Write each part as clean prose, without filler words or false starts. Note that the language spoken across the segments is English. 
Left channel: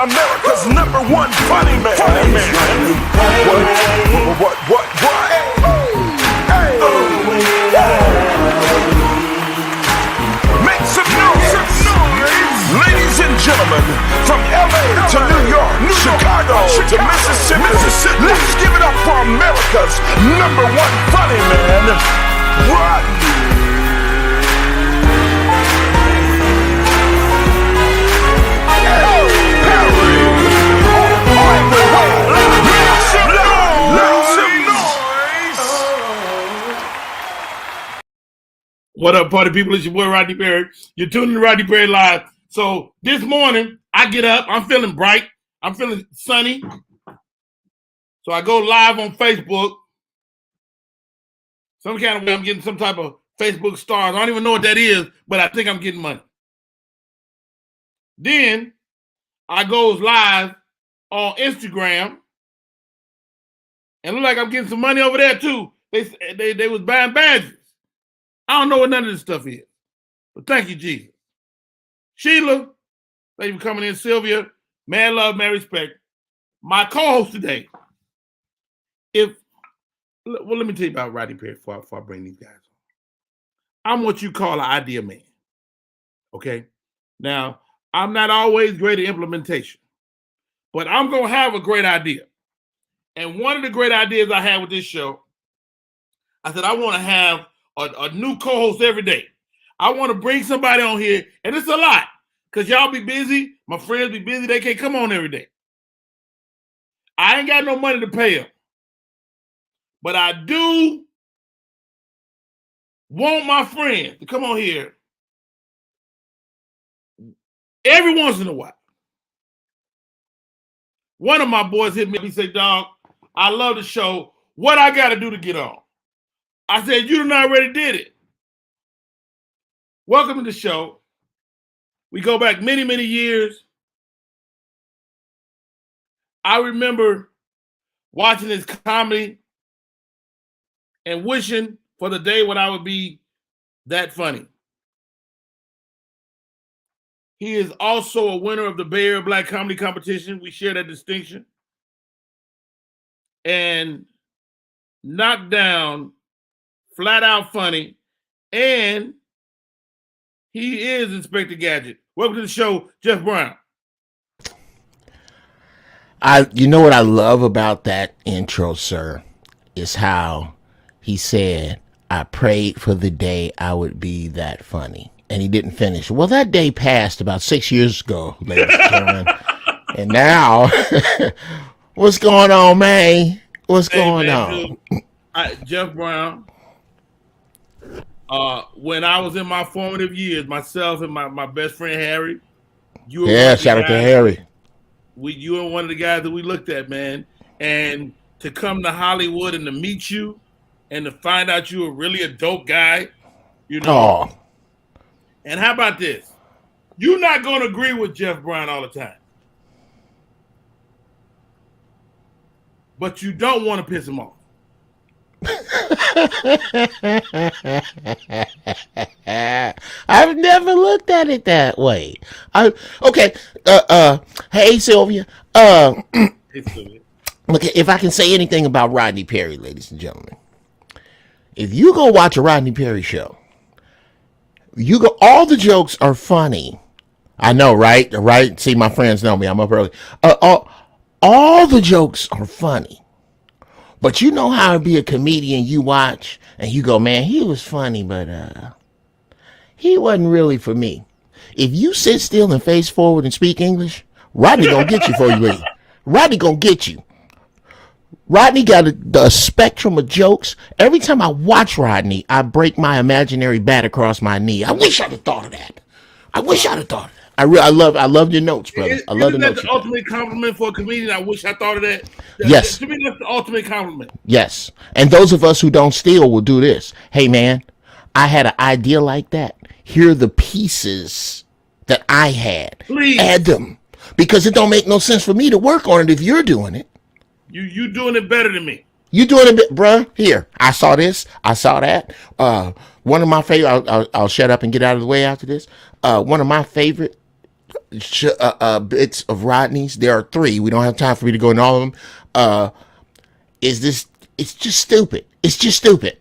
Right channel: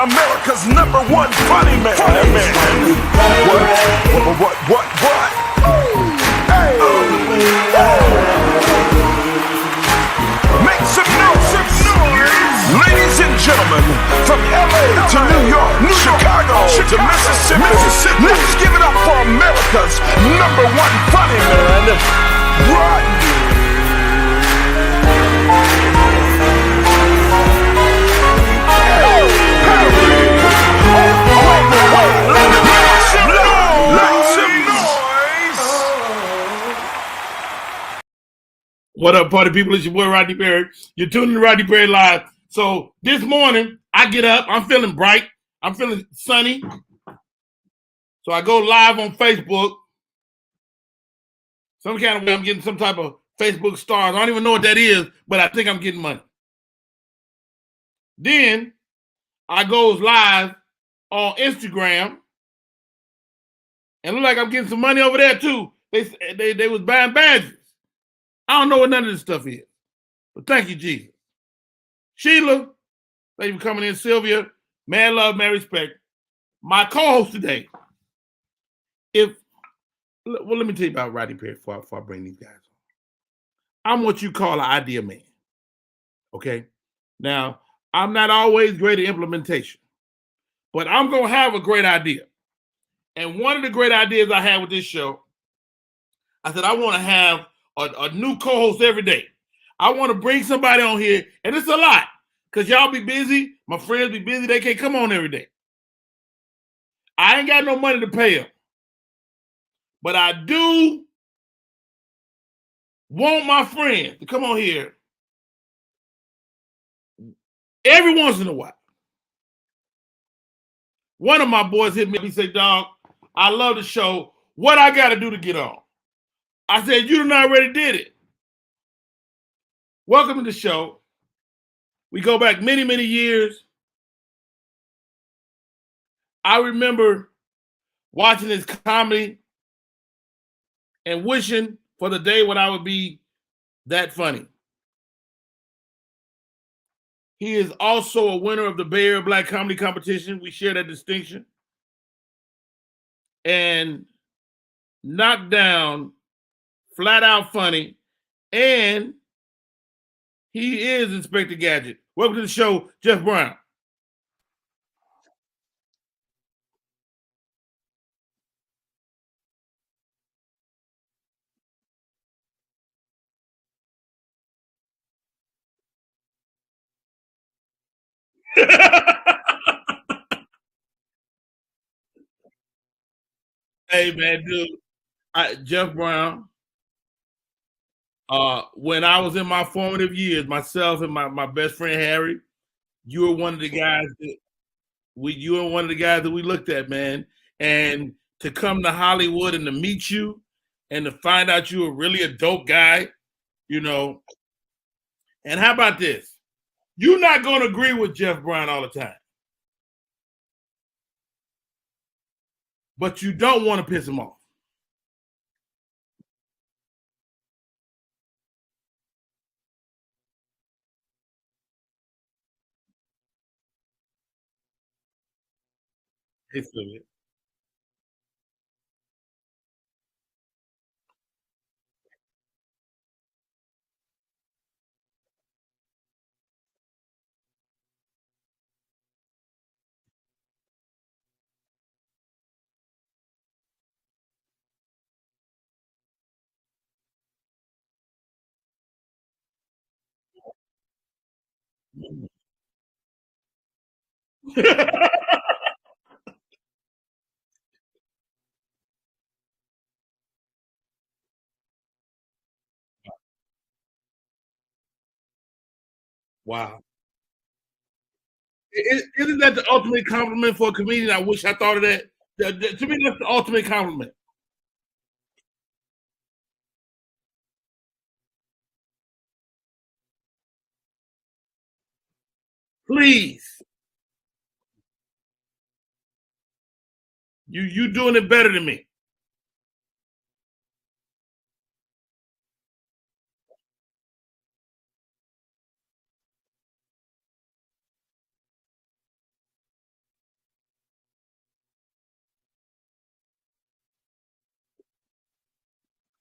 America's #1 funny man. What? Hey. Make some noise. Ladies and gentlemen, from LA to New York, Chicago to Mississippi, let's give it up for America's #1 funny man, Rodney. What up, party people? It's your boy Rodney Perry. You're tuning to Rodney Perry Live. So this morning, I get up. I'm feeling bright. I'm feeling sunny. So I go live on Facebook. Some kind of way I'm getting some type of Facebook stars. I don't even know what that is, but I think I'm getting money. Then I goes live on Instagram. And look like I'm getting some money over there too. They was buying badges. I don't know what none of this stuff is. But thank you, Jesus. Sheila, thank you for coming in. Sylvia, man love, man respect. My co-host today. Let me tell you about Rodney Perry before I bring these guys on. I'm what you call an idea man. Okay? Now, I'm not always great at implementation, but I'm going to have a great idea. And one of the great ideas I had with this show, I said I want to have a new co-host every day. I want to bring somebody on here, and it's a lot because y'all be busy. My friends be busy. They can't come on every day. I ain't got no money to pay them, but I do want my friends to come on here every once in a while. One of my boys hit me up. He said, dog, I love the show. What I got to do to get on? I said, you done already did it. Welcome to the show. We go back many, many years. I remember watching his comedy and wishing for the day when I would be that funny. He is also a winner of the Bay Area Black Comedy Competition. We share that distinction. And knocked down, flat out funny, and he is Inspector Gadget. Welcome to the show, Jeff Brown. You know what I love about that intro, sir, is how he said, I prayed for the day I would be that funny. And he didn't finish. Well, that day passed about 6 years ago, ladies and gentlemen. And now, what's going on, man? What's going on? Dude, Jeff Brown, when I was in my formative years, myself and my best friend Harry, you were shout out to Harry. You were one of the guys that we looked at, man. And to come to Hollywood and to meet you and to find out you were really a dope guy, you know. Oh. And how about this? You're not going to agree with Jeff Brown all the time. But you don't want to piss him off. I've never looked at it that way. Hey Sylvia. Hey Sylvia. Look, if I can say anything about Rodney Perry, ladies and gentlemen, if you go watch a Rodney Perry show, all the jokes are funny. I know, right? Right? See, my friends know me. I'm up early. All the jokes are funny. But you know how to be a comedian you watch and you go, man, he was funny, but he wasn't really for me. If you sit still and face forward and speak English, Rodney gonna get you before you leave. Rodney gonna get you. Rodney got a spectrum of jokes. Every time I watch Rodney, I break my imaginary bat across my knee. I wish I'd have thought of that. I love your notes, brother. Isn't that the ultimate compliment for a comedian? I wish I thought of that. Yes. To me, that's the ultimate compliment. Yes. And those of us who don't steal will do this. Hey, man, I had an idea like that. Here are the pieces that I had. Please. Add them. Because it don't make no sense for me to work on it if you're doing it. You doing it better than me. You doing it, bruh. Here, I saw this. I saw that. One of my favorite, I'll shut up and get out of the way after this. One of my favorite bits of Rodney's. There are three. We don't have time for me to go into all of them. Is this? It's just stupid. It's just stupid.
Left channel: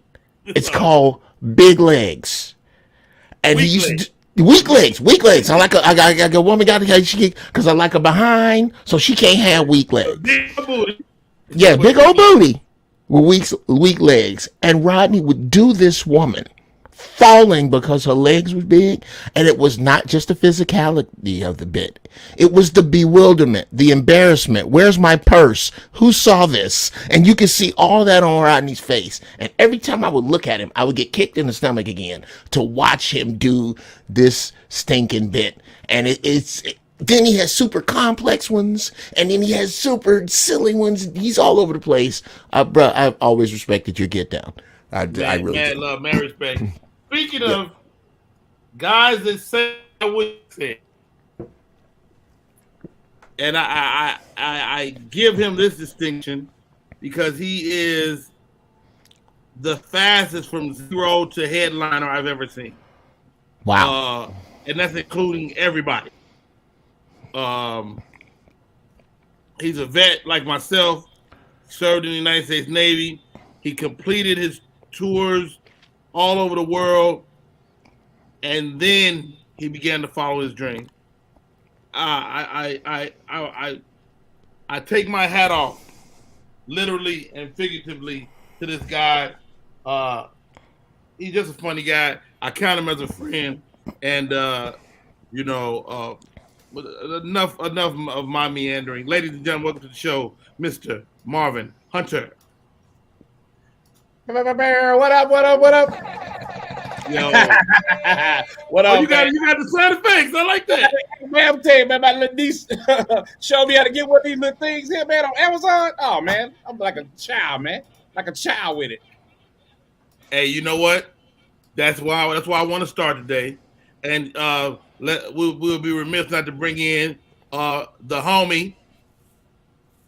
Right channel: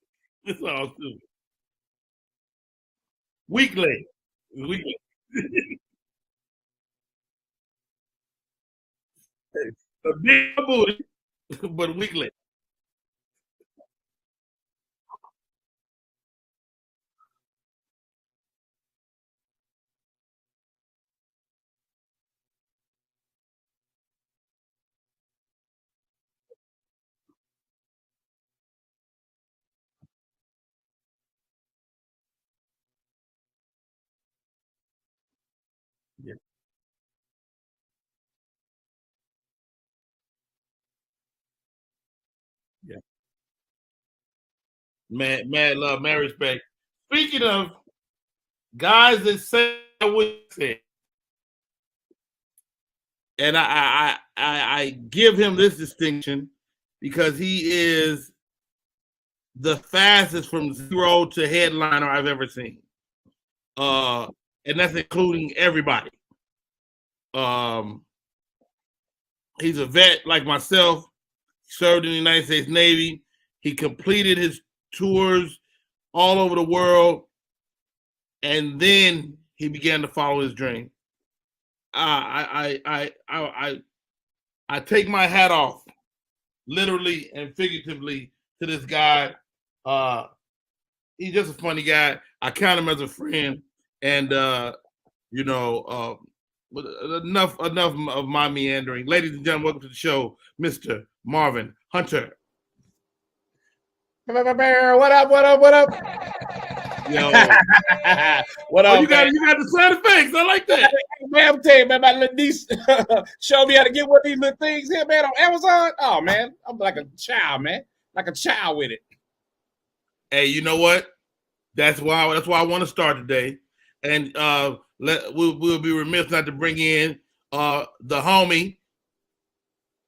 It's called Big Legs. And Weak legs. Weak legs. I got a woman because I like her behind, so she can't have weak legs. Big booty. Yeah, big old booty with weak legs. And Rodney would do this woman falling because her legs were big, and it was not just the physicality of the bit. It was the bewilderment, the embarrassment. Where's my purse? Who saw this? And you could see all that on Rodney's face. And every time I would look at him, I would get kicked in the stomach again to watch him do this stinking bit. And then he has super complex ones, and then he has super silly ones. He's all over the place. Bro, I've always respected your get down. I really mad love, mad respect. Speaking of guys that say what you say, and I give him this distinction because he is the fastest from zero to headliner I've ever seen. Wow. And that's including everybody. He's a vet like myself, served in the United States Navy. He completed his tours all over the world, and then he began to follow his dream. I take my hat off, literally and figuratively, to this guy. He's just a funny guy. I count him as a friend, and enough of my meandering. Ladies and gentlemen, welcome to the show, Mr. Marvin Hunter. What up? Yo, What up? you got the sound effects. I like that. Man, I'm telling you, man, my little niece showed me how to get one of these little things here, man, on Amazon. Oh man, I'm like a child, man, like a child with it. Hey, you know what? That's why I want to start today, and we'll be remiss not to bring in the homie.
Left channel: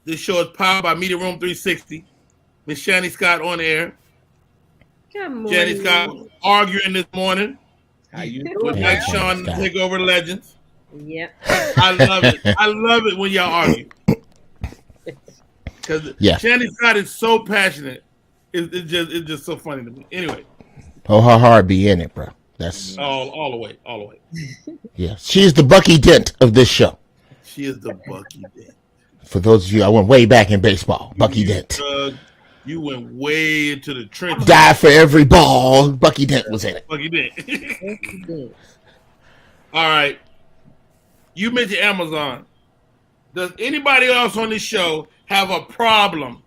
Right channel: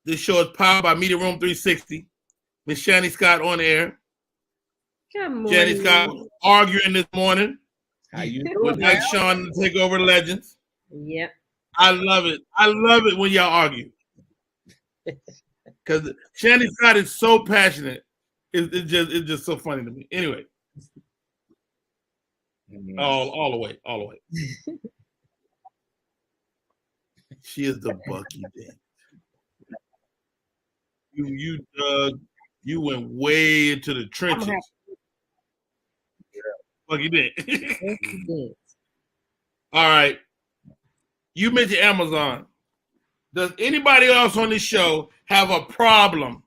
This show is powered by Media Room 360. Miss Shani Scott on air. Good morning. Shani Scott arguing this morning How you with doing, Mike man? Sean to take over Legends. Yep. I love it. I love it when y'all argue. Because Yeah. Shani Scott is so passionate. It's just so funny to me. Anyway, Oh, her heart be in it, bro. That's all the way. yeah. She's the Bucky Dent of this show. She is the Bucky Dent. For those of you, I went way back in baseball. Bucky Dent. You went way into the trenches. Died for every ball. Bucky Dent was in it. Bucky Dent. All right. You mentioned Amazon. Does anybody else on this show have a problem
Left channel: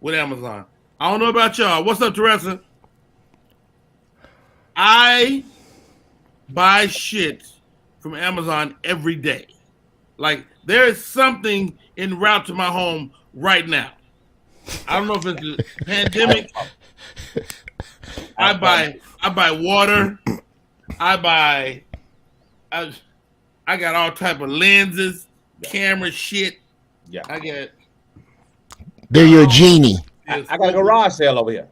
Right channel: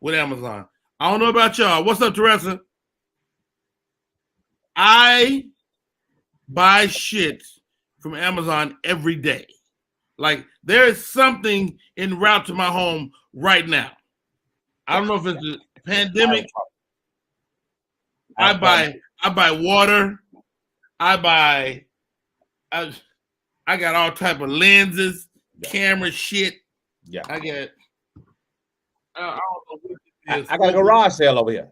with Amazon? I don't know about y'all. What's up, Teresa? I buy shit from Amazon every day. Like, there is something en route to my home right now. I don't know if it's the pandemic. I buy water. I got all type of lenses, camera shit. Yeah. I got. They're your genie. I got a garage sale over here.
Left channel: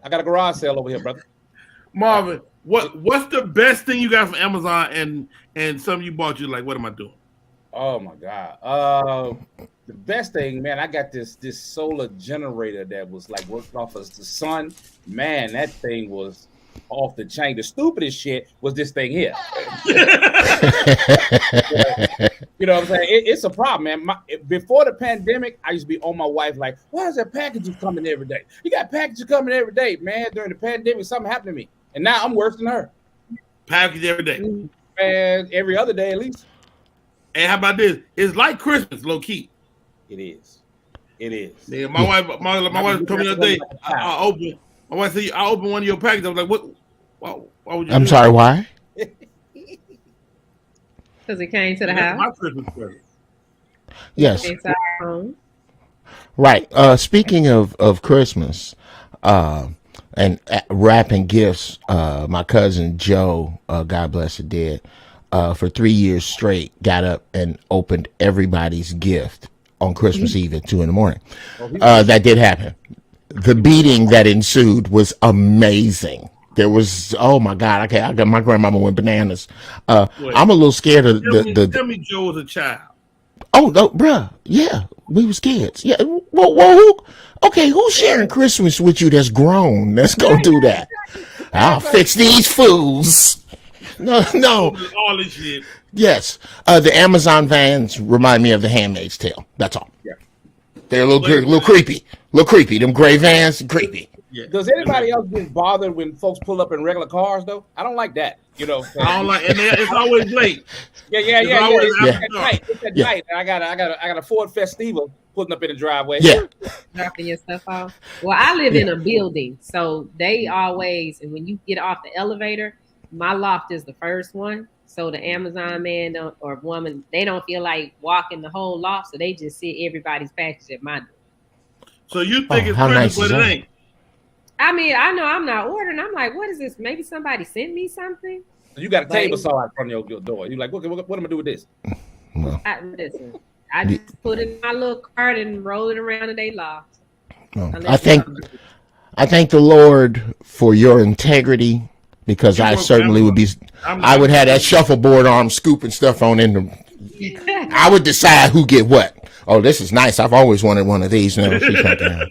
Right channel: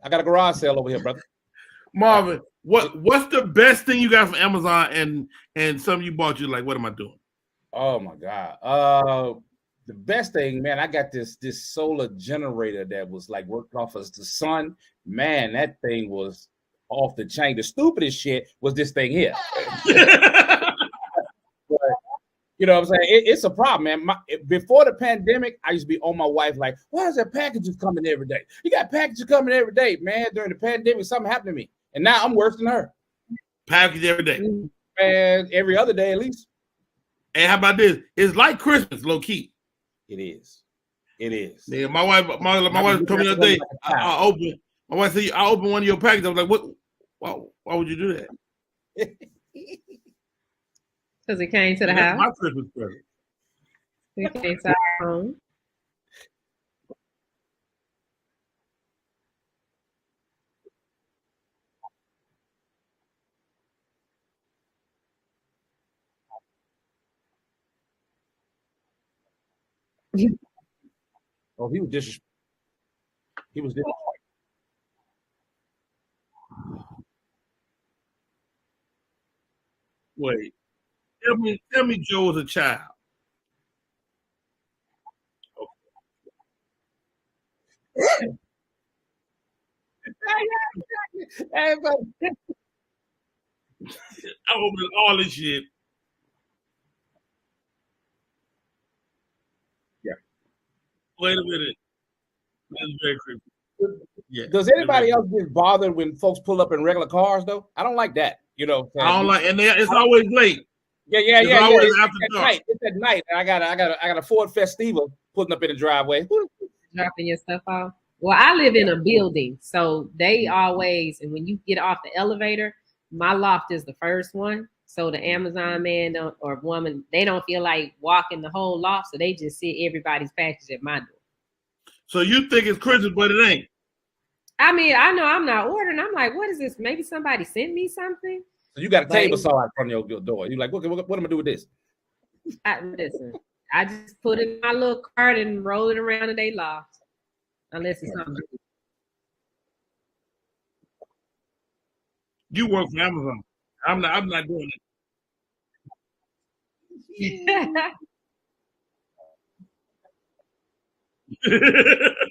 Brother. Marvin, what's the best thing you got from Amazon and something you bought? You like, what am I doing? Oh my God. The best thing, man, I got this solar generator that was like worked off of the sun. Man, that thing was off the chain. The stupidest shit was this thing here. You know what I'm saying? It's a problem, man. Before the pandemic, I used to be on my wife like, why is there packages coming every day? You got packages coming every day, man. During the pandemic, something happened to me. And now I'm worse than her. Package every day. Man, every other day at least. And how about this? It's like Christmas, low key. It is. Yeah, my wife told me the other day. I opened one of your packages. I was like, what? Why would you? I'm sorry, why? Because it came to the That's house. my Christmas present. Yes. Inside the home. Right. Speaking of Christmas, and wrapping gifts, my cousin Joe, God bless the dead, for 3 years straight, got up and opened everybody's gift on Christmas Eve at 2 a.m. That did happen. The beating that ensued was amazing. There was, oh my God, I got my grandmama went bananas. Wait. I'm a little scared of Tell me Joe was a child. Oh no, bruh. Yeah, we was kids. Yeah. Well, who's sharing Christmas with you that's grown? That's gonna do that. I'll fix these fools. No. All this shit. Yes. The Amazon vans remind me of the Handmaid's Tale. That's all. Yeah. They're a little creepy. Them gray vans, creepy. Yeah. Does anybody else get bothered when folks pull up in regular cars though? I don't like that. You know. I don't like, and it's always late. Yeah. It's at Yeah. night. I got a Ford Festiva putting up in the driveway. Yeah. Dropping your stuff off. Well, I live in a building, so they always, and when you get off the elevator, my loft is the first one. So the Amazon man or woman, they don't feel like walking the whole loft, so they just sit everybody's package at my door. So you think it's how Christmas, nice but is it that? ain't. I mean, I know I'm not ordering. I'm like, what is this? Maybe somebody sent me something. You got a table saw out front of your door. You're like, what am I gonna do with this? Listen, I just put it in my little cart and roll it around in their loft. I thank the Lord for your integrity, because You I work certainly would be. I would have that shuffleboard arm scooping stuff on in the. I would decide who get what. Oh, this is nice. I've always wanted one of these. No, she's not getting that.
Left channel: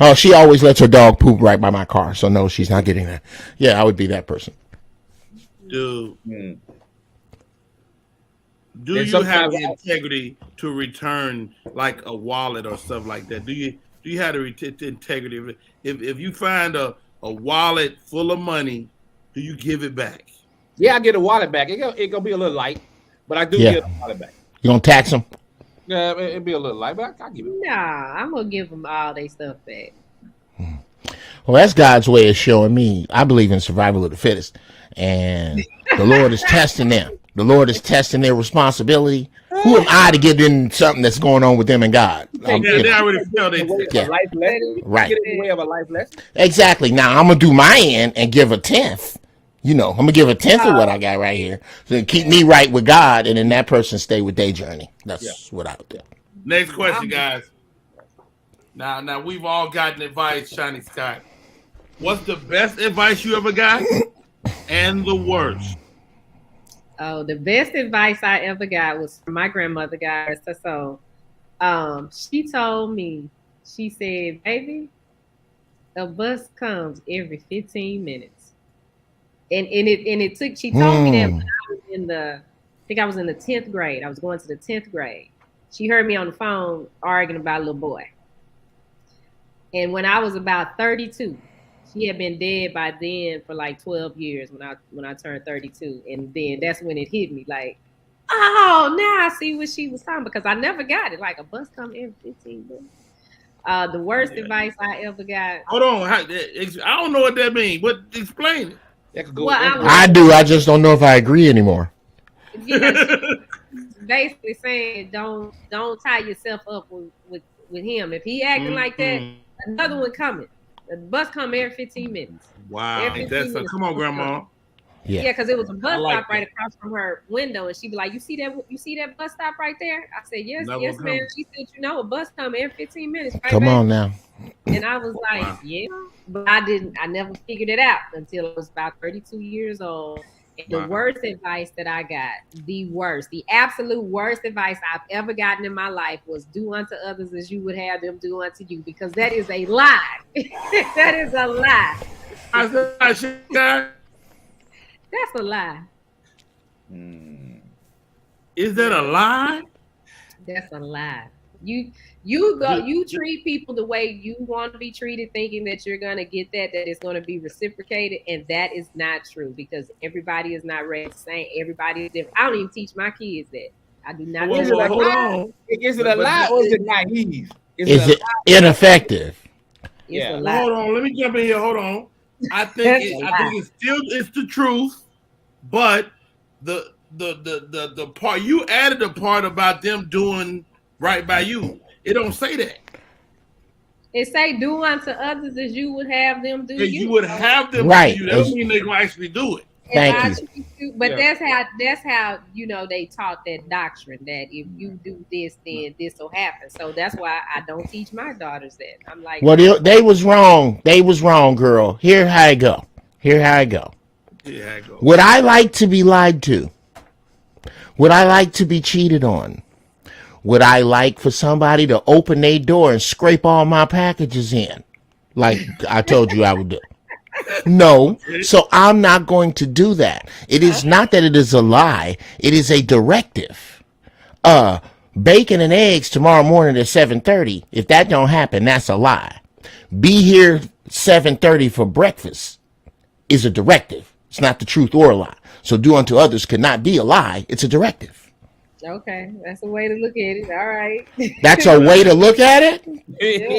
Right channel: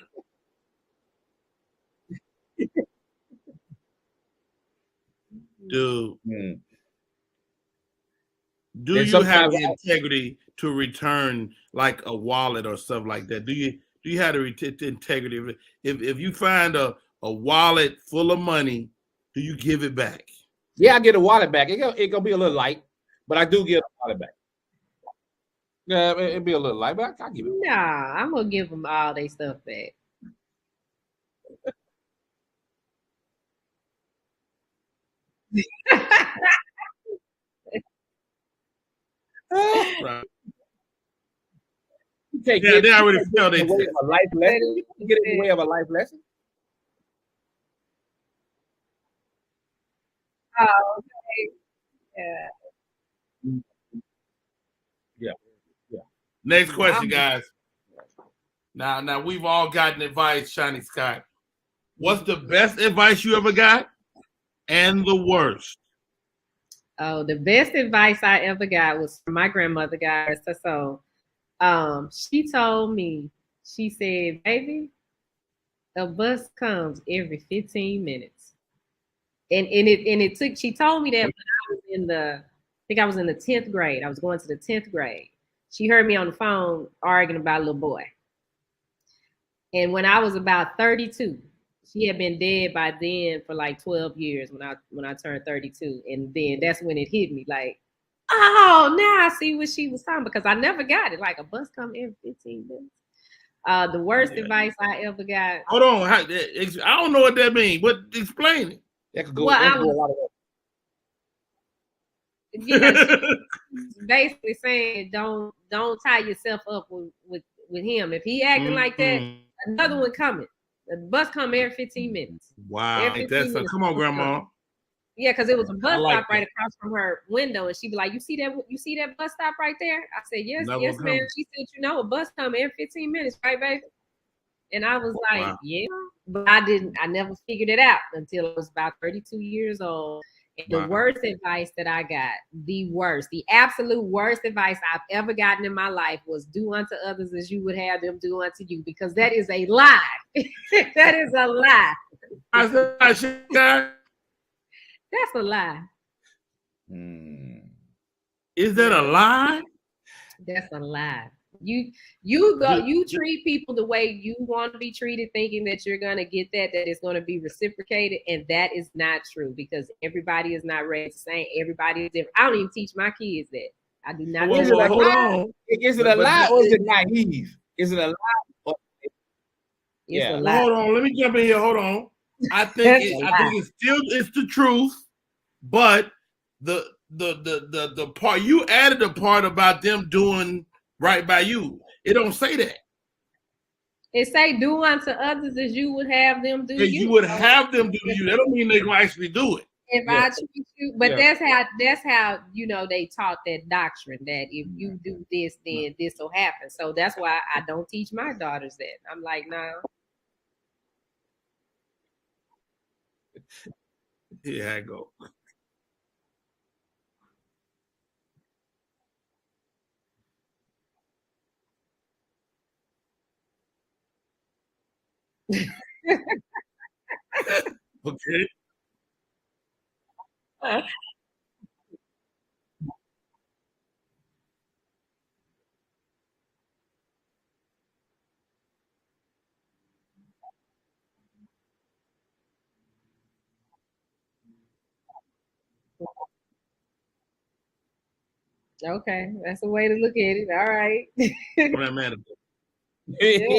Oh, she always lets her dog poop right by my car, so no, she's not getting that. Yeah, I would be that person. Dude, Mm. do And you have sometimes the integrity to return like a wallet or stuff like that? Do you have the integrity? If you find a wallet full of money, do you give it back? Yeah, I get a wallet back. It gonna be a little light, but I do Yeah. get a wallet back. You gonna tax them? Yeah, it'll be a little light, but I give it. Nah, I'm gonna give them all their stuff back. Well, that's God's way of showing me. I believe in survival of the fittest, and the Lord is testing them. The Lord is testing their responsibility. Who am I to get in something that's going on with them and God? Yeah, they already feel they. A life lesson, Right. Get in the way of a life lesson. Exactly. Now I'm gonna do my end and give a tenth. You know, I'm gonna give a tenth of what I got right here, so keep me right with God, and then that person stay with their journey. That's what I would do. Next question, guys. Now we've all gotten advice, Shiny Scott. What's the best advice you ever got, and the worst? Oh, the best advice I ever got was from my grandmother, guys. So, she told me, she said, "Baby, a bus comes every 15 minutes." And it took. She told me that when I was I was in the 10th grade. I was going to the 10th grade. She heard me on the phone arguing about a little boy. And when I was about 32, she had been dead by then for like 12 years when I turned 32. And then that's when it hit me like, oh, now I see what she was talking, because I never got it. Like, a bus come every 15 minutes. The worst advice I ever got. Hold on, I don't know what that means. But explain it. That could go. Well, I do. I just don't know if I agree anymore. Yeah, basically saying don't tie yourself up with him. If he acting like that, another one coming. The bus come every 15 minutes. Wow, Every 15 minutes. come on, Grandma. Yeah, because it was a bus like stop right across from her window, and she'd be like, "You see that bus stop right there?" I said, "Yes, Never yes, come. ma'am." She said, "A bus come every 15 minutes, right?" Come back? on now. And I was like, Wow. "Yeah," but I never figured it out until I was about 32 years old. And the Wow. worst advice that I got, the absolute worst advice I've ever gotten in my life was do unto others as you would have them do unto you, because that is a lie. That is a lie. That's a lie. Is that a lie? That's a lie. You treat people the way you want to be treated, thinking that you're gonna get that it's gonna be reciprocated, and that is not true, because everybody is not raised the same. Everybody is different. I don't even teach my kids that. I do not. Well, teach my hold kids. on. Is it a lie or is it naive? Is it ineffective? It's Yeah. a lie. Hold on, let me jump in here. Hold on. I think it's the truth, but the part you added, the part about them doing right by you. It don't say that. It say do unto others as you would have them do If you. you would have them Right. do you. That don't mean they're gonna actually do it. If I Thank treat you, but Yeah. that's how they taught that doctrine, that if you do this, then this will happen. So that's why I don't teach my daughters that. I'm like, Well, they was wrong. They was wrong, girl. Here how it go. Here how I go. Yeah, I go. Would I like to be lied to? Would I like to be cheated on? Would I like for somebody to open their door and scrape all my packages in? Like I told you I would do. No, so I'm not going to do that. It is not that it is a lie. It is a directive. Bacon and eggs tomorrow morning at 7:30. If that don't happen, that's a lie. Be here 7:30 for breakfast is a directive. It's not the truth or a lie. So do unto others could not be a lie. It's a directive. Okay, that's a way to look at it. All right. That's a way to look at it.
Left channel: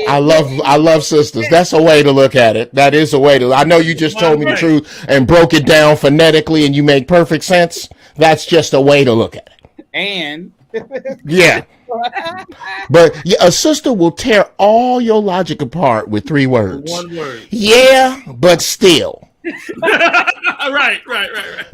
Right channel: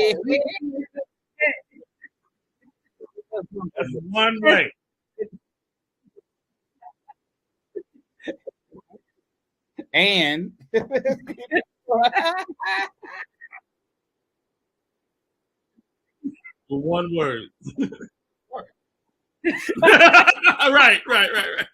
I love sisters. That's a way to look at it. That is a way to. I know you just told me the truth and broke it down phonetically, and you make perfect sense. That's just a way to look at it. And yeah, but a sister will tear all your logic apart with 3 words. 1 word. Yeah, but still. Right.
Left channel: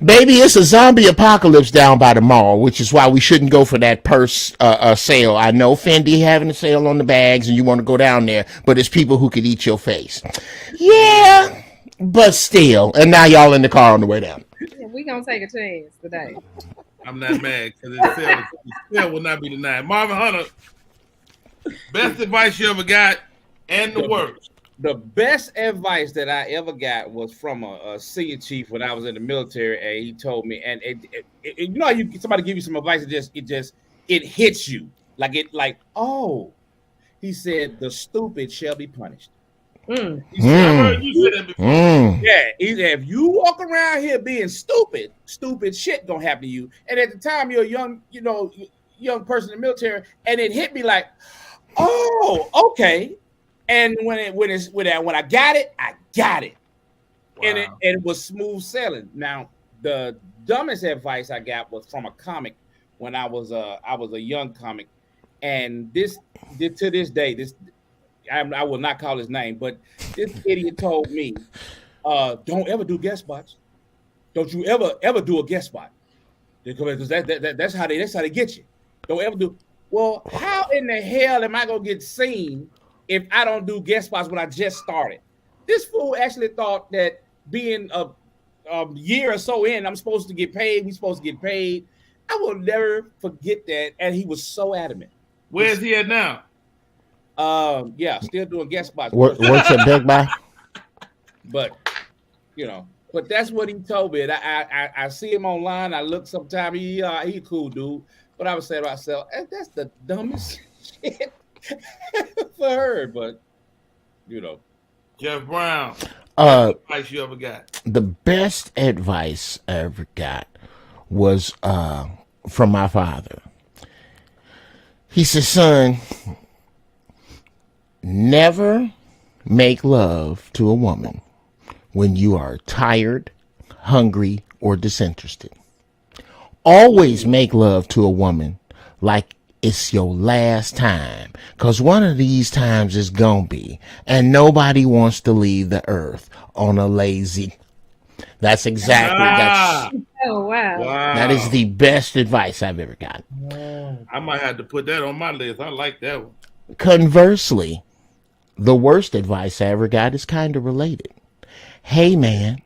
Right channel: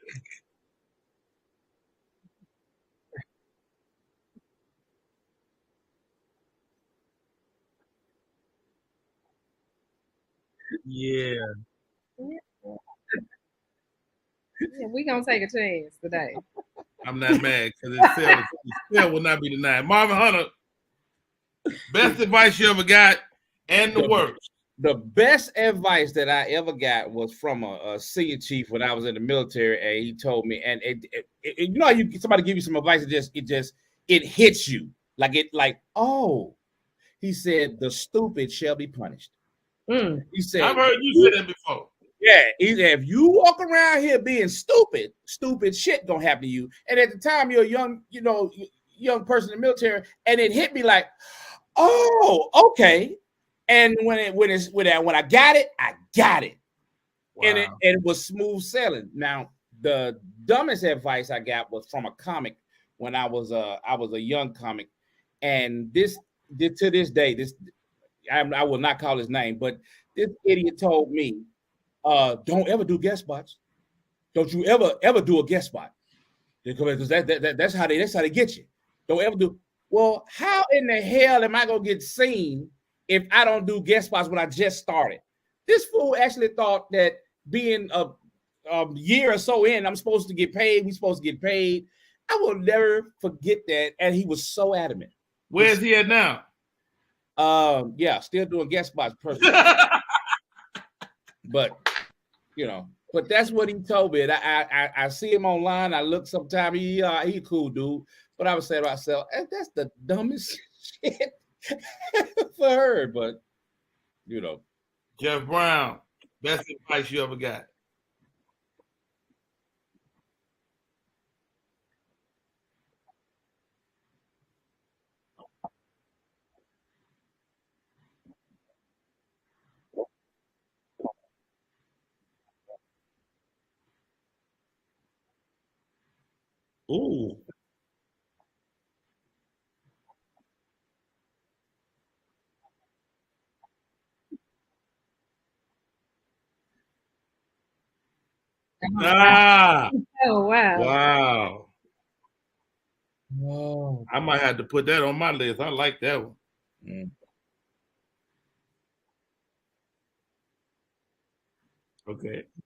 Baby, it's a zombie apocalypse down by the mall, which is why we shouldn't go for that purse sale. I know Fendi having a sale on the bags and you want to go down there, but it's people who could eat your face. Yeah, but still. And now y'all in the car on the way down. Yeah, we gonna take a chance today. I'm not mad because the sale will not be denied. Marvin Hunter, best advice you ever got and the worst. The best advice that I ever got was from a senior chief when I was in the military, and he told me, and you know, how somebody give you some advice, it hits you like oh, he said the stupid shall be punished. He said, I've heard you say that before. Yeah, he said, if you walk around here being stupid shit gonna happen to you. And at the time you're a young person in the military, and it hit me like, oh, okay. And when I got it, I got it. Wow. And it was smooth sailing. Now, the dumbest advice I got was from a comic when I was a young comic, and this to this day, I will not call his name, but this idiot told me, don't ever do guest spots. Don't you ever do a guest spot, because that's how they get you. Don't ever do. Well, how in the hell am I gonna get seen if I don't do guest spots when I just started? This fool actually thought that being a year or so in, I'm supposed to get paid. We're supposed to get paid. I will never forget that. And he was so adamant. Where's he at now? Yeah, still doing guest spots. What's your big buy? But but that's what he told me. And I see him online. I look sometime. He a cool dude. But I would say to myself, that's the dumbest shit for her. But Jeff Brown, best advice you ever got? The best advice I ever got was from my father. He said, son, never make love to a woman when you are tired, hungry, or disinterested. Always make love to a woman like it's your last time, because one of these times is gonna be, and nobody wants to leave the earth on a lazy. That's exactly Oh wow. That is the best advice I've ever gotten. I might have to put that on my list. I like that one. Conversely, the worst advice I ever got is kind of related. Hey man,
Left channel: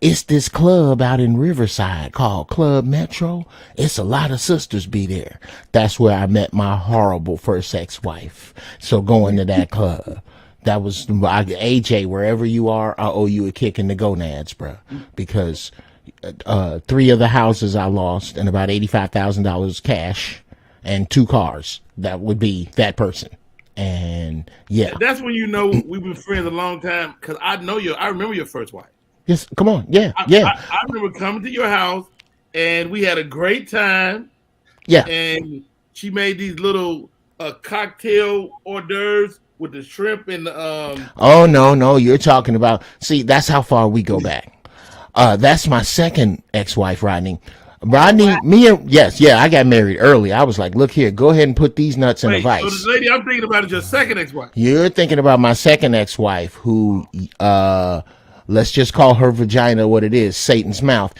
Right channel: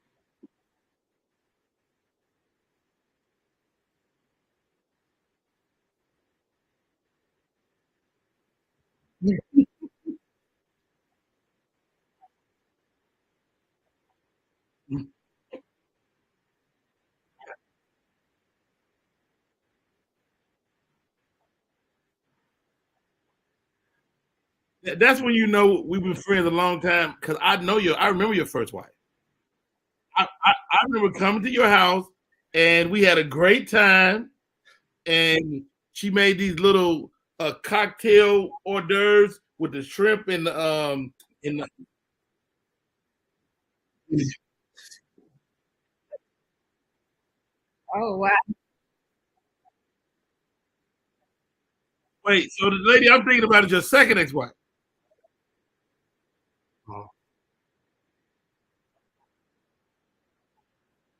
it's this club out in Riverside called Club Metro. It's a lot of sisters be there. That's where I met my horrible first ex-wife. So going to that club, that was AJ. Wherever you are, I owe you a kick in the gonads, bro. Because 3 of the houses I lost and about $85,000 cash and 2 cars. That would be that person. And yeah, that's when we've been friends a long time, because I remember your first wife. Yes, come on. Yeah. I remember coming to your house and we had a great time. Yeah. And she made these little cocktail hors d'oeuvres with the shrimp and the Oh no, you're talking about. See, that's how far we go back. That's my second ex-wife, Rodney. Rodney, I got married early. I was like, look here, go ahead and put these nuts in the vice. So the lady I'm thinking about is your second ex-wife. You're thinking about my second ex-wife, who let's just call her vagina what it is, Satan's mouth.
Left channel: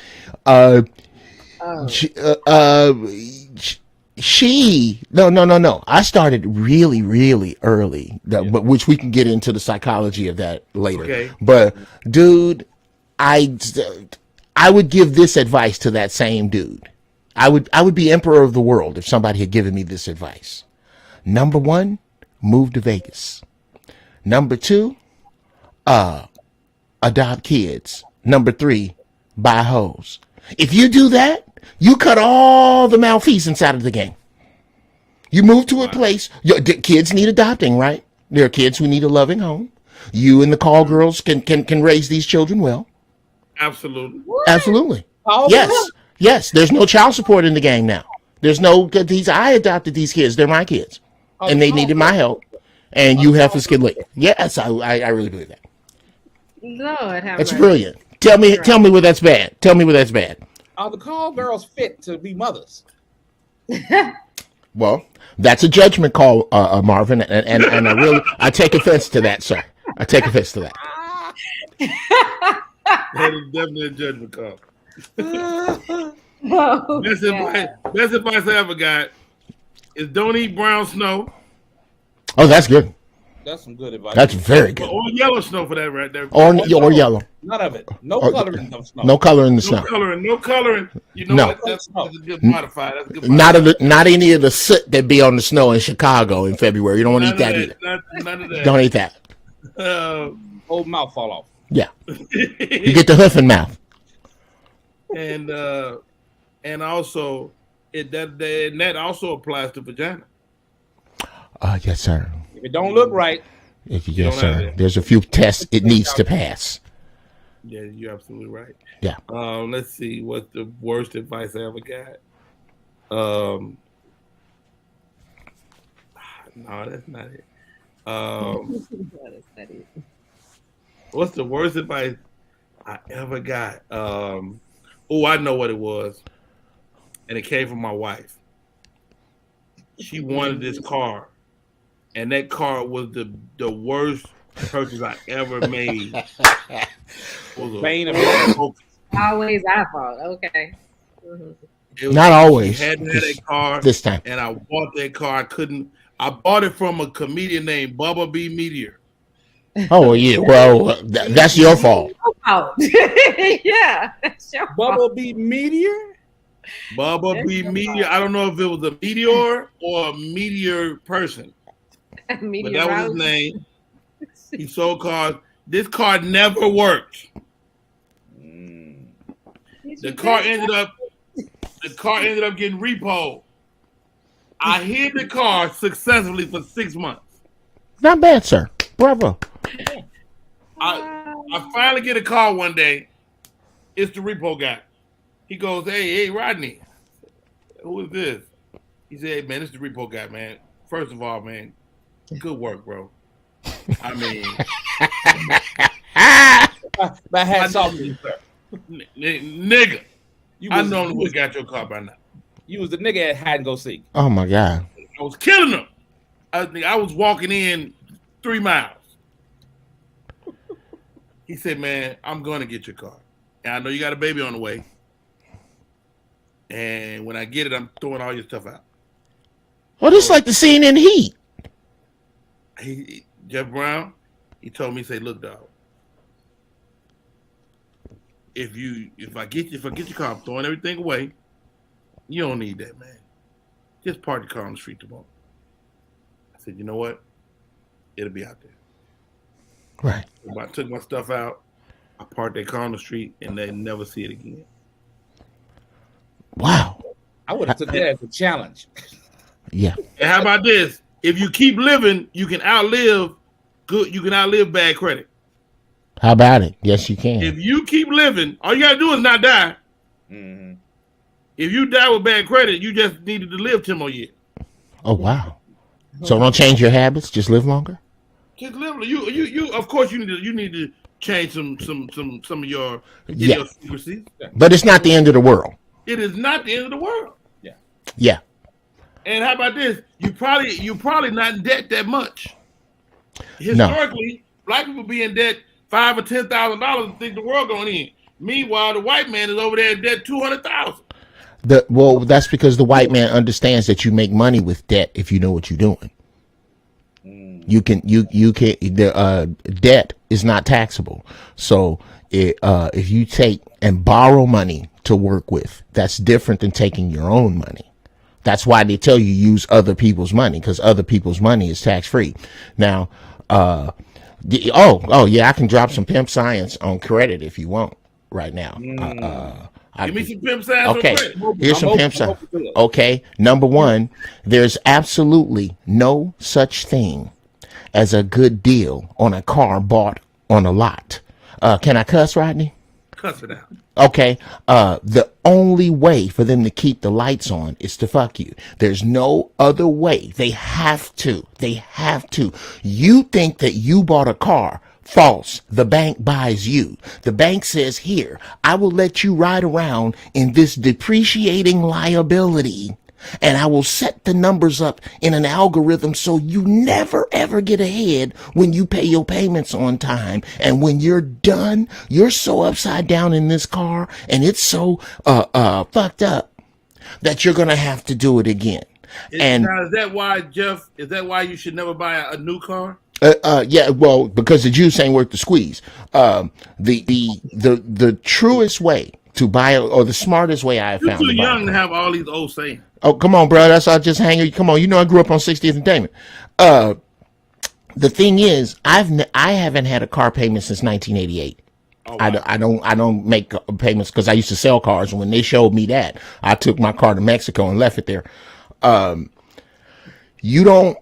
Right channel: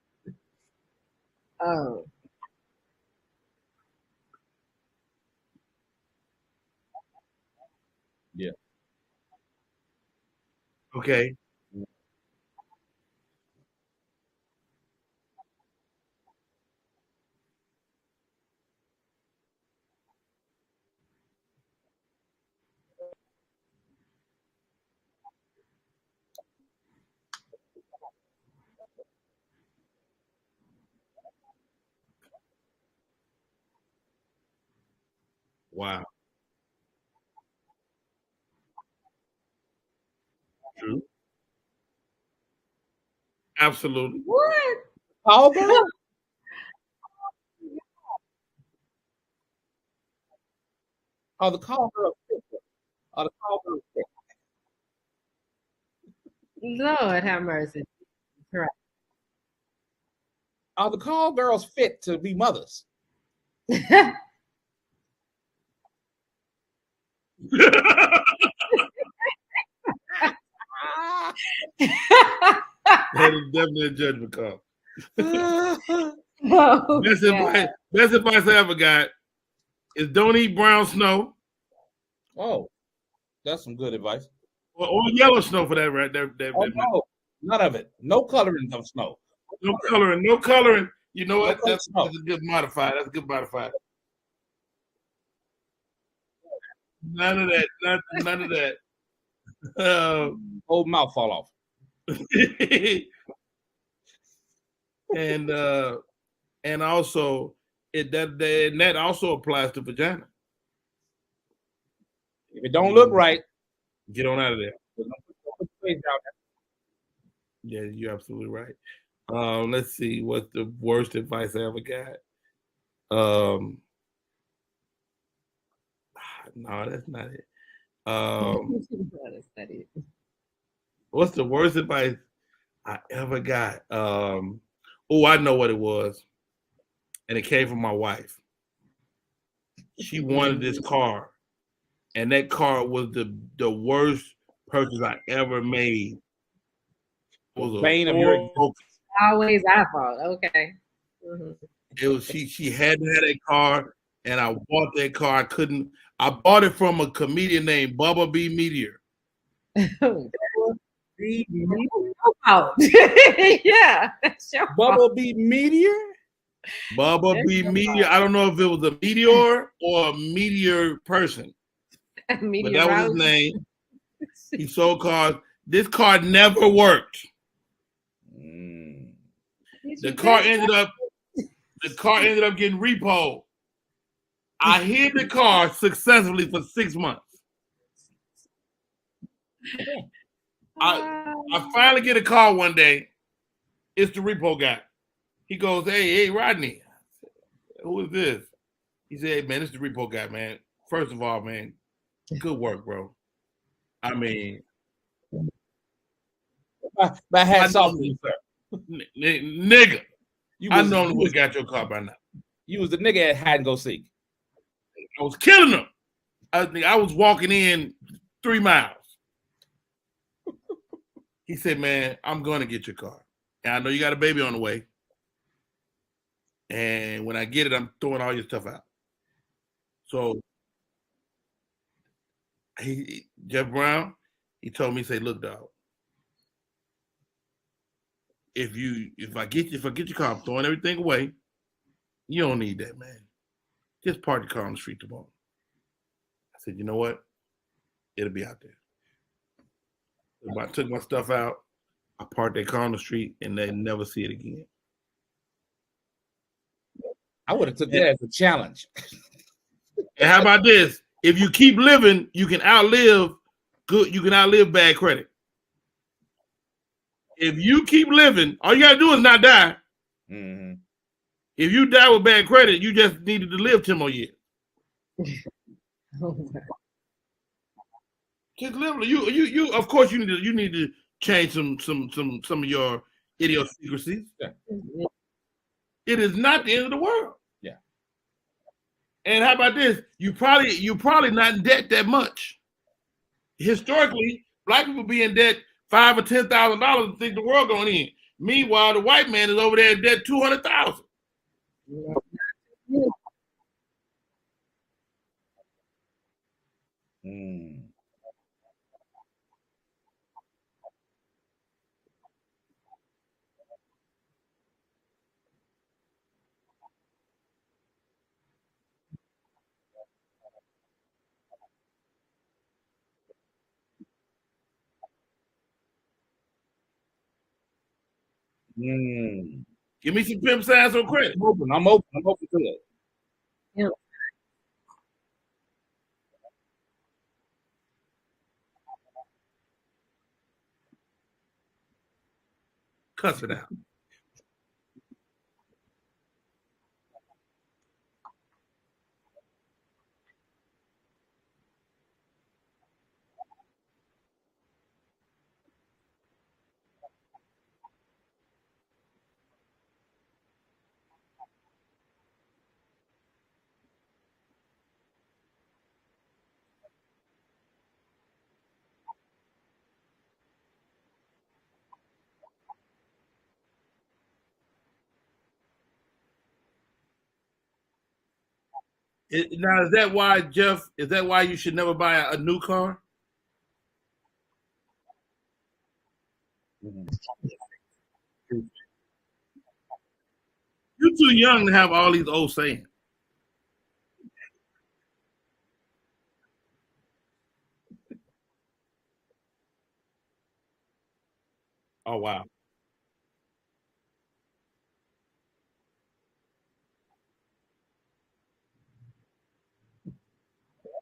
She no. I started really, really early, but which we can get into the psychology of that later. Okay. But dude, I would give this advice to that same dude. I would be emperor of the world if somebody had given me this advice. Number 1, move to Vegas. Number 2, adopt kids. Number 3, buy hoes. If you do that, you cut all the malfeasance out of the game. You move to a place. Your kids need adopting, right? There are kids who need a loving home. You and the call girls can raise these children well. Absolutely. What? Absolutely. Call Yes. girls? Yes. There's no child support in the game now. There's no I adopted these kids. They're my kids, Oh, and the they call needed my girls. help. And Oh, you the have call to skid girls. late. Yes, I really believe that. Lord have That's mercy. brilliant. Tell me where that's bad. Tell me where that's bad. Are the call girls fit to be mothers? Well, that's a judgment call, Marvin, and I take offense to that, sir. I take offense to that. That is definitely a judgment call. Oh, Best God. advice I ever got is don't eat brown snow Oh, that's good. That's some good advice. That's very good. or yellow snow for that right there. Or yellow. None of it. No Or- coloring of snow. No color in the No snow. coloring, no coloring. You know No. what? That's a good modifier. That's a good Not modifier. not any of the soot that be on the snow in Chicago in February. You don't want to None eat of that that. either. None of that. Don't eat that. Whole mouth fall off. Yeah. You get the hoof and mouth. and also that also applies to vagina. Yes, sir. If it don't look right, If you Get yes, on out of sir. there. There's a few tests it needs to pass. Yeah, you're absolutely right. Yeah. Let's see. What's the worst advice I ever got? No, that's not it. That's not it. What's the worst advice I ever got? I know what it was, and it came from my wife. She wanted this car, and that car was the worst purchase I ever made. Was a Bane of your Focus. Always our fault. Okay. Mhm. It was- Not always. She hadn't had a car, This time. and I bought that car. I bought it from a comedian named Bubba B. Meteor. Oh yeah. Well, that's your fault. Oh, yeah. That's your fault. Bumblebee meteor. Bubba B. Meteor. I don't know if it was a meteor or a meteor person, but that was his name. He sold cars. This car never worked. The car ended up getting repoed. I hid the car successfully for 6 months. Not bad, sir. Bravo. I finally get a call one day. It's the repo guy. He goes, hey, Rodney. Who is this? He said, hey, man, it's the repo guy, man. First of all, man, good work, bro. I mean, My hat's off to you, sir. nigga, You I was, normally would have got your car by now. you was the nigga at hide and go seek. Oh my God. I was killing them. I was walking in 3 miles. He said, man, I'm going to get your car. And I know you got a baby on the way. And when I get it, I'm throwing all your stuff out. Well, this is like the scene in Heat. Jeff Brown, he told me, say, look, dog, if I get your car, I'm throwing everything away. You don't need that, man. Just park the car on the street tomorrow. I said, you know what? It'll be out there. Right. I took my stuff out. I parked that car on the street, and they never see it again. Wow. I would have took that as a challenge. Yeah. And how about this? If you keep living, you can outlive bad credit. How about it? Yes, you can. If you keep living, all you gotta do is not die. Mm-hmm. If you die with bad credit, you just needed to live 10 more years. Oh wow. So don't change your habits. Just live longer. Just live. You. Of course, you need to change some of your Yeah. idiosyncrasies. But it's not the end of the world. It is not the end of the world. Yeah. And how about this? You probably not in debt that much. Historically, black people be in debt $5,000 or $10,000 and think the world going in. Meanwhile, the white man is over there in debt $200,000. Well, that's because the white man understands that you make money with debt if you know what you're doing. You can debt is not taxable. So if you take and borrow money to work with, that's different than taking your own money. That's why they tell you use other people's money, because other people's money is tax free. Now, oh yeah, I can drop some pimp science on credit if you want right now. Give me some pimp science on credit. Here's some pimp science. Okay, number one, there's absolutely no such thing as a good deal on a car bought on a lot. Can I cuss, Rodney? Cuss it out. Okay. The only way for them to keep the lights on is to fuck you. There's no other way. They have to. You think that you bought a car. False. The bank buys you. The bank says, here, I will let you ride around in this depreciating liability, and I will set the numbers up in an algorithm so you never ever get ahead when you pay your payments on time. And when you're done, you're so upside down in this car and it's so fucked up that you're gonna have to do it again. Now, is that why, Jeff? Is that why you should never buy a new car? Yeah, well, because the juice ain't worth the squeeze. The truest way to buy, or the smartest way I have found. You're too young to have all these old sayings. Oh, come on, bro. That's all just hanging. Come on, you know I grew up on 60th and Damon. The thing is, I haven't had a car payment since 1988. Oh, wow. I don't make payments because I used to sell cars, and when they showed me that, I took my car to Mexico and left it there. You don't.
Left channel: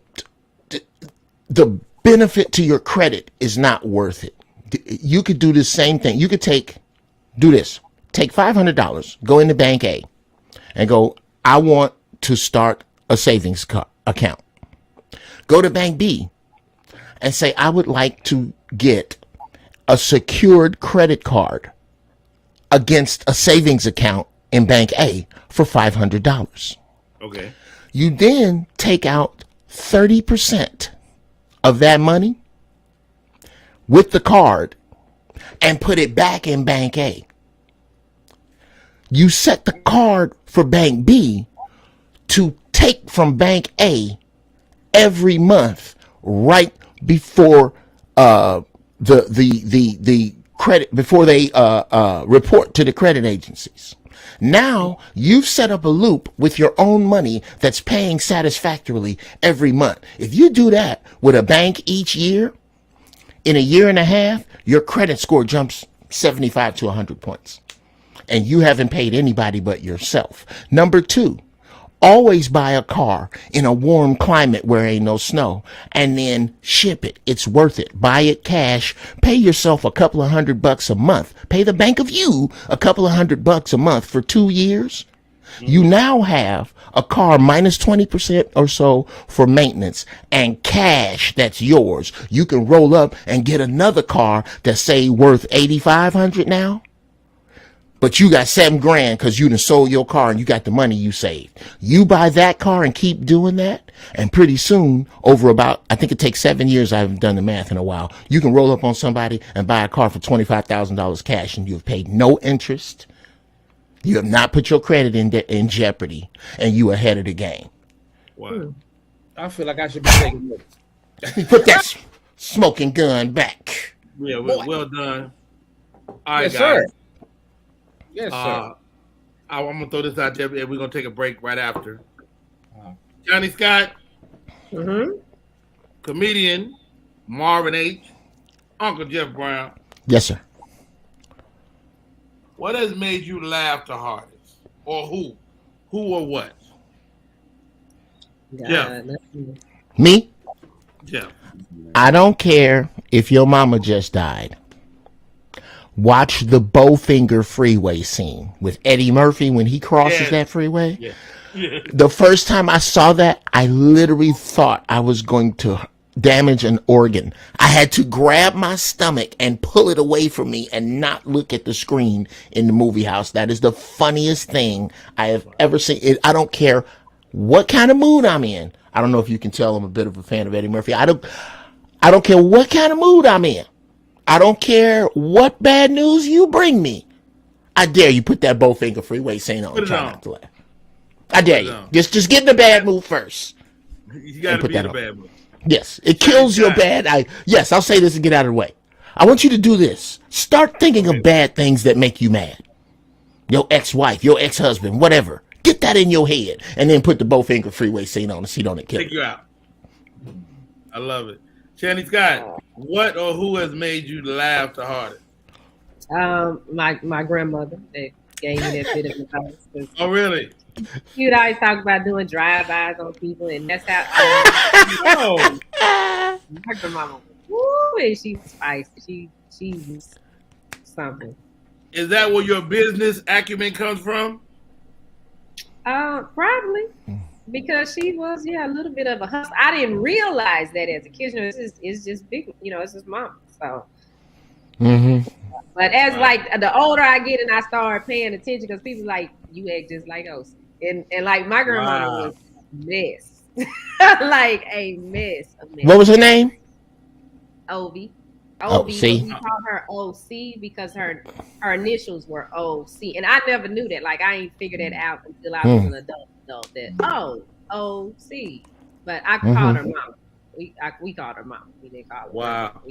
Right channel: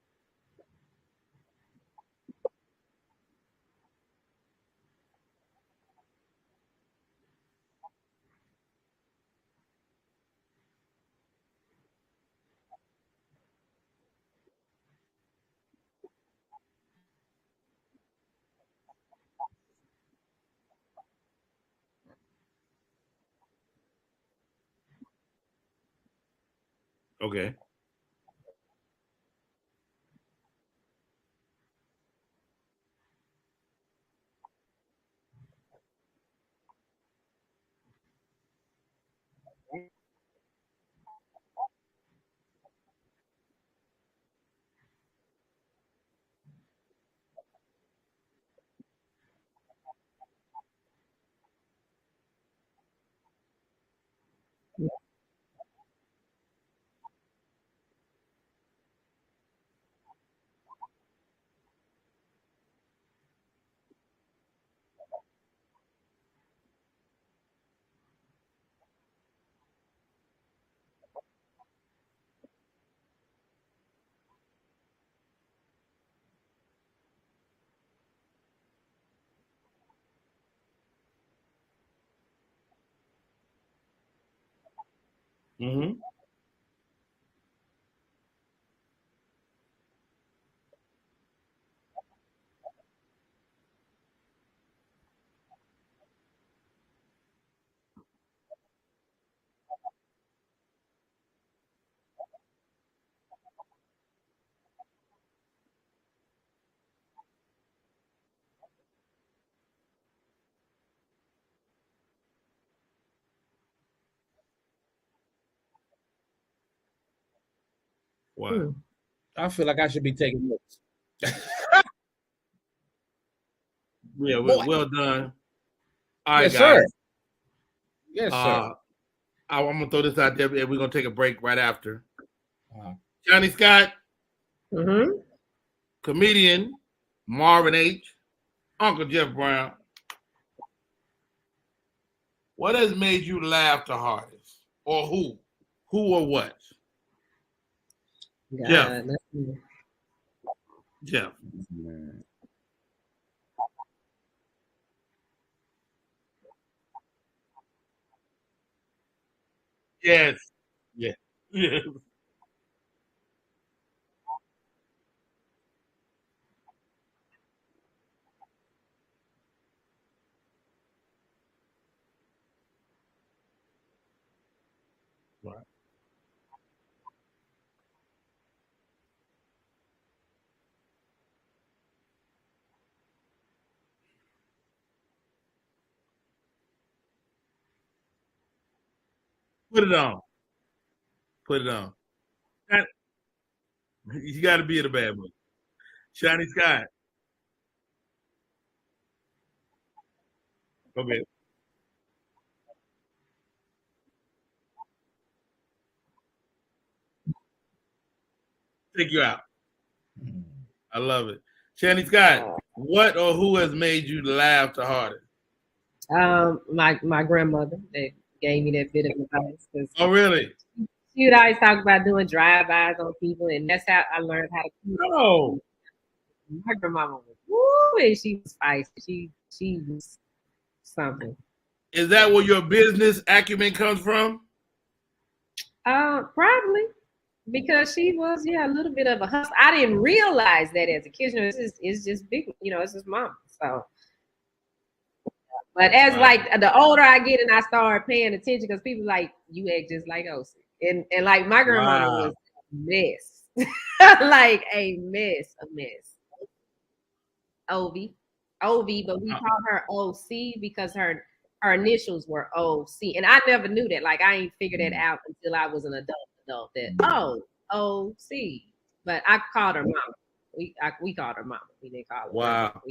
The benefit to your credit is not worth it. You could do the same thing. You could do this. Take $500, go into Bank A, and go, I want to start a savings account. Go to Bank B and say, I would like to get a secured credit card against a savings account in Bank A for $500. Okay. You then take out 30% of that money with the card and put it back in Bank A. You set the card for Bank B to take from Bank A every month right before the credit, before they report to the credit agencies. Now you've set up a loop with your own money that's paying satisfactorily every month. If you do that with a bank each year, in a year and a half, your credit score jumps 75 to 100 points. And you haven't paid anybody but yourself. Number two, always buy a car in a warm climate where ain't no snow, and then ship it. It's worth it. Buy it cash. Pay yourself a couple of $100 a month. Pay the bank of you a couple of $100 a month for 2 years. Mm-hmm. You now have a car minus 20% or so for maintenance and cash that's yours. You can roll up and get another car that's say worth $8,500 now. But you got $7,000 because you done sold your car and you got the money you saved. You buy that car and keep doing that, and pretty soon, over about, I think it takes 7 years, I haven't done the math in a while, you can roll up on somebody and buy a car for $25,000 cash, and you have paid no interest. You have not put your credit in jeopardy, and you ahead of the game. Wow. I feel like I should be taking notes. Put that smoking gun back. Yeah, well done. All right, yes, guys. Sir. Yes, sir. I'm going to throw this out there, and we're going to take a break right after. Johnny Scott, comedian Marvin H., Uncle Jeff Brown. Yes, sir. What has made you laugh the hardest? Or who? Who or what? Jeff. Me? Jeff. I don't care if your mama just died. Watch the Bowfinger freeway scene with Eddie Murphy when he crosses that freeway. Yeah. The first time I saw that, I literally thought I was going to damage an organ. I had to grab my stomach and pull it away from me and not look at the screen in the movie house. That is the funniest thing I have ever seen. I don't care what kind of mood I'm in. I don't know if you can tell I'm a bit of a fan of Eddie Murphy. I don't care what kind of mood I'm in. I don't care what bad news you bring me. I dare you put that Bowfinger freeway scene on. Put it on. I dare you. Just get in the bad mood first. You got to be in the bad mood. Yes, it kills your bad. Yes, I'll say this and get out of the way. I want you to do this. Start thinking of bad things that make you mad. Your ex-wife, your ex-husband, whatever. Get that in your head, and then put the Bowfinger Freeway scene on the seat on the killer. Take you out. I love it. Shanny Scott, what or who has made you laugh the hardest? My grandmother that gave me that bit of advice. Oh, really? You'd always talk about doing drive-bys on people, and that's how I learned. My grandmama was, woo, and she was feisty. She was something. Is that where your business acumen comes from? Probably. Because she was, a little bit of a hustler. I didn't realize that as a kid. It's just big, it's just mom. So, but as like the older I get and I start paying attention, because people like, you act just like Osi. And like my grandmother was a mess. Like a mess. What was her name? Ovi. Oh, but we called her OC because her initials were OC. And I never knew that. Like I ain't figured that out until I was an adult. That OC, but I called her mama. We called her mama. We didn't call her. Wow.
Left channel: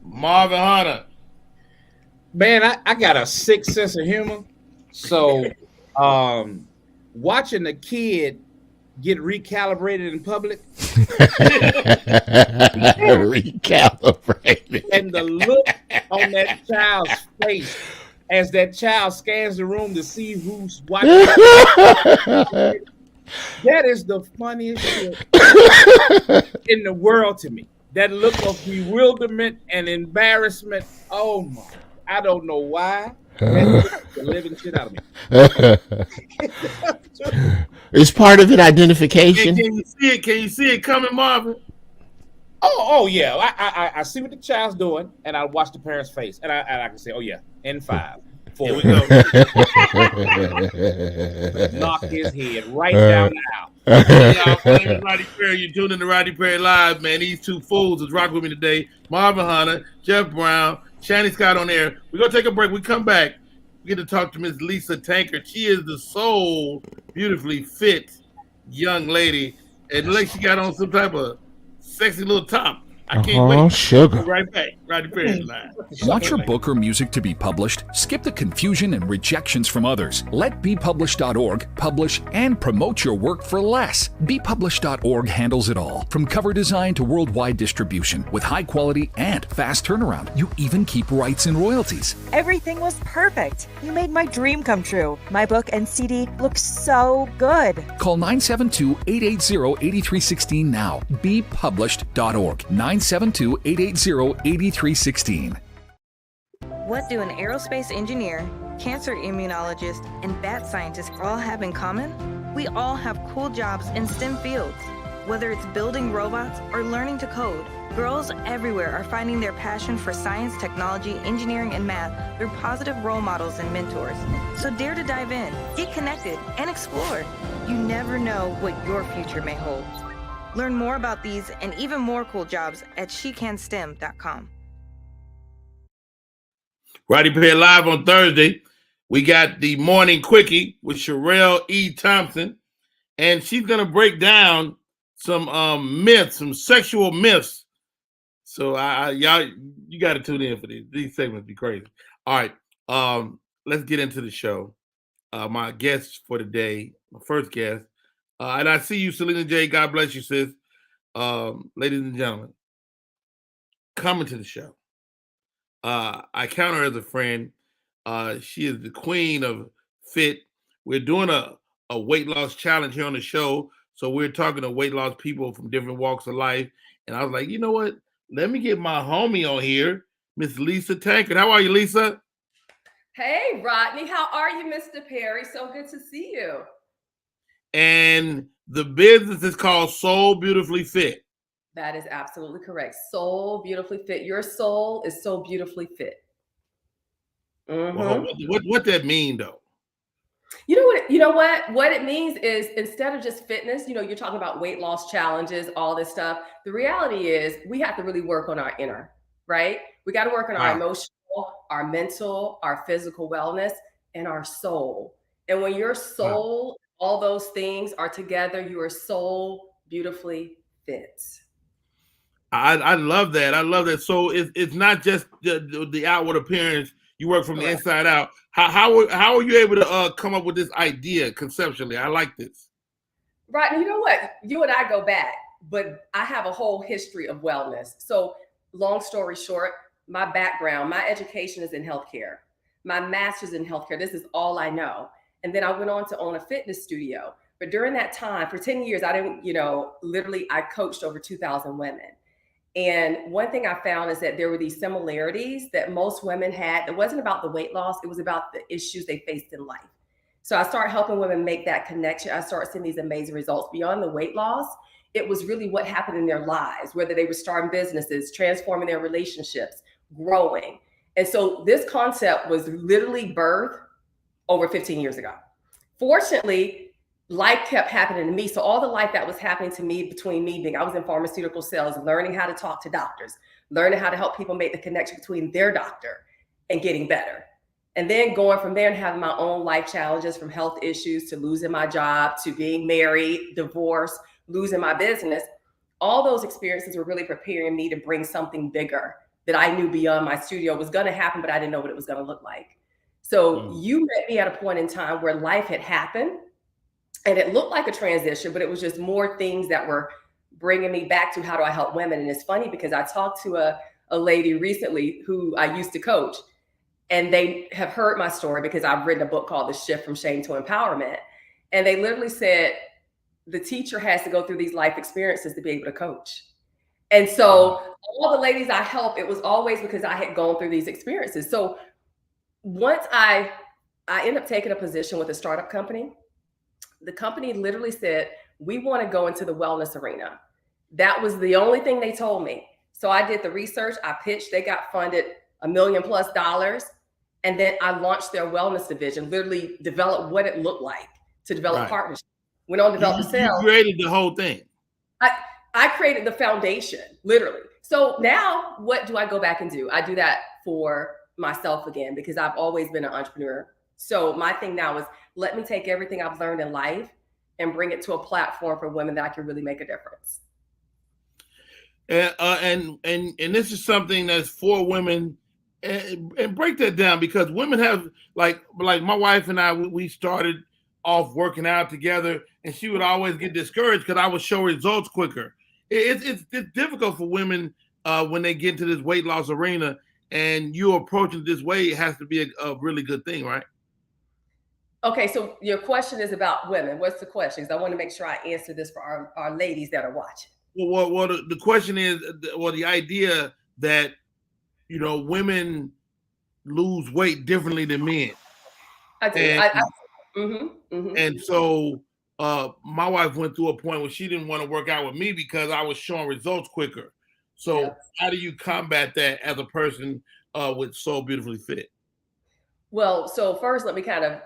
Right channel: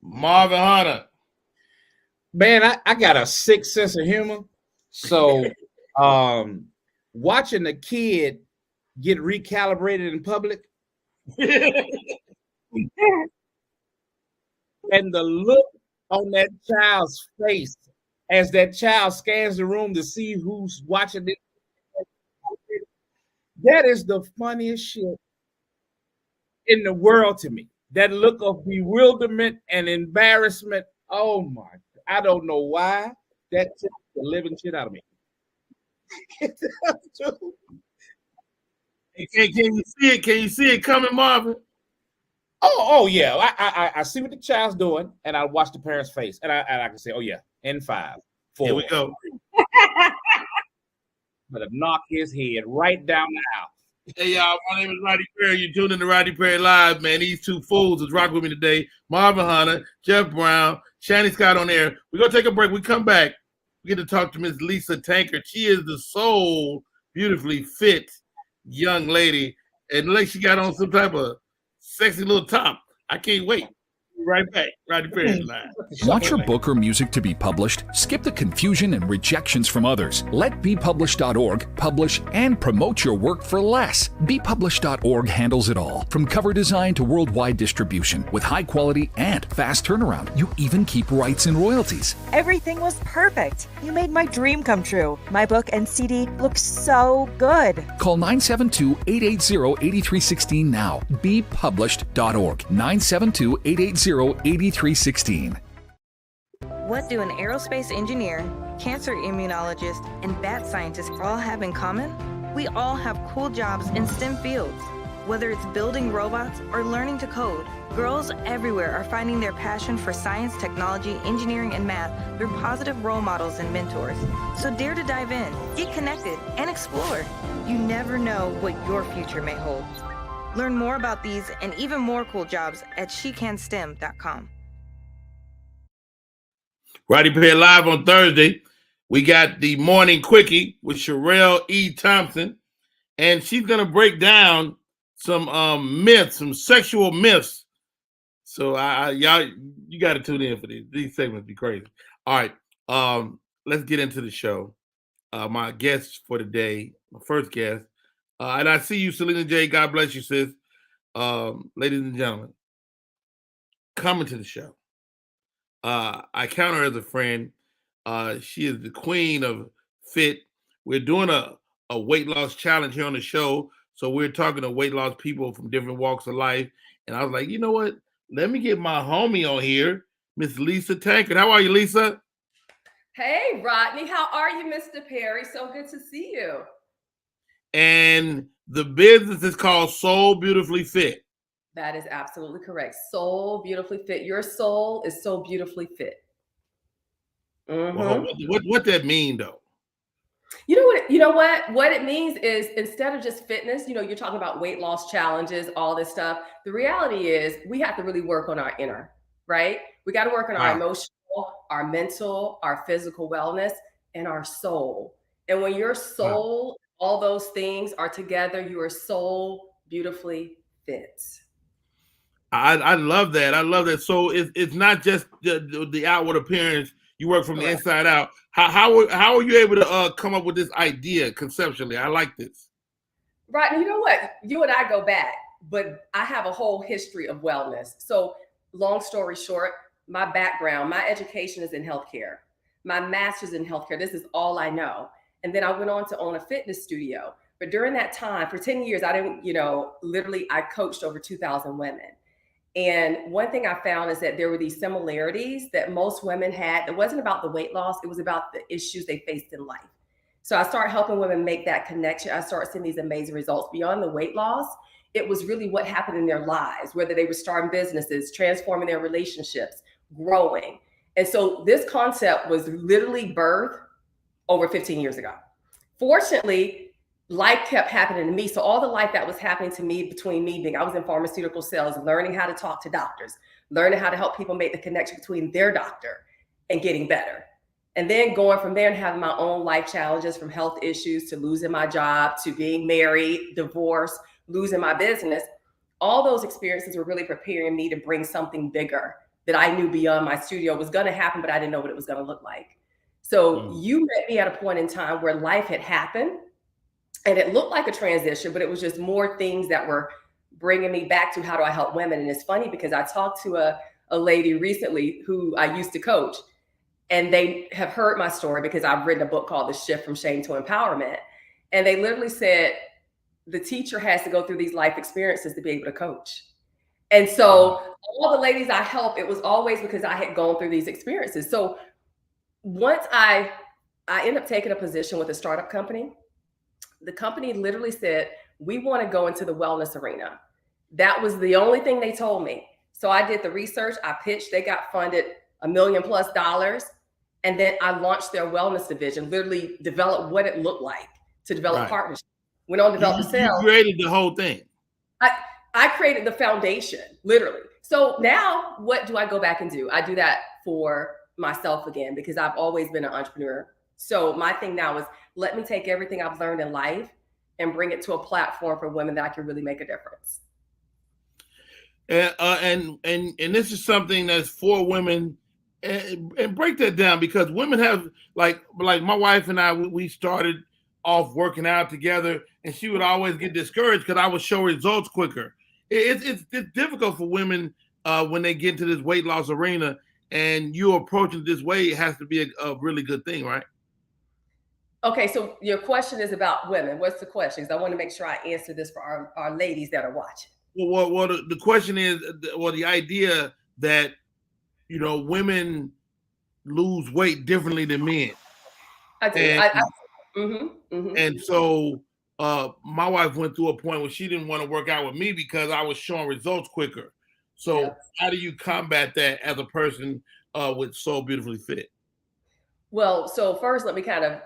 Marvin Hunter. Man, I got a sick sense of humor. So watching a kid get recalibrated in public. Recalibrated. And the look on that child's face as that child scans the room to see who's watching. That is the funniest shit in the world to me. That look of bewilderment and embarrassment. Oh my! I don't know why. That took the living shit out of me. Is part of it identification? Can you see it? Can you see it coming, Marvin? Oh yeah. I see what the child's doing, and I watch the parent's face, and I can say, oh yeah, in 5, 4. Here we go. Knock his head right down the aisle. Hey, y'all, my name is Rodney Perry. You're tuning in to Rodney Perry Live, man. These two fools is rocking with me today. Marvin Hunter, Jeff Brown, Shanny Scott on air. We're going to take a break. We come back. We get to talk to Miss Lisa Tankard. She is the soul, beautifully fit young lady. And like she got on some type of sexy little top. I can't wait. Sugar. We'll be right back. Rodney Perry Live. Want your book or music to be published? Skip the confusion and rejections from others. Let BePublished.org publish and promote your work for less. BePublished.org handles it all, from cover design to worldwide distribution, with high quality and fast turnaround. You even keep rights and royalties. Everything was perfect. You made my dream come true. My book and CD look so good. Call 972-880-8316 now. BePublished.org. 972-880-8316. What do an aerospace engineer, cancer immunologist, and bat scientist all have in common? We all have cool jobs in STEM fields. Whether it's building robots or learning to code, girls everywhere are finding their passion for science, technology, engineering, and math through positive role models and mentors. So dare to dive in, get connected, and explore. You never know what your future may hold. Learn more about these and even more cool jobs at SheCanSTEM.com. Rodney Perry Live on Thursday. We got the Morning Quickie with Sherelle E. Thompson. And she's going to break down some myths, some sexual myths. So y'all, you got to tune in for these. These segments be crazy. All right. Let's get into the show. My guest for today, my first guest, and I see you, Selena J. God bless you, sis. Ladies and gentlemen, coming to the show. I count her as a friend. She is the queen of fit. We're doing a weight loss challenge here on the show. So we're talking to weight loss people from different walks of life. And I was like, you know what? Let me get my homie on here, Miss Lisa Tankard. How are you, Lisa? Hey, Rodney. How are you, Mr. Perry? So good to see you. And the business is called Soul Beautifully Fit. That is absolutely correct. Soul Beautifully Fit. Your soul is so beautifully fit. Well, what that mean, though? You know what? What it means is, instead of just fitness, you're talking about weight loss challenges, all this stuff. The reality is we have to really work on our inner, right? We got to work on our emotional, our mental, our physical wellness, and our soul. And when your soul, all those things are together, you are so beautifully fit. I love that. I love that. So it's not just the outward appearance. You work from the Correct. inside out. How are you able to come up with this idea conceptually? I like this. Rodney, you know what? You and I go back, but I have a whole history of wellness. So, long story short, my background, my education is in healthcare. My master's in healthcare. This is all I know. And then I went on to own a fitness studio. But during that time, for 10 years, I didn't, literally, I coached over 2,000 women. And one thing I found is that there were these similarities that most women had. It wasn't about the weight loss, it was about the issues they faced in life. So I started helping women make that connection. I started seeing these amazing results beyond the weight loss. It was really what happened in their lives, whether they were starting businesses, transforming their relationships, growing. And so this concept was literally birthed over 15 years ago. Fortunately, life kept happening to me. So all the life that was happening to me between me being, I was in pharmaceutical sales, learning how to talk to doctors, learning how to help people make the connection between their doctor and getting better. And then going from there and having my own life challenges, from health issues to losing my job, to being married, divorce, losing my business. All those experiences were really preparing me to bring something bigger that I knew beyond my studio was going to happen, but I didn't know what it was going to look like. So you met me at a point in time where life had happened and it looked like a transition, but it was just more things that were bringing me back to how do I help women. And it's funny because I talked to a lady recently who I used to coach. And they have heard my story because I've written a book called The Shift from Shame to Empowerment. And they literally said, the teacher has to go through these life experiences to be able to coach. And so all the ladies I help, it was always because I had gone through these experiences. So once I ended up taking a position with a startup company, the company literally said, we want to go into the wellness arena. That was the only thing they told me. So I did the research, I pitched, they got funded $1 million+. And then I launched their wellness division, literally developed what it looked like to develop partnerships. Went on to develop the sales. You created the whole thing. I created the foundation, literally. So now what do I go back and do? I do that for myself again, because I've always been an entrepreneur. So my thing now is let me take everything I've learned in life and bring it to a platform for women that I can really make a difference. And this is something that's for women. And break that down, because women have like my wife and I, we started off working out together, and she would always get discouraged because I would show results quicker. It's difficult for women when they get into this weight loss arena, and you approaching this way, it has to be a really good thing, right? Okay, so your question is about women. What's the question? Because I want to make sure I answer this for our ladies that are watching. Well, the question is, the idea that women lose weight differently than men. I do. And so my wife went through a point where she didn't want to work out with me because I was showing results quicker. So how do you combat that as a person with Soul Beautifully Fit? Well, so first, let me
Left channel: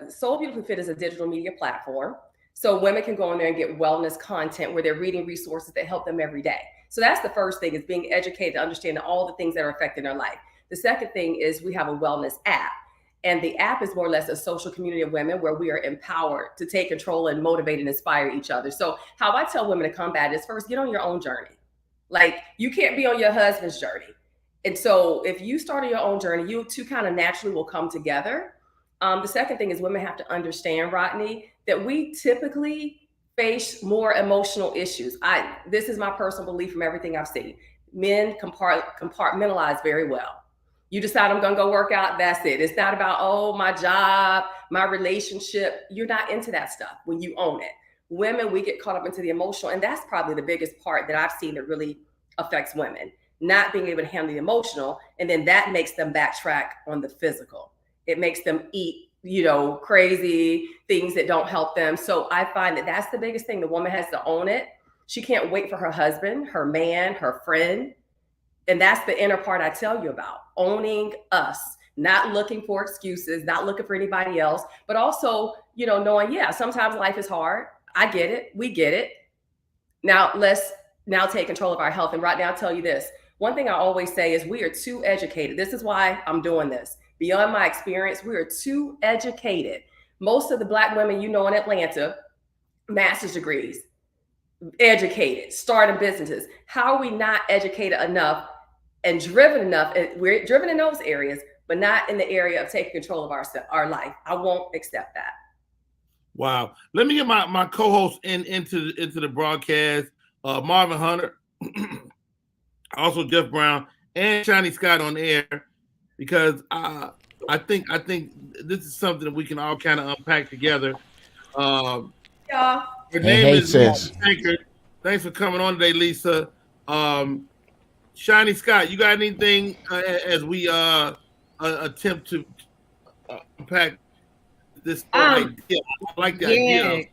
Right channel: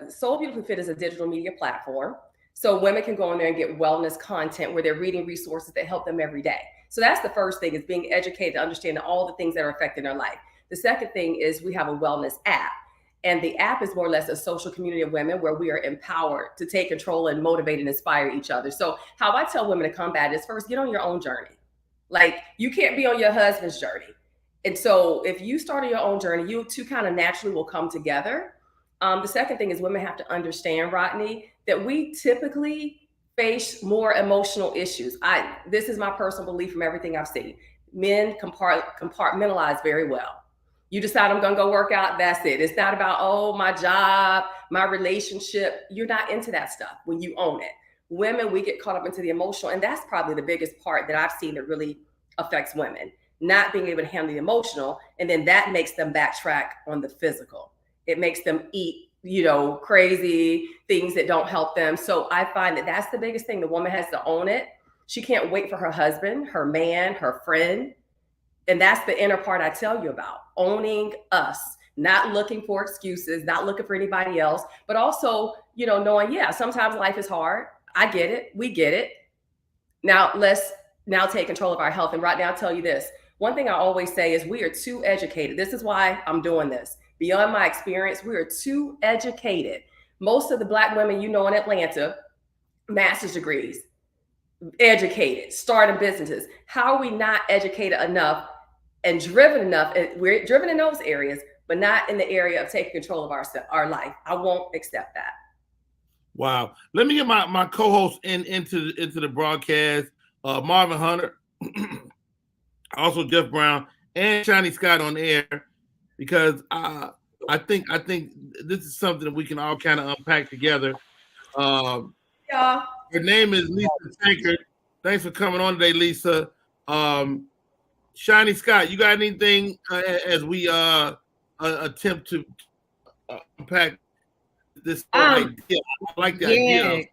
Soul Beautifully Fit is a digital media platform. So women can go on there and get wellness content where they're reading resources that help them every day. So that's the first thing, is being educated to understand all the things that are affecting their life. The second thing is we have a wellness app. And the app is more or less a social community of women where we are empowered to take control and motivate and inspire each other. So how I tell women to combat is, first, get on your own journey. Like, you can't be on your husband's journey. And so if you start on your own journey, you two kind of naturally will come together. The second thing is women have to understand, Rodney, that we typically face more emotional issues. This is my personal belief from everything I've seen. Men compartmentalize very well. You decide I'm going to go work out, that's it. It's not about, oh, my job, my relationship. You're not into that stuff when you own it. Women, we get caught up into the emotional, and that's probably the biggest part that I've seen that really affects women, not being able to handle the emotional, and then that makes them backtrack on the physical. It makes them eat, crazy things that don't help them. So I find that that's the biggest thing. The woman has to own it. She can't wait for her husband, her man, her friend. And that's the inner part I tell you about, owning us, not looking for excuses, not looking for anybody else, but also, knowing, sometimes life is hard. I get it. We get it. Now let's take control of our health. And right now, I'll tell you this. One thing I always say is we are too educated. This is why I'm doing this. Beyond my experience, we are too educated. Most of the Black women in Atlanta, master's degrees, educated, starting businesses. How are we not educated enough and driven enough? We're driven in those areas, but not in the area of taking control of our life. I won't accept that. Wow. Let me get my co-host into the broadcast. Marvin Hunter, also Jeff Brown, and Shiny Scott on air, because I think this is something that we can all kind of unpack together. Her name is Lisa Tankard. Thanks for coming on today, Lisa. Shiny Scott, you got anything as we attempt to unpack this idea? I like the idea.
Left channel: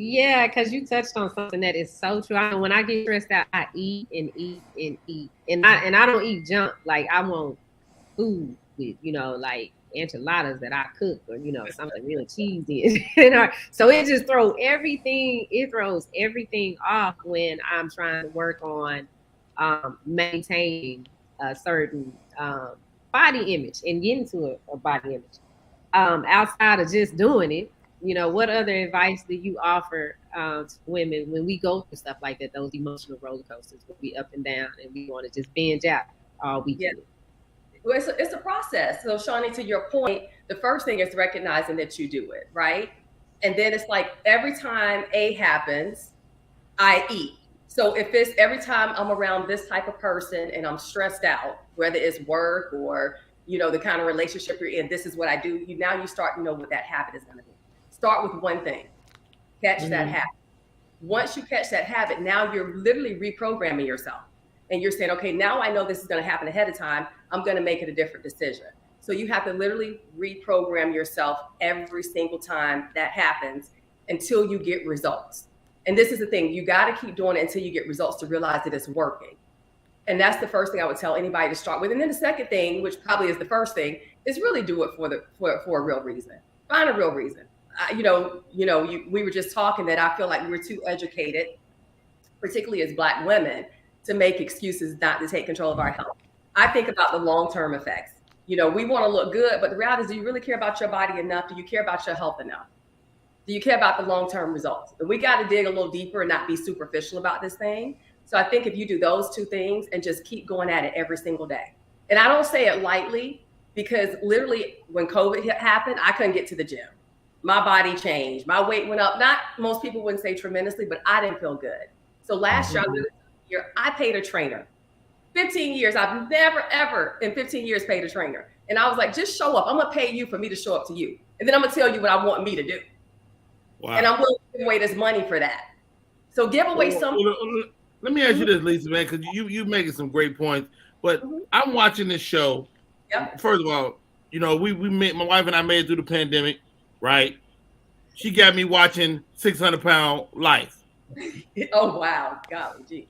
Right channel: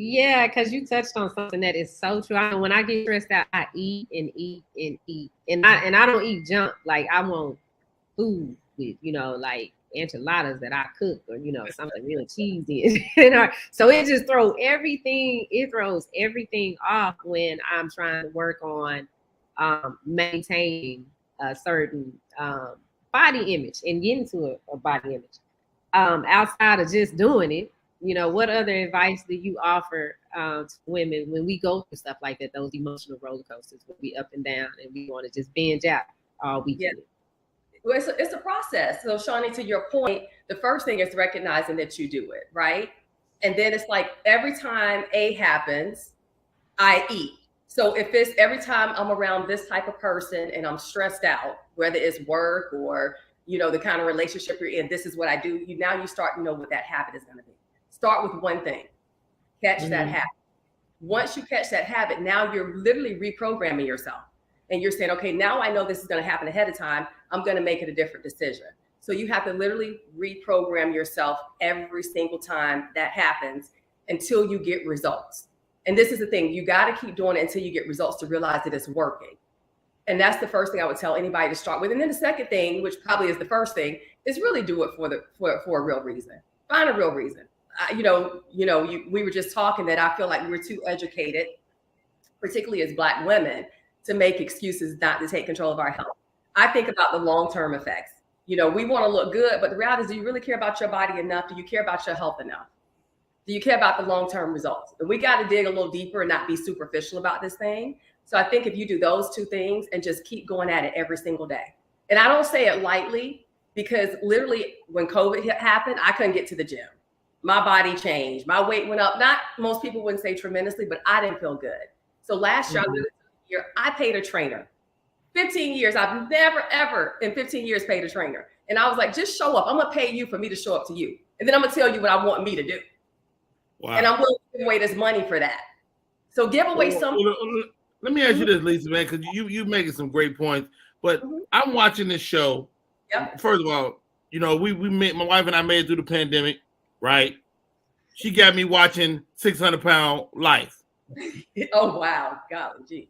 Yeah, because you touched on something that is so true. I know when I get stressed out, I eat and eat and eat, and I don't eat junk. Like I want food with, like enchiladas that I cook, or something real cheesy. So it just throws everything. It throws everything off when I'm trying to work on maintaining a certain body image and getting to a body image. Outside of just doing it. What other advice do you offer to women when we go through stuff like that, those emotional roller coasters, where we up and down and we want to just binge out all weekend? Yeah. Well, it's a process. So, Shawnee, to your point, the first thing is recognizing that you do it, right? And then it's like every time A happens, I eat. So if it's every time I'm around this type of person and I'm stressed out, whether it's work or, the kind of relationship you're in, this is what I do. Now you start to know what that habit is going to be. Start with one thing, catch that habit. Once you catch that habit, now you're literally reprogramming yourself. And you're saying, okay, now I know this is going to happen ahead of time. I'm going to make it a different decision. So you have to literally reprogram yourself every single time that happens until you get results. And this is the thing, you got to keep doing it until you get results to realize that it's working. And that's the first thing I would tell anybody to start with. And then the second thing, which probably is the first thing, is really do it for a real reason. Find a real reason. We were just talking that I feel like we're too educated, particularly as Black women, to make excuses not to take control of our health. I think about the long-term effects. We want to look good, but the reality is, do you really care about your body enough? Do you care about your health enough? Do you care about the long-term results? And we got to dig a little deeper and not be superficial about this thing. So I think if you do those two things and just keep going at it every single day. And I don't say it lightly, because literally when COVID happened, I couldn't get to the gym. My body changed. My weight went up. Not most people wouldn't say tremendously, but I didn't feel good. So last year, I paid a trainer. 15 years. I've never, ever in 15 years paid a trainer. And I was like, just show up. I'm going to pay you for me to show up to you. And then I'm going to tell you what I want me to do. Wow. And I'm willing to give away this money for that. So give away something. Let me ask you this, Lisa, man, because you making some great points. But I'm watching this show. Yep. First of all, we made, my wife and I made it through the pandemic. Right, she got me watching 600-Pound Life. Oh wow, golly gee.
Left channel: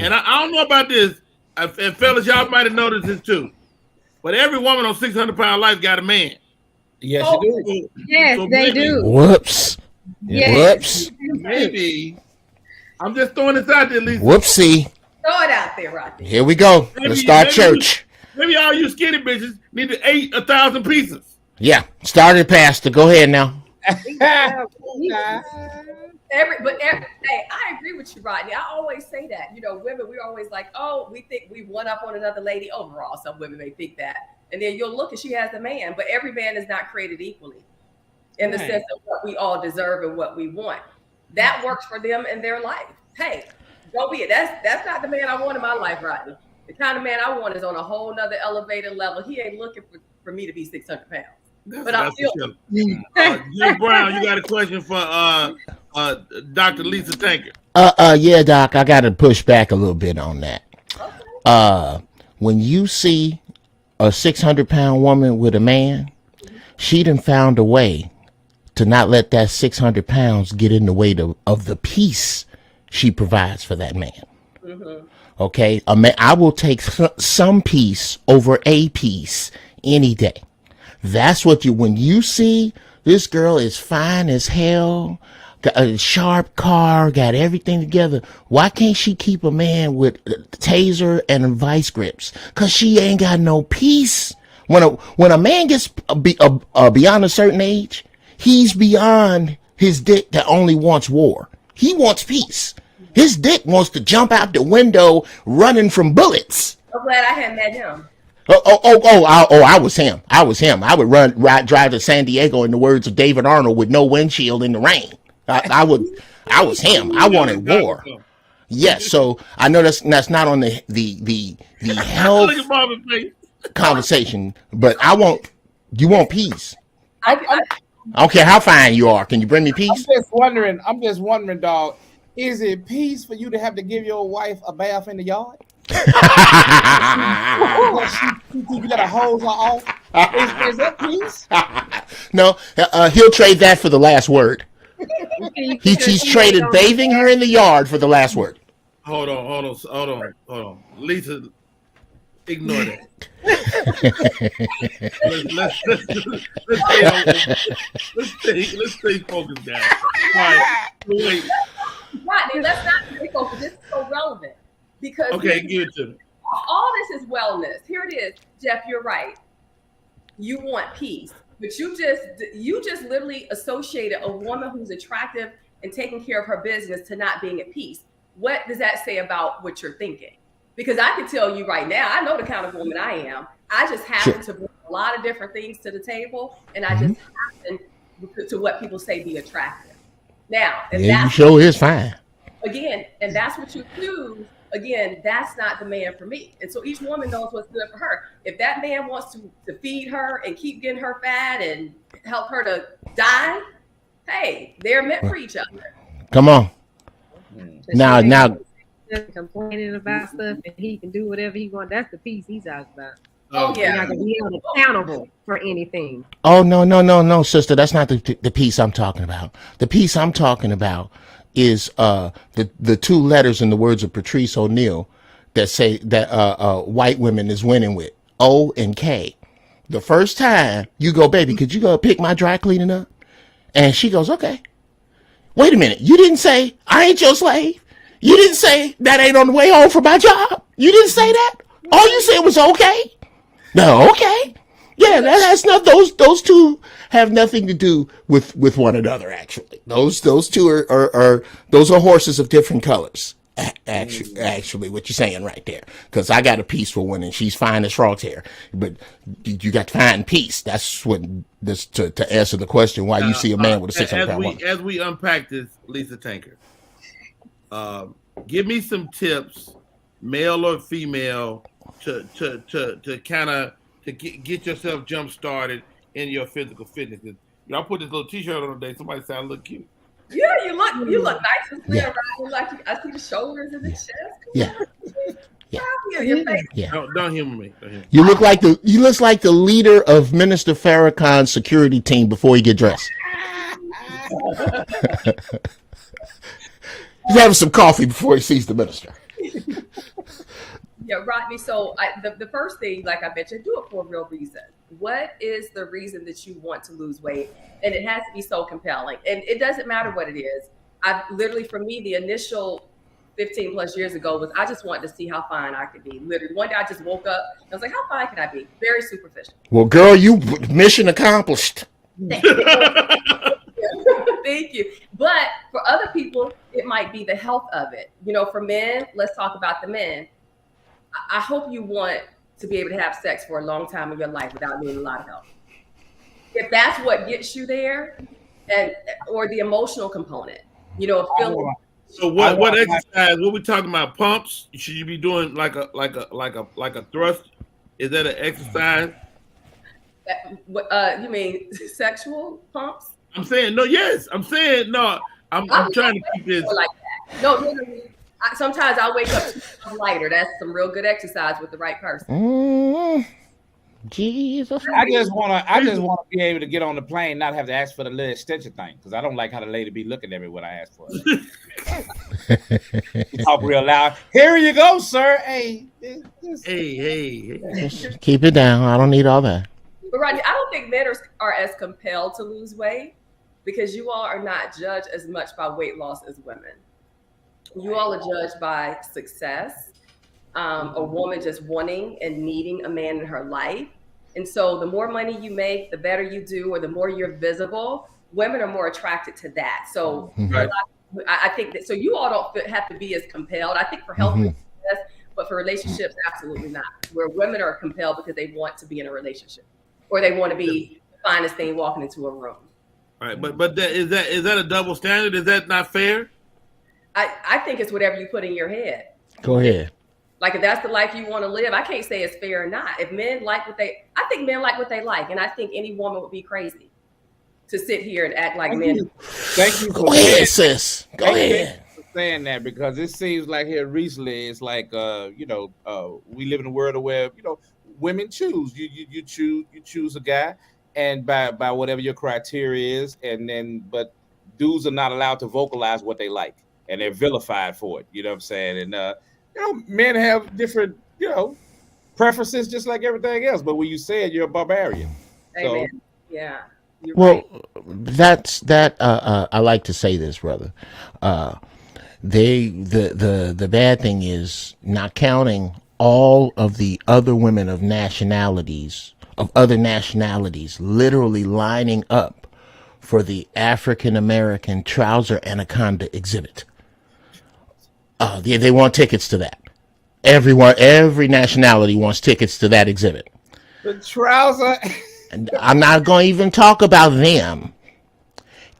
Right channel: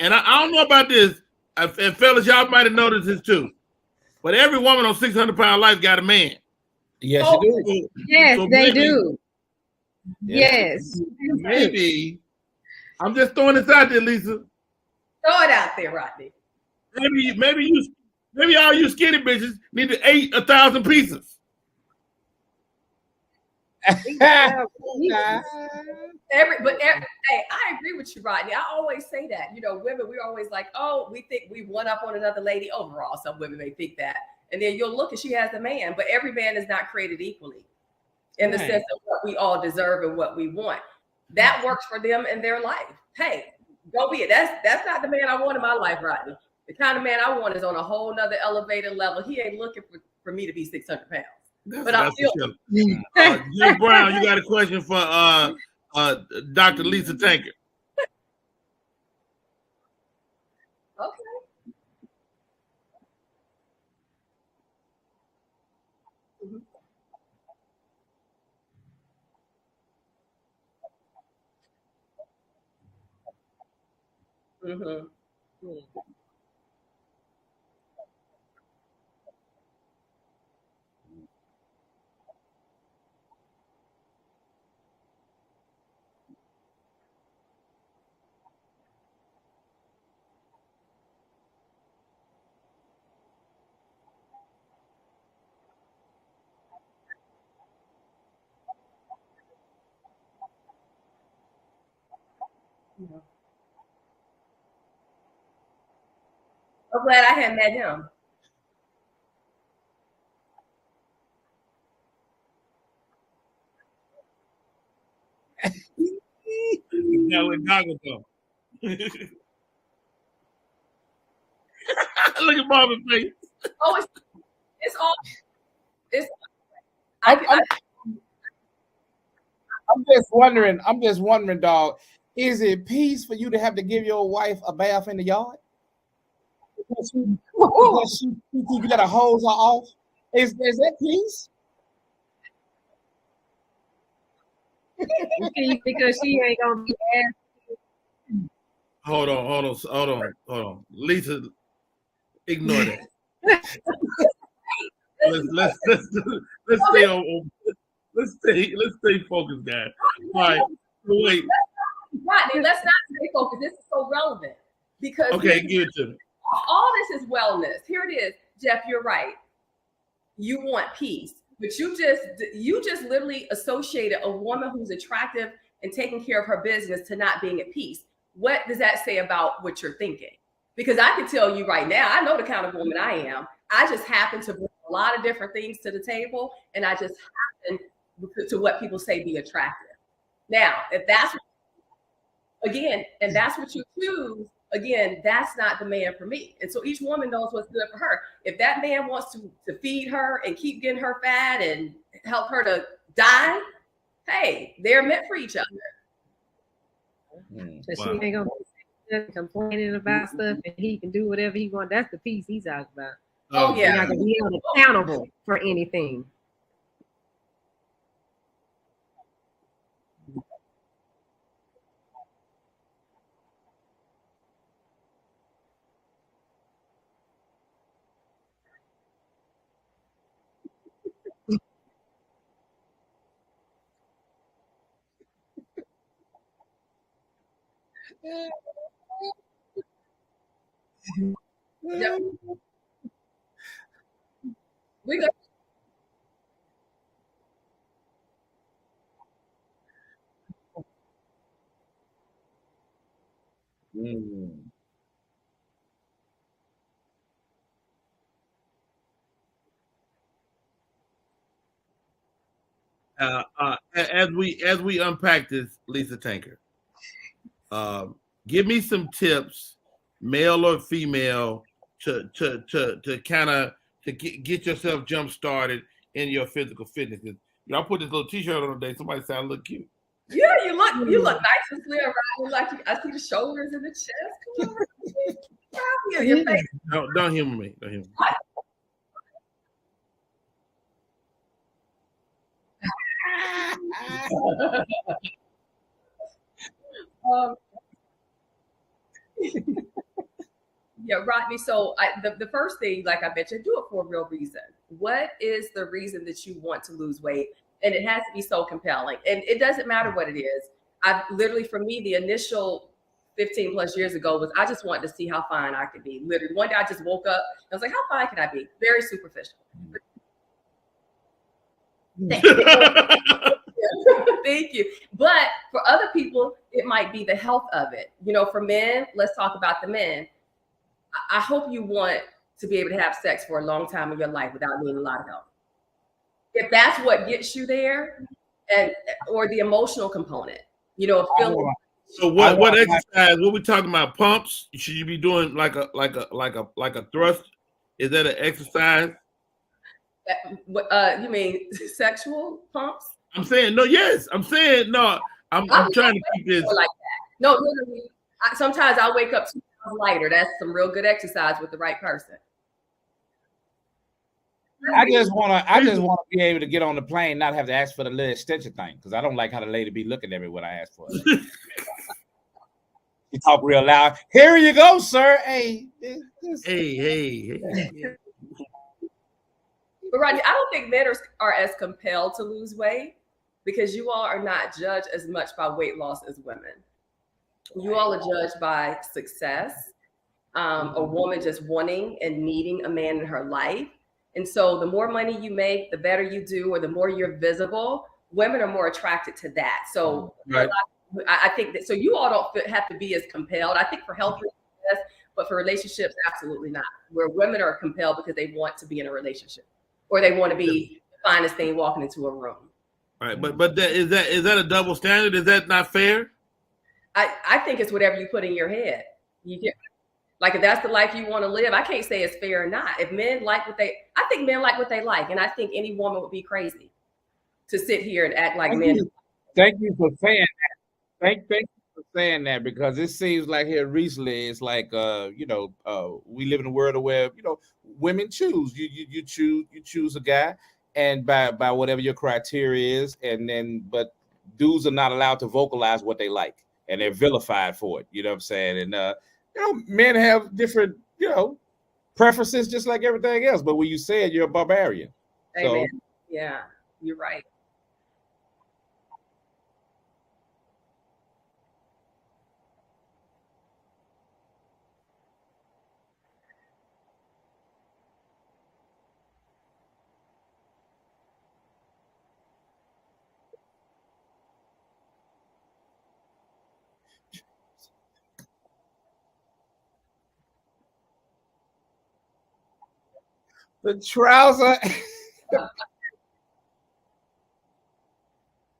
And I don't know about this, and fellas, y'all might have noticed this too. But every woman on 600-Pound Life got a man. Yes, you do. Yes, so they do. Whoops. Yes. Whoops. Maybe. I'm just throwing this out there, Lisa. Whoopsie. Throw it out there, Rodney. Here we go. Let's start church. Maybe all you skinny bitches need to eat 1,000 pieces. Yeah, started pastor. Go ahead now. Hey, I agree with you, Rodney. I always say that. Women, we're always like, oh, we think we one up on another lady overall. Some women may think that. And then you'll look and she has a man, but every man is not created equally in the sense of what we all deserve and what we want. That works for them in their life. Hey, go be it. That's not the man I want in my life, Rodney. The kind of man I want is on a whole nother elevated level. He ain't looking for me to be 600 pounds. But I feel Jim Brown, you got a question for Dr. Lisa Tankard? Yeah, Doc, I got to push back a little bit on that. Okay. When you see a 600-pound woman with a man, she done found a way to not let that 600 pounds get in the way of the peace she provides for that man. Mm-hmm. Okay, I will take some peace over a piece any day. That's what when you see this girl is fine as hell, got a sharp car, got everything together. Why can't she keep a man with a taser and vice grips? Cause she ain't got no peace. When a man gets beyond a certain age, he's beyond his dick that only wants war. He wants peace. His dick wants to jump out the window running from bullets. I'm glad I hadn't met him. I was him. I would drive to San Diego, in the words of David Arnold, with no windshield in the rain. I was him. I wanted war. Yes, so I know that's not on the health Look at Marvin's face. conversation, but you want peace. I I don't care how fine you are. Can you bring me peace? I'm just wondering, dog. Is it peace for you to have to give your wife a bath in the yard? You got to hose her off. Is that peace? No, he'll trade that for the last word. He's traded bathing her in the yard for the last word. Hold on. Lisa, ignore that. let's stay focused, guys. All right, wait. Rodney, let's not stay focused. This is so relevant because Give it to me. all this is wellness. Here it is, Jeff. You're right. You want peace, but you just literally associated a woman who's attractive and taking care of her business to not being at peace. What does that say about what you're thinking? Because I can tell you right now, I know the kind of woman I am. I just happen to bring a lot of different things to the table, and I just happen to what people say be attractive. Now, and that's show is fine. Again, and that's what you choose. Again, that's not the man for me. And so each woman knows what's good for her. If that man wants to feed her and keep getting her fat and help her to die, hey, they're meant for each other. Come on. Now complaining about stuff and he can do whatever he wants. That's the peace he's talking about. Oh yeah, You're not gonna be held accountable for anything. Oh no, sister, that's not the piece I'm talking about. The piece I'm talking about is the two letters in the words of Patrice O'Neal that say that white women is winning with O and K. The first time you go, baby, could you go pick my dry cleaning up? And she goes, okay. Wait a minute, you didn't say I ain't your slave. You didn't say that ain't on the way home from my job. You didn't say that. All you said was okay. No, okay. Yeah, that's not those two have nothing to do with one another. Actually, those two are those are horses of different colors. Actually, what you're saying right there, because I got a peaceful one and she's fine as frog's hair, but you got to find peace. That's what this to answer the question why you see a man with a 600 pound as we unpack this, Lisa Tanker, give me some tips, male or female, to kind of get yourself jump started in your physical fitness. Y'all put this little T-shirt on today. Somebody sound a little cute. Yeah, you look nice and slim, right? Like I see the shoulders and the chest. Your face. Yeah. Don't humor me. You look like the leader of Minister Farrakhan's security team before he get dressed. He's having some coffee before he sees the minister. Yeah, Rodney. So the first thing, like I mentioned, do it for a real reason. What is the reason that you want to lose weight? And it has to be so compelling. And it doesn't matter what it is. I've literally, for me, the initial 15 plus years ago was I just wanted to see how fine I could be. Literally, one day I just woke up and I was like, how fine can I be? Very superficial. Well, girl, you mission accomplished. Thank you. But for other people, it might be the health of it. You know, for men, let's talk about the men. I hope you want to be able to have sex for a long time in your life without needing a lot of help. If that's what gets you there, or the emotional component, you know, feeling. So what exercise? What we talking about? Pumps? Should you be doing like a thrust? Is that an exercise? You mean sexual pumps? I'm saying no. Yes, I'm saying no. I'm trying to keep this like that. No, literally. Sometimes I wake up 2 pounds lighter. That's some real good exercise with the right person. Jesus. I just want to be able to get on the plane, not have to ask for the little extension thing, because I don't like how the lady be looking at me when I ask for it. Talk real loud. Here you go, sir. Hey. Keep it down. I don't need all that. But Rodney, I don't think men are as compelled to lose weight because you all are not judged as much by weight loss as women. You all are judged by success, a woman just wanting and needing a man in her life. And so the more money you make, the better you do, or the more you're visible, women are more attracted to that. So Right. I think that, so you all don't have to be as compelled. I think for health reasons, yes, but for relationships, absolutely not. Where women are compelled because they want to be in a relationship, or they want to be the finest thing walking into a room. Right, but is that a double standard? Is that not fair? I think it's whatever you put in your head. Go ahead. Like, if that's the life you want to live, I can't say it's fair or not. If men like what they, I think men like what they like, and I think any woman would be crazy to sit here and act like men. Thank you for Go ahead, saying, sis. Go thank ahead. you for saying that, because it seems like here recently it's like we live in a world where women choose. You choose a guy, and by whatever your criteria is, and then but dudes are not allowed to vocalize what they like, and they're vilified for it. You know what I'm saying? And men have different preferences just like everything else. But when you say it, you're a barbarian. Amen. So, yeah. You're well, right. That's that. I like to say this, brother. The bad thing is not counting all of the other women of other nationalities, literally lining up for the African American trouser anaconda exhibit. They want tickets to that. Every nationality wants tickets to that exhibit. The trouser. And I'm not going to even talk about them.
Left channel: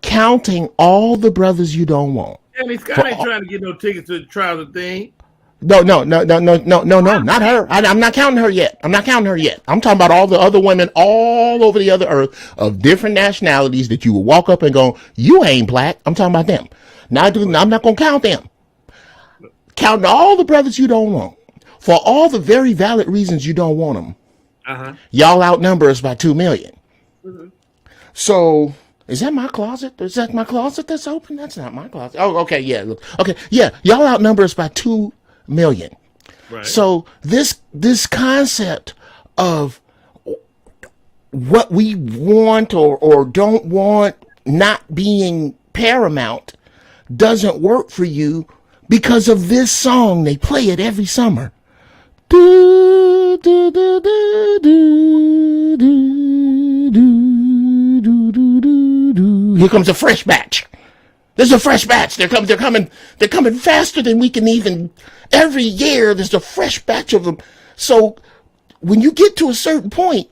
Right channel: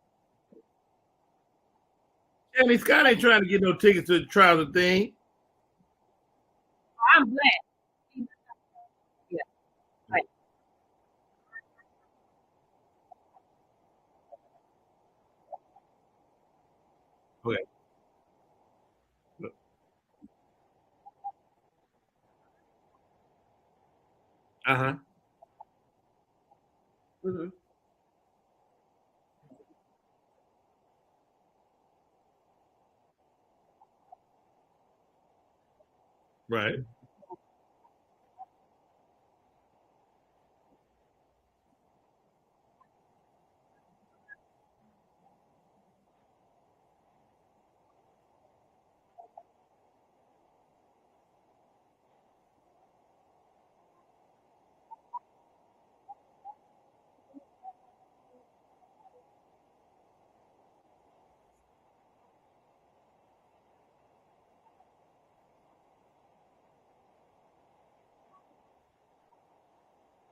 Counting all the brothers you don't want. Jamie Scott ain't trying to get no tickets to the trouser thing. No, not her. I'm not counting her yet. I'm talking about all the other women all over the other earth of different nationalities that you will walk up and go, you ain't black. I'm talking about them. I'm not going to count them. Counting all the brothers you don't want for all the very valid reasons you don't want them. Y'all outnumber us by 2 million. Mm-hmm. So is that my closet? Is that my closet that's open? That's not my closet. Oh, okay, yeah. Look. Okay, yeah. Y'all outnumber us by 2 million. Right. So this concept of what we want or don't want not being paramount doesn't work for you because of this song. They play it every summer. Do, do, do, do, do, do, do, do, do, do. Here comes a fresh batch. There's a fresh batch. They're coming faster than we can even. Every year there's a fresh batch of them. So when you get to a certain point,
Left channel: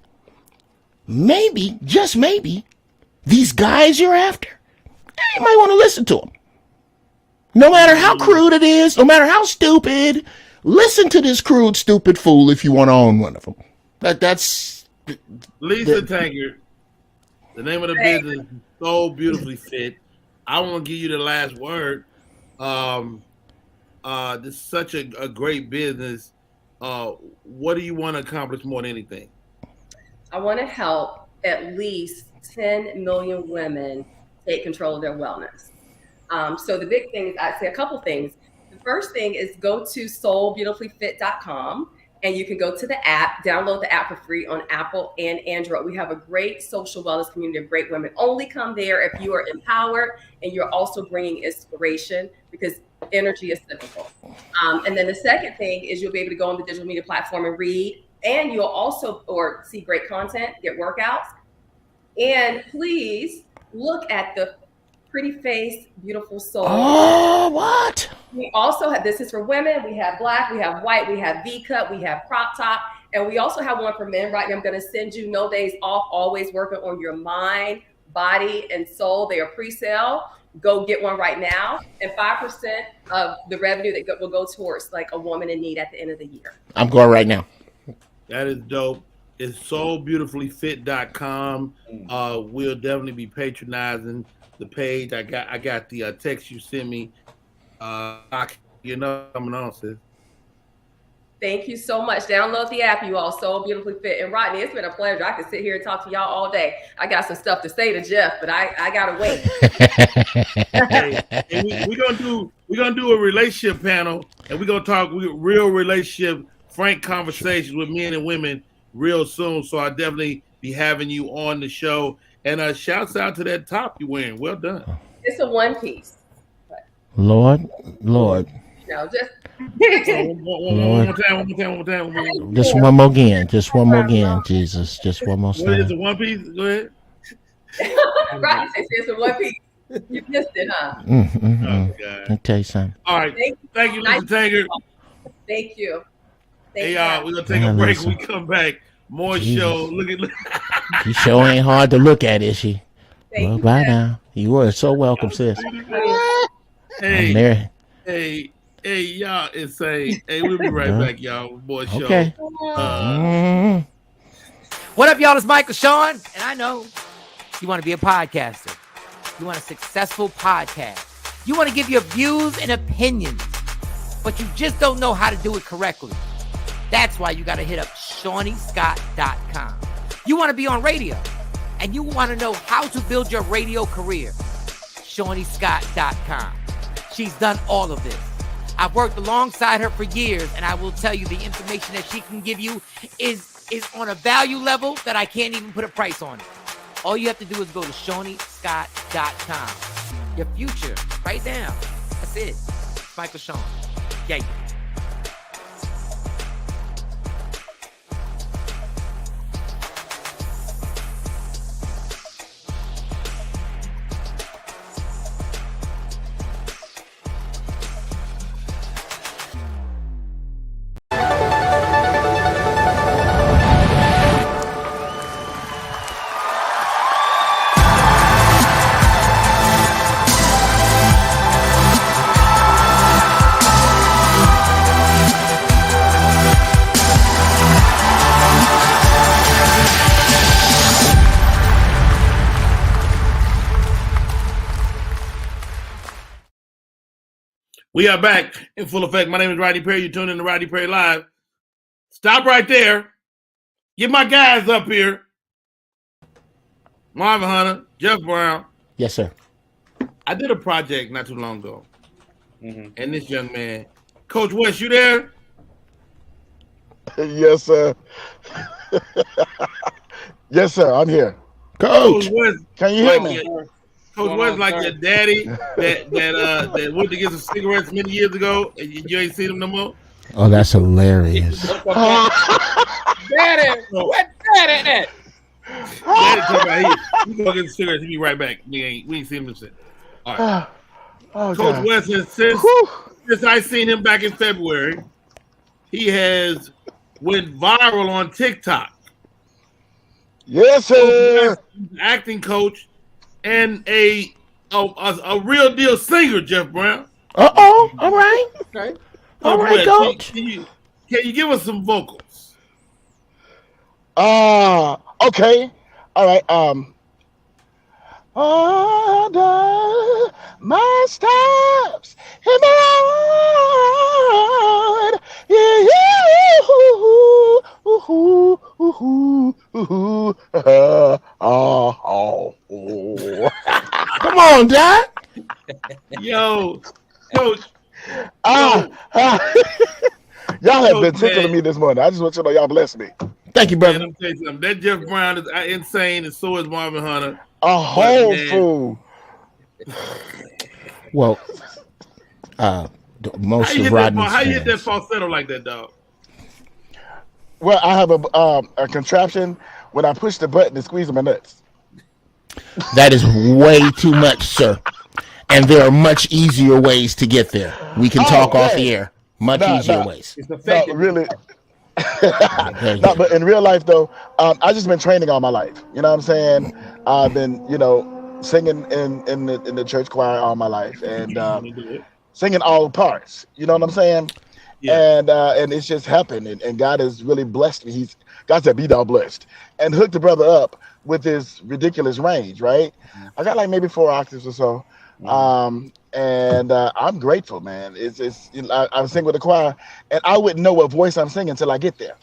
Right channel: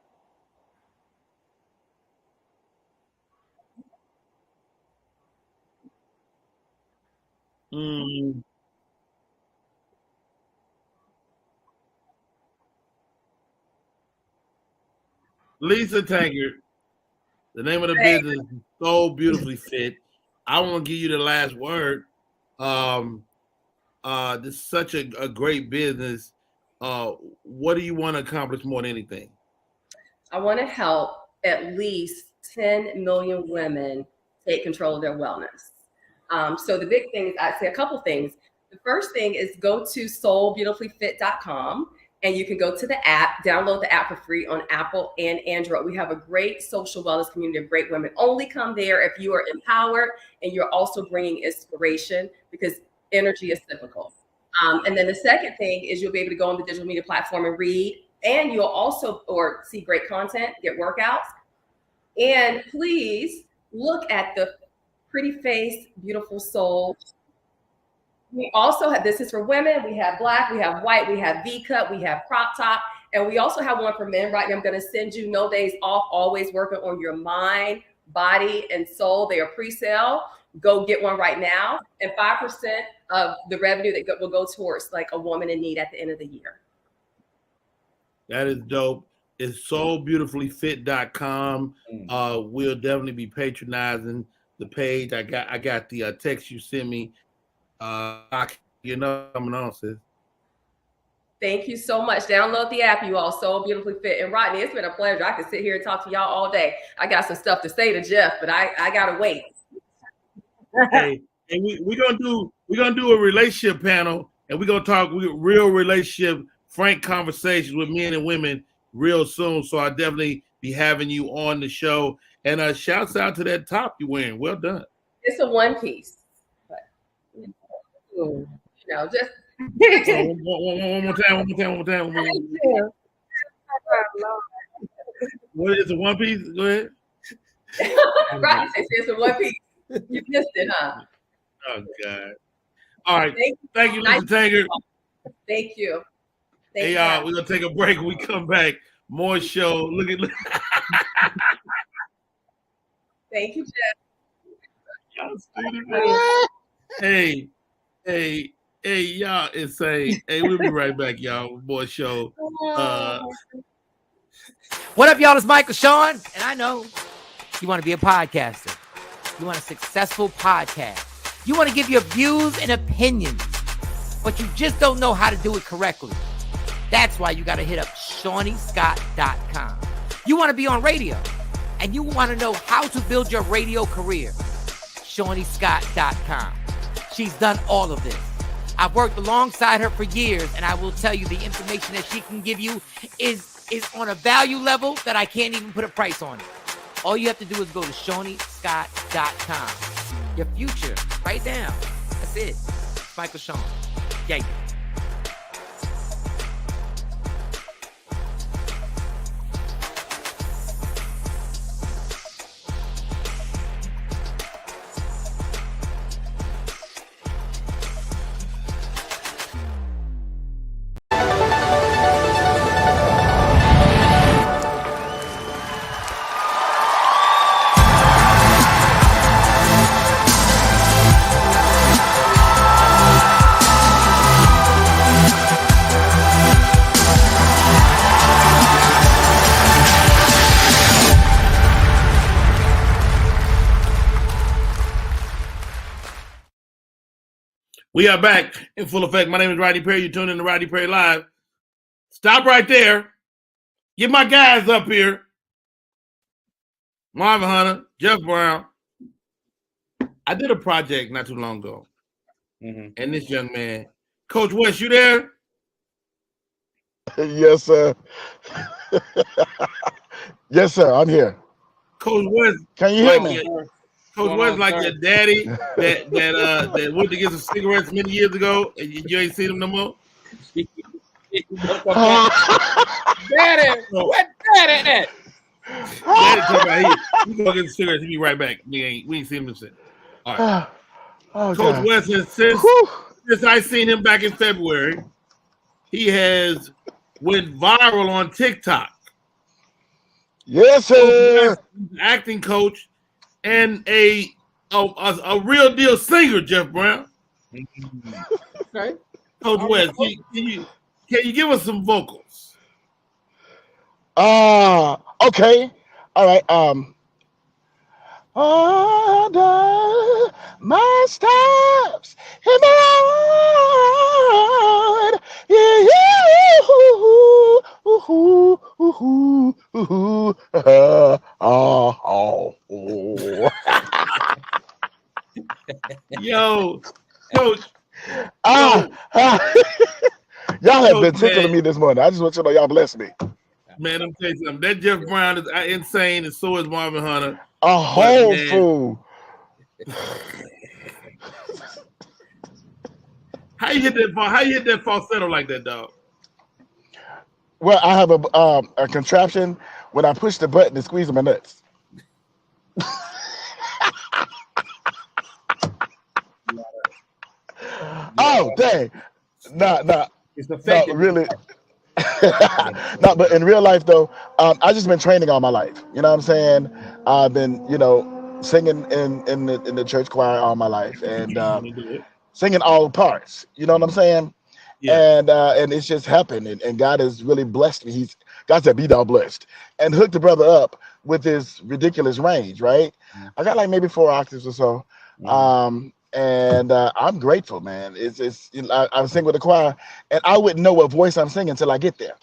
maybe, just maybe, these guys you're after, you might want to listen to them. No matter how crude it is, no matter how stupid, listen to this crude, stupid fool if you want to own one of them. That's Lisa Taggart. The name of the business is So Beautifully Fit. I want to give you the last word. This is such a great business. What do you want to accomplish more than anything? I want to help at least 10 million women take control of their wellness. So the big thing is, I'd say a couple things. The first thing is go to soulbeautifullyfit.com, and you can go to the app, download the app for free on Apple and Android. We have a great social wellness community of great women. Only come there if you are empowered and you're also bringing inspiration, because energy is cyclical. And then the second thing is you'll be able to go on the digital media platform and read, and you'll also see great content, get workouts. And please look at the pretty face, beautiful soul. Oh, what? We also have, this is for women, we have black, we have white, we have V-cut, we have crop top, and we also have one for men. Right now, I'm going to send you No Days Off, always working on your mind, body, and soul. They are pre-sale. Go get one right now. And 5% of the revenue that will go towards like a woman in need at the end of the year. I'm going right now. That is dope. It's soulbeautifullyfit.com. We'll definitely be patronizing the page. I got the text you sent me. You know, coming on, sis. Thank you so much. Download the app, you all. So Beautifully Fit. And Rodney, it's been a pleasure. I could sit here and talk to y'all all day. I got some stuff to say to Jeff, but I gotta wait. Hey, and we're gonna do a relationship panel, and we're gonna talk real relationship, frank conversations with men and women real soon. So I'll definitely be having you on the show. And shouts out to that top you're wearing. Well done. It's a one piece. Lord. You know, just one more time. Just one more again, Jesus. Just one more. What is it, one piece? Go ahead. Rodney says in one piece. You missed it, huh? Oh, God. I'll tell you something. All right. Thank you, Mr. Tanger. Thank you. Hey, y'all, we're going to take a break. When we come back, more show. Look at You sure ain't hard to look at, is she? Thank you. Bye now. You are so welcome, sis. Hey, y'all insane. Hey, we'll be right back, y'all. More show. Okay. What up, y'all? It's Michael Sean, and I know you want to be a podcaster. You want a successful podcast. You want to give your views and opinions, but you just don't know how to do it correctly. That's why you got to hit up ShawneeScott.com. You want to be on radio, and you want to know how to build your radio career. ShawneeScott.com. She's done all of this. I've worked alongside her for years, and I will tell you the information that she can give you is on a value level that I can't even put a price on it. All you have to do is go to ShawneeScott.com. Your future, right now. That's it. It's Michael Sean. Yeah. We are back in full effect. My name is Rodney Perry. You're tuned in to Rodney Perry Live. Stop right there. Get my guys up here. Marvin Hunter, Jeff Brown. Yes, sir. I did a project not too long ago. And this young man, Coach West, you there? Yes, sir. Yes, sir. I'm here. Coach West, Can you hear me? Coach West, like your daddy that went to get some cigarettes many years ago, and you ain't seen him no more. Oh, that's hilarious. Daddy, what daddy at? Daddy talking about he go get some cigarettes. He be right back. We ain't seen him since. All right. Oh, Coach God. West has since I seen him back in February, he has went viral on TikTok. Yes, sir. Acting coach and a real deal singer, Jeff Brown. All right. Okay. All Coach right, West, Coach. can you give us some vocals? Okay. All right. Order my steps in the Lord. Come on, Dad. Yo, Coach. Y'all have been Coach, tickling man. me this morning. I just want you to know y'all bless me. Thank you, Man, brother. let me tell you something. That Jeff Brown is insane, and so is Marvin Hunter. A whole man. fool. Well, most How you of hit Rodney's that fans- falsetto like that, dog? Well, I have a contraption when I push the button and squeeze my nuts. That is way too much, sir. And there are much easier ways to get there. We can talk off the air. Much easier ways. It's No, effective. really. No, but in real life, though, I just been training all my life. You know what I'm saying? I've been, singing in the church choir all my life, and singing all parts. You know what I'm saying? Yeah. And it's just happened, and God has really blessed me. God said, "Be thou blessed," and hooked the brother up with his ridiculous range. Right? I got like maybe 4 octaves or so. And I'm grateful, man. I sing with the choir, and I wouldn't know what voice I'm singing until I get there.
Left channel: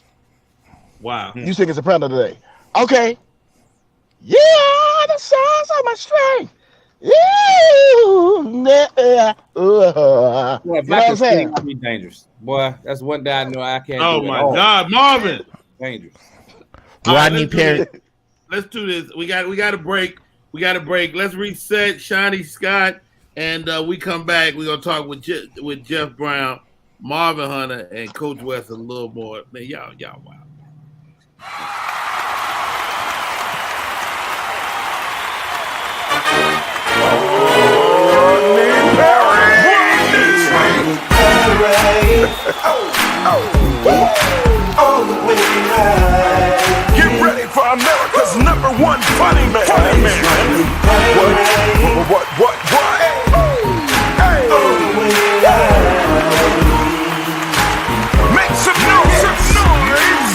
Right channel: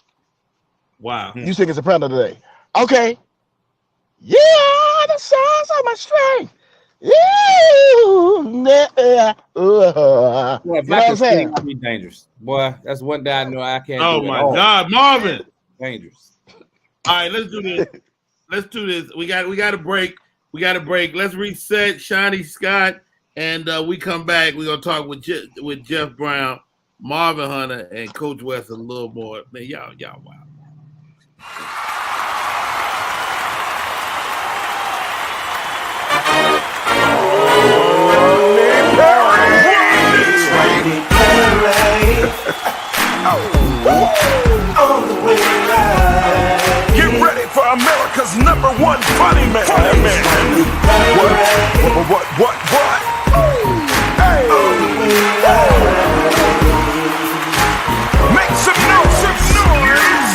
Wow. You singing soprano today? Okay. Yeah, the sounds of my strength. Boy, if You know I what I'm could sing, saying? I'd be dangerous. Boy, that's one day I know I can't Oh do my at all. God, Marvin. Dangerous. All right, Rodney let's do Perry. this. Let's do this. We got a break. Let's reset Shawnee Scott, and we come back. We're gonna talk with Jeff Brown, Marvin Hunter, and Coach West a little more. Man, y'all wow. All the way live. Get ready for America's #1 funny man. What? Hey. Make some noise.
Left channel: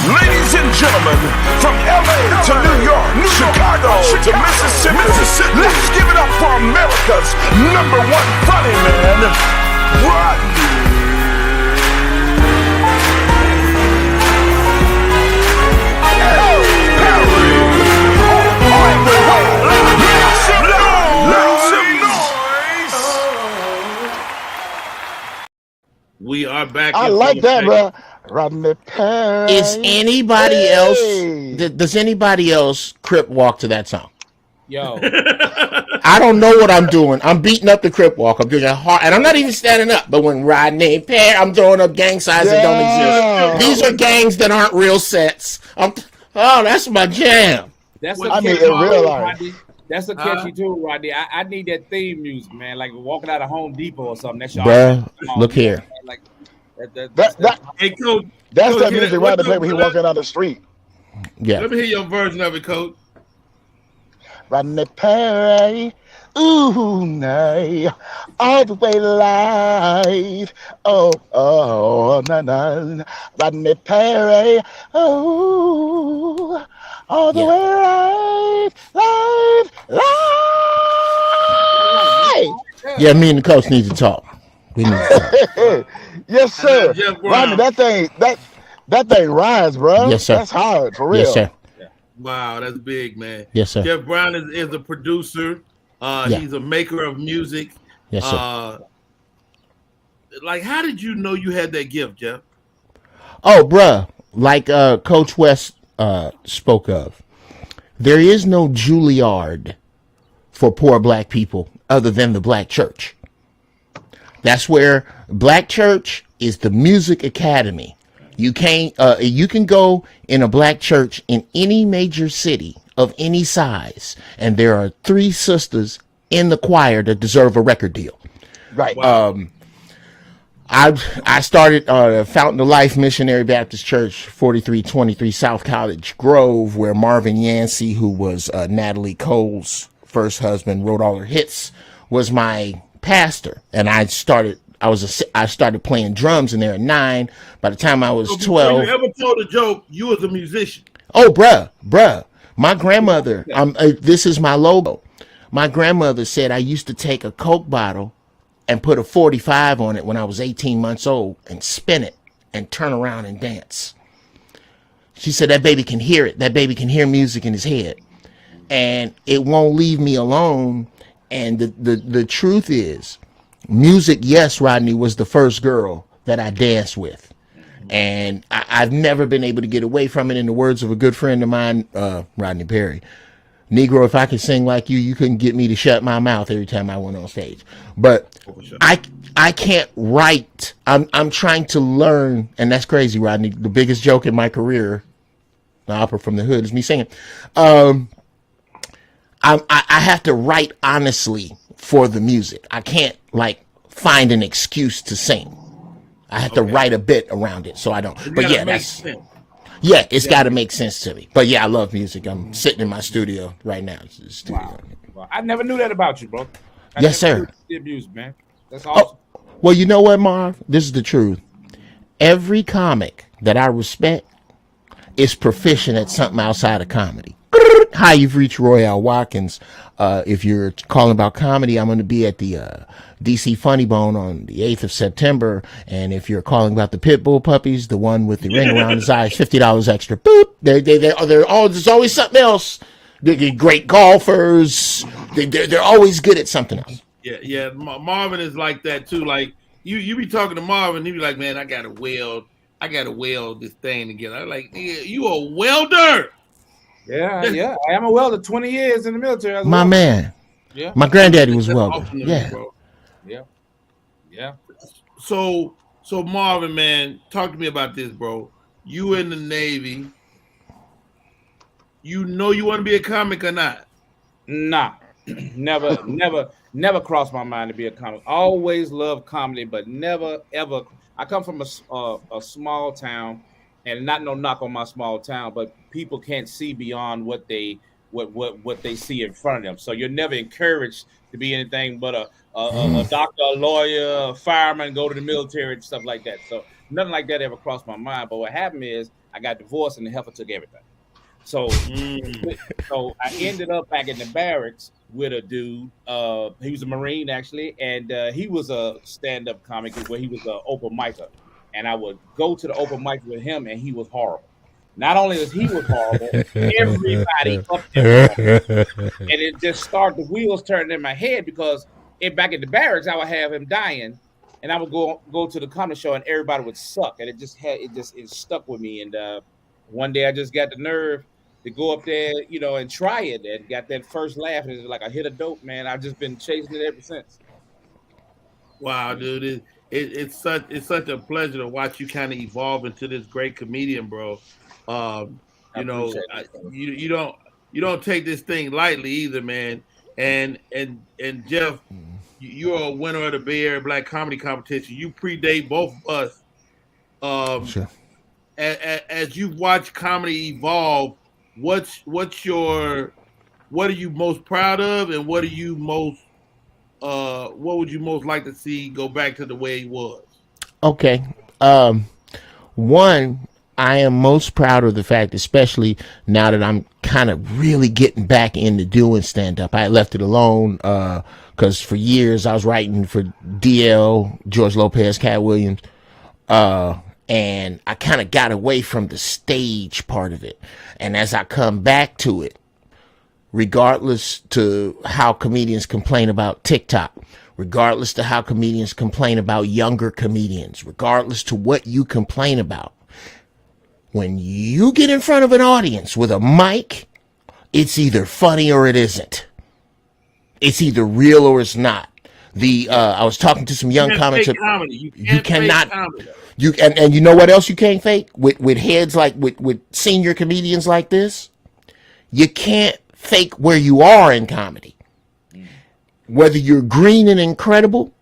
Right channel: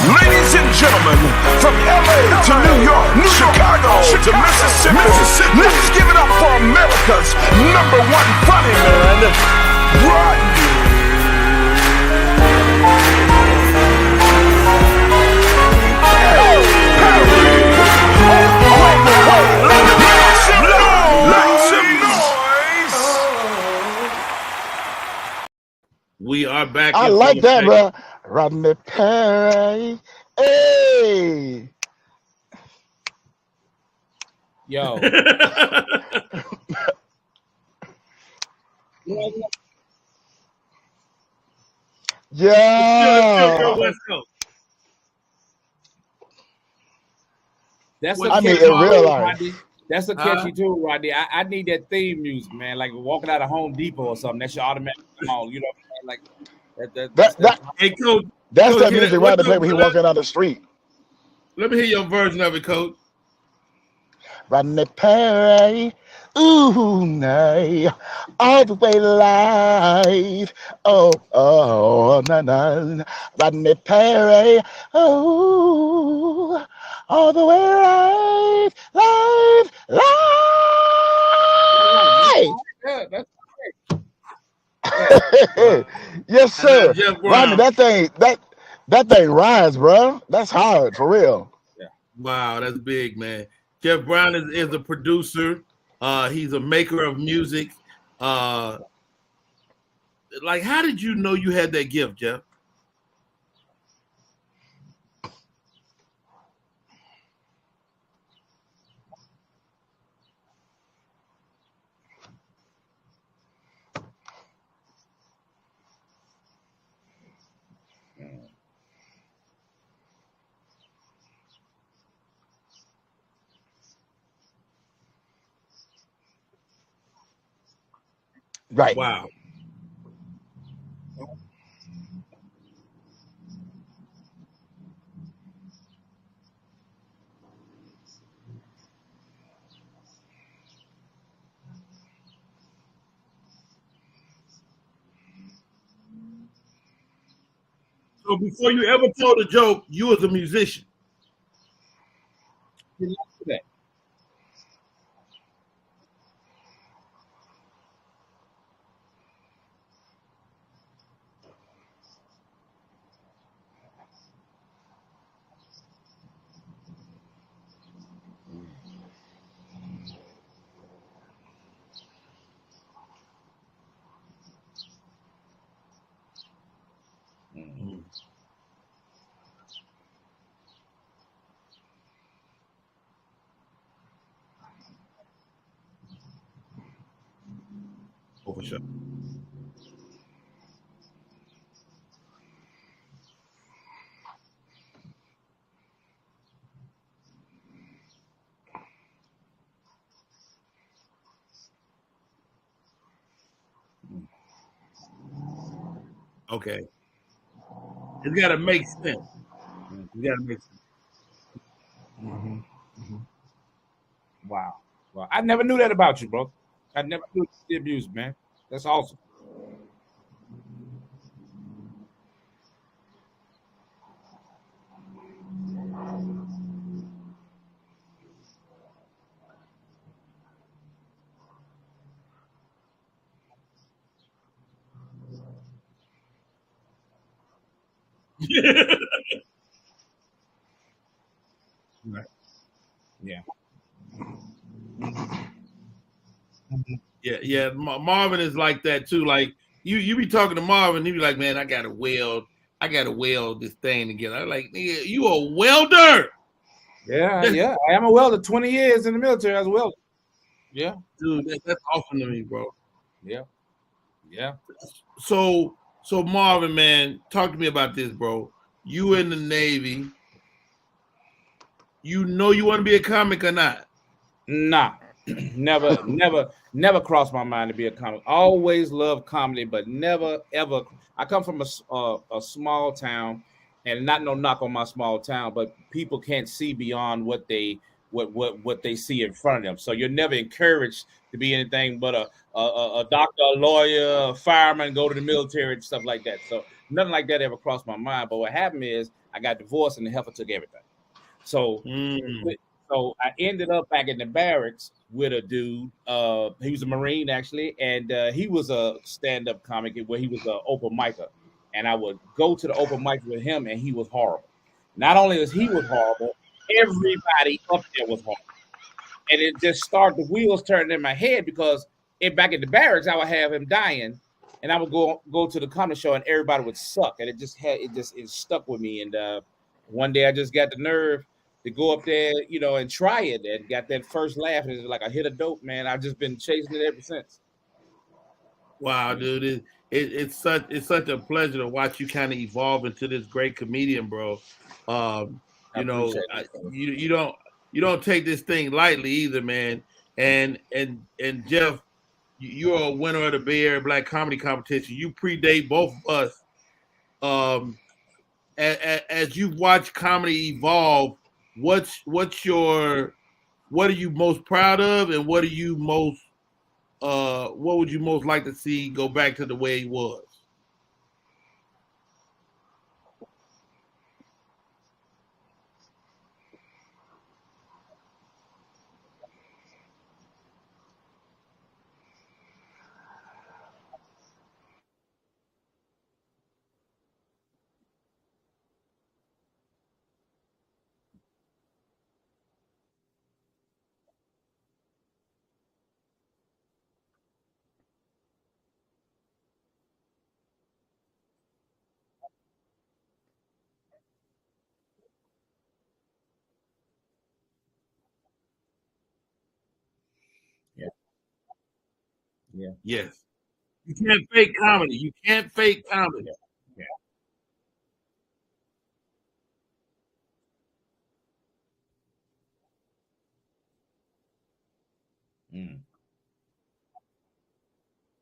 Ladies and gentlemen, from LA to New York, Chicago to Mississippi, let's give it up for America's #1 funny man, Rodney. We are back. I like that, bro. Rodney Perry. Is anybody else? Does anybody else crip walk to that song? Yo, I don't know what I'm doing. I'm beating up the crip walk. I'm doing a hard, and I'm not even standing up. But when Rodney Perry, I'm throwing up gang signs that don't exist. These are gangs that aren't real sets. That's my jam. That's in real life. Rodney. That's a catchy tune, Rodney. I need that theme music, man. Like walking out of Home Depot or something. That's your look here. Like Hey, Coach. That's Coach, that music Rodney play when he walking down the street. Yeah. Let me hear your version of it, Coach. Rodney Perry, ooh, nay, all the way live. Oh, na. Rodney Perry, oh, all the way live. Yeah, me and the coach need to talk. Yes, sir. Rodney, that thing rides, bro. Yes, sir. That's hard, for real. Yes, sir. Wow, that's big, man. Yes, sir. Jeff Brown is a producer. He's a maker of music. Yes, sir. Like, how did you know you had that gift, Jeff? Oh, bruh, like Coach West spoke of, there is no Juilliard for poor black people other than the black church. That's where black church is the music academy. You can go in a black church in any major city of any size, and there are 3 sisters in the choir that deserve a record deal. Right. Wow. I started Fountain of Life Missionary Baptist Church, 4323 South College Grove, where Marvin Yancey, who was Natalie Cole's first husband, wrote all her hits, was my pastor. And I started playing drums in there at 9. By the time I was 12. Before you ever told a joke, you was a musician. Oh, bruh. My grandmother, this is my logo. My grandmother said I used to take a Coke bottle and put a 45 on it when I was 18 months old and spin it and turn around and dance. She said that baby can hear it. That baby can hear music in his head. And it won't leave me alone. And the truth is, music, yes, Rodney, was the first girl that I danced with. And I've never been able to get away from it. In the words of a good friend of mine, Rodney Perry, Negro, if I could sing like you couldn't get me to shut my mouth every time I went on stage. But I can't write. I'm trying to learn, and that's crazy, Rodney. The biggest joke in my career, the opera from the hood, is me singing. I have to write honestly for the music. I can't find an excuse to sing. I have to write a bit around it, so I don't. It's gotta make sense. Yeah, it's got to make sense to me. But yeah, I love music. I'm sitting in my studio right now. Wow. I never knew that about you, bro. Yes, sir. Did music, man. That's awesome. Well, you know what, Marv? This is the truth. Every comic that I respect is proficient at something outside of comedy. Hi, you've reached Royale Watkins. If you're calling about comedy, I'm going to be at the DC Funny Bone on the 8th of September. And if you're calling about the pit bull puppies, the one with the ring around his eyes, $50 extra. Boop. There's always something else. They're great golfers. They're always good at something else. Yeah. Marvin is like that too. Like you be talking to Marvin, he be like, "Man, I gotta weld this thing together." I'm like, "Nigga, you a welder?" Yeah. I am a welder. 20 years in the military as well. My man. Yeah. My granddaddy was That's welder. awesome to me, bro. Yeah. So Marvin, man, talk to me about this, bro. You in the Navy. You know you want to be a comic or not? Nah. Never crossed my mind to be a comic. Always loved comedy, but never ever. I come from a small town, and not no knock on my small town, but people can't see beyond what they see in front of them. So you're never encouraged to be anything but a doctor, a lawyer, a fireman, go to the military and stuff like that. So nothing like that ever crossed my mind. But what happened is I got divorced and the heifer took everything. So so I ended up back in the barracks with a dude. He was a Marine actually, and he was a stand-up comic where he was an open micer. And I would go to the open mic with him, and he was horrible. Not only was he horrible, everybody up there was horrible. And it just started, the wheels turning in my head because back in the barracks, I would have him dying, and I would go to the comedy show, and everybody would suck, and it stuck with me. And one day I just got the nerve to go up there, and try it, and got that first laugh, and it's like I hit a dope, man. I've just been chasing it ever since. Wow, dude, it's such a pleasure to watch you kind of evolve into this great comedian, bro. You don't take this thing lightly either, man. And Jeff, you're a winner of the Bay Area Black Comedy Competition. You predate both of us. Sure. As you watch comedy evolve, what are you most proud of, and what would you most like to see go back to the way it was? Okay. One, I am most proud of the fact, especially now that I'm kind of really getting back into doing stand-up. I left it alone because for years I was writing for DL, George Lopez, Cat Williams, and I kind of got away from the stage part of it. And as I come back to it, regardless to how comedians complain about TikTok, regardless to how comedians complain about younger comedians, regardless to what you complain about, when you get in front of an audience with a mic, it's either funny or it isn't. It's either real or it's not. I was talking to some young comics. You cannot. And you know what else you can't fake with heads like with senior comedians like this? You can't fake where you are in comedy. Whether you're green and incredible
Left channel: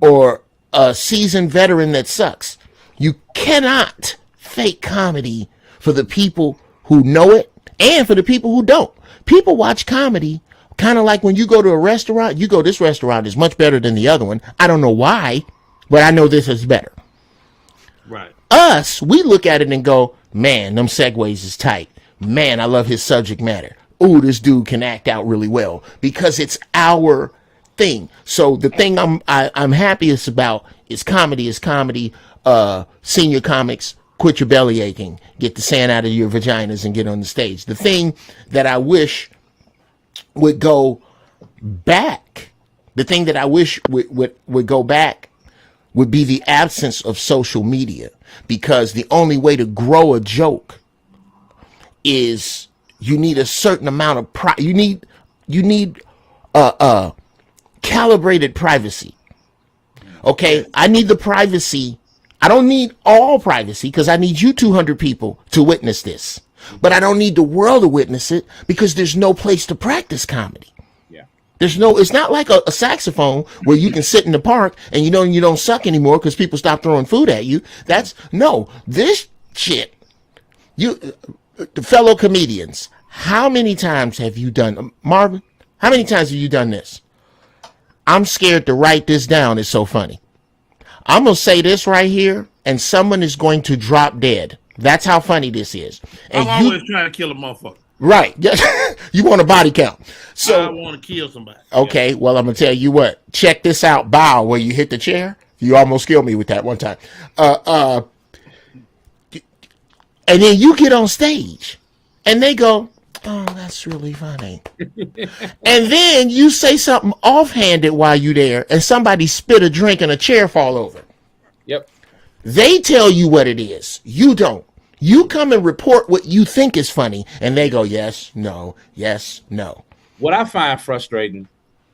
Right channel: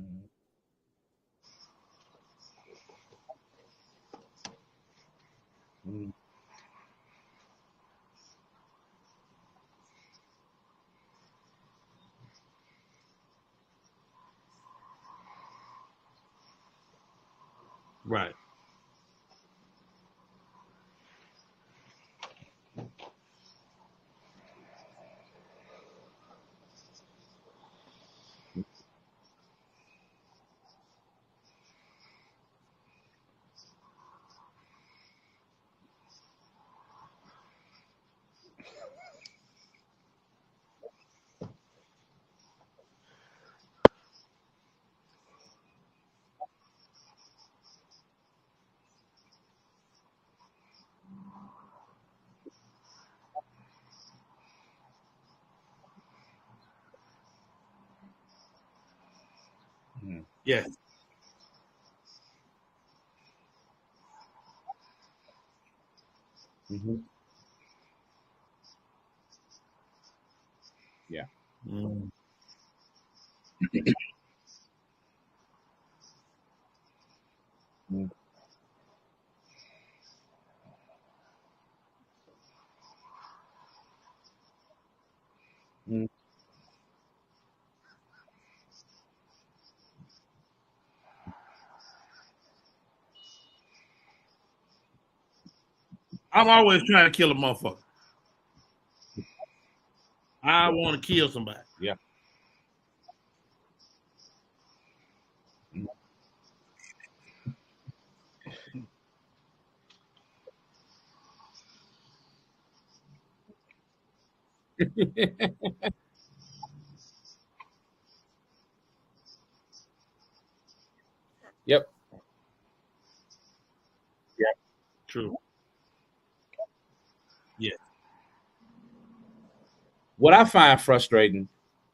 or a seasoned veteran that sucks, you cannot fake comedy for the people who know it and for the people who don't. People watch comedy kind of like when you go to a restaurant, you go, this restaurant is much better than the other one. I don't know why, but I know this is better. Right. Us, we look at it and go, man, them segues is tight. Man, I love his subject matter. Ooh, this dude can act out really well because it's our thing. So the thing I'm happiest about is comedy. Senior comics, quit your belly aching, get the sand out of your vaginas and get on the stage. The thing that I wish would go back, would go back would be the absence of social media, because the only way to grow a joke is you need a certain amount of you need calibrated privacy. Okay, yeah. I need the privacy. I don't need all privacy because I need you 200 people to witness this. But I don't need the world to witness it because there's no place to practice comedy. Yeah. It's not like a saxophone where you can sit in the park and you don't suck anymore because people stop throwing food at you. This shit, the fellow comedians, how many times have you done, Marvin, how many times have you done this? I'm scared to write this down. It's so funny. I'm going to say this right here and someone is going to drop dead. That's how funny this is. And I'm always trying to kill a motherfucker. Right. You want a body count. So I want to kill somebody. Okay, yeah. Well, I'm going to tell you what. Check this out, bow, where you hit the chair. You almost killed me with that one time. And then you get on stage and they go, oh, that's really funny. And then you say something offhanded while you're there and somebody spit a drink and a chair fall over. Yep. They tell you what it is. You don't. You come and report what you think is funny, and they go, yes, no, yes, no. What I find frustrating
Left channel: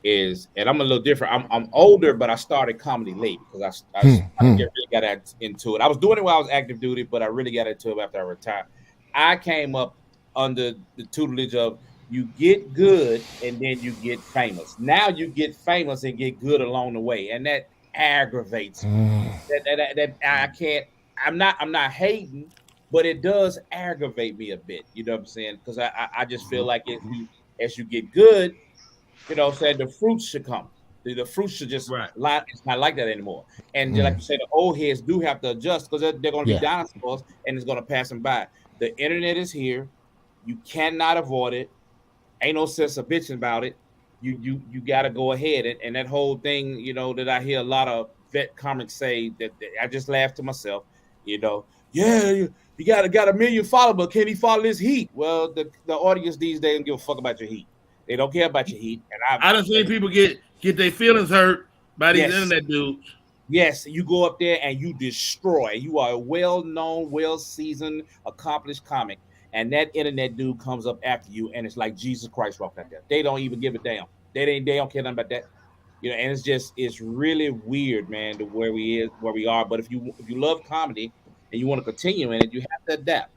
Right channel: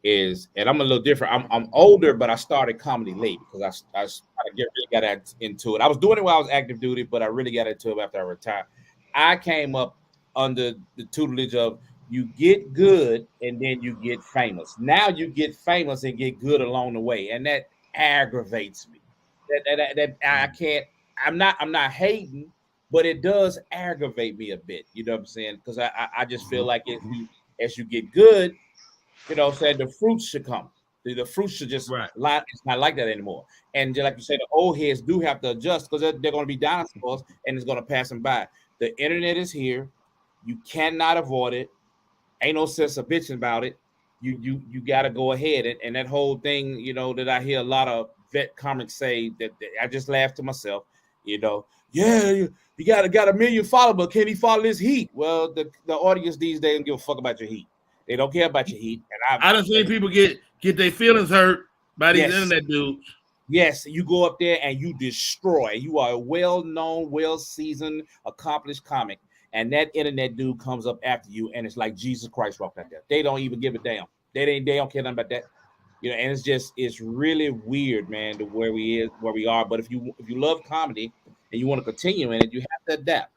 is, and I'm a little different. I'm older, but I started comedy late because I really got into it. I was doing it while I was active duty, but I really got into it after I retired. I came up under the tutelage of you get good and then you get famous. Now you get famous and get good along the way, and that aggravates me. That I can't. I'm not hating, but it does aggravate me a bit. You know what I'm saying? Because I just feel like as you get good, you know what I'm saying, the fruits should come. The fruits should just lie. It's not like that anymore. And like you say, the old heads do have to adjust because they're going to be dinosaurs and it's going to pass them by. The internet is here. You cannot avoid it. Ain't no sense of bitching about it. You got to go ahead. And that whole thing, you know, that I hear a lot of vet comics say that I just laugh to myself, you know, you got a million followers, but can he follow this heat? Well, the audience these days don't give a fuck about your heat. They don't care about your heat. And I done seen people get their feelings hurt by these internet dudes. Yes, you go up there and you destroy. You are a well-known, well-seasoned, accomplished comic, and that internet dude comes up after you, and it's like Jesus Christ walked out there. They don't even give a damn. They don't care nothing about that. You know, and it's really weird, man, to where we are. But if you love comedy and you want to continue in it, you have to adapt.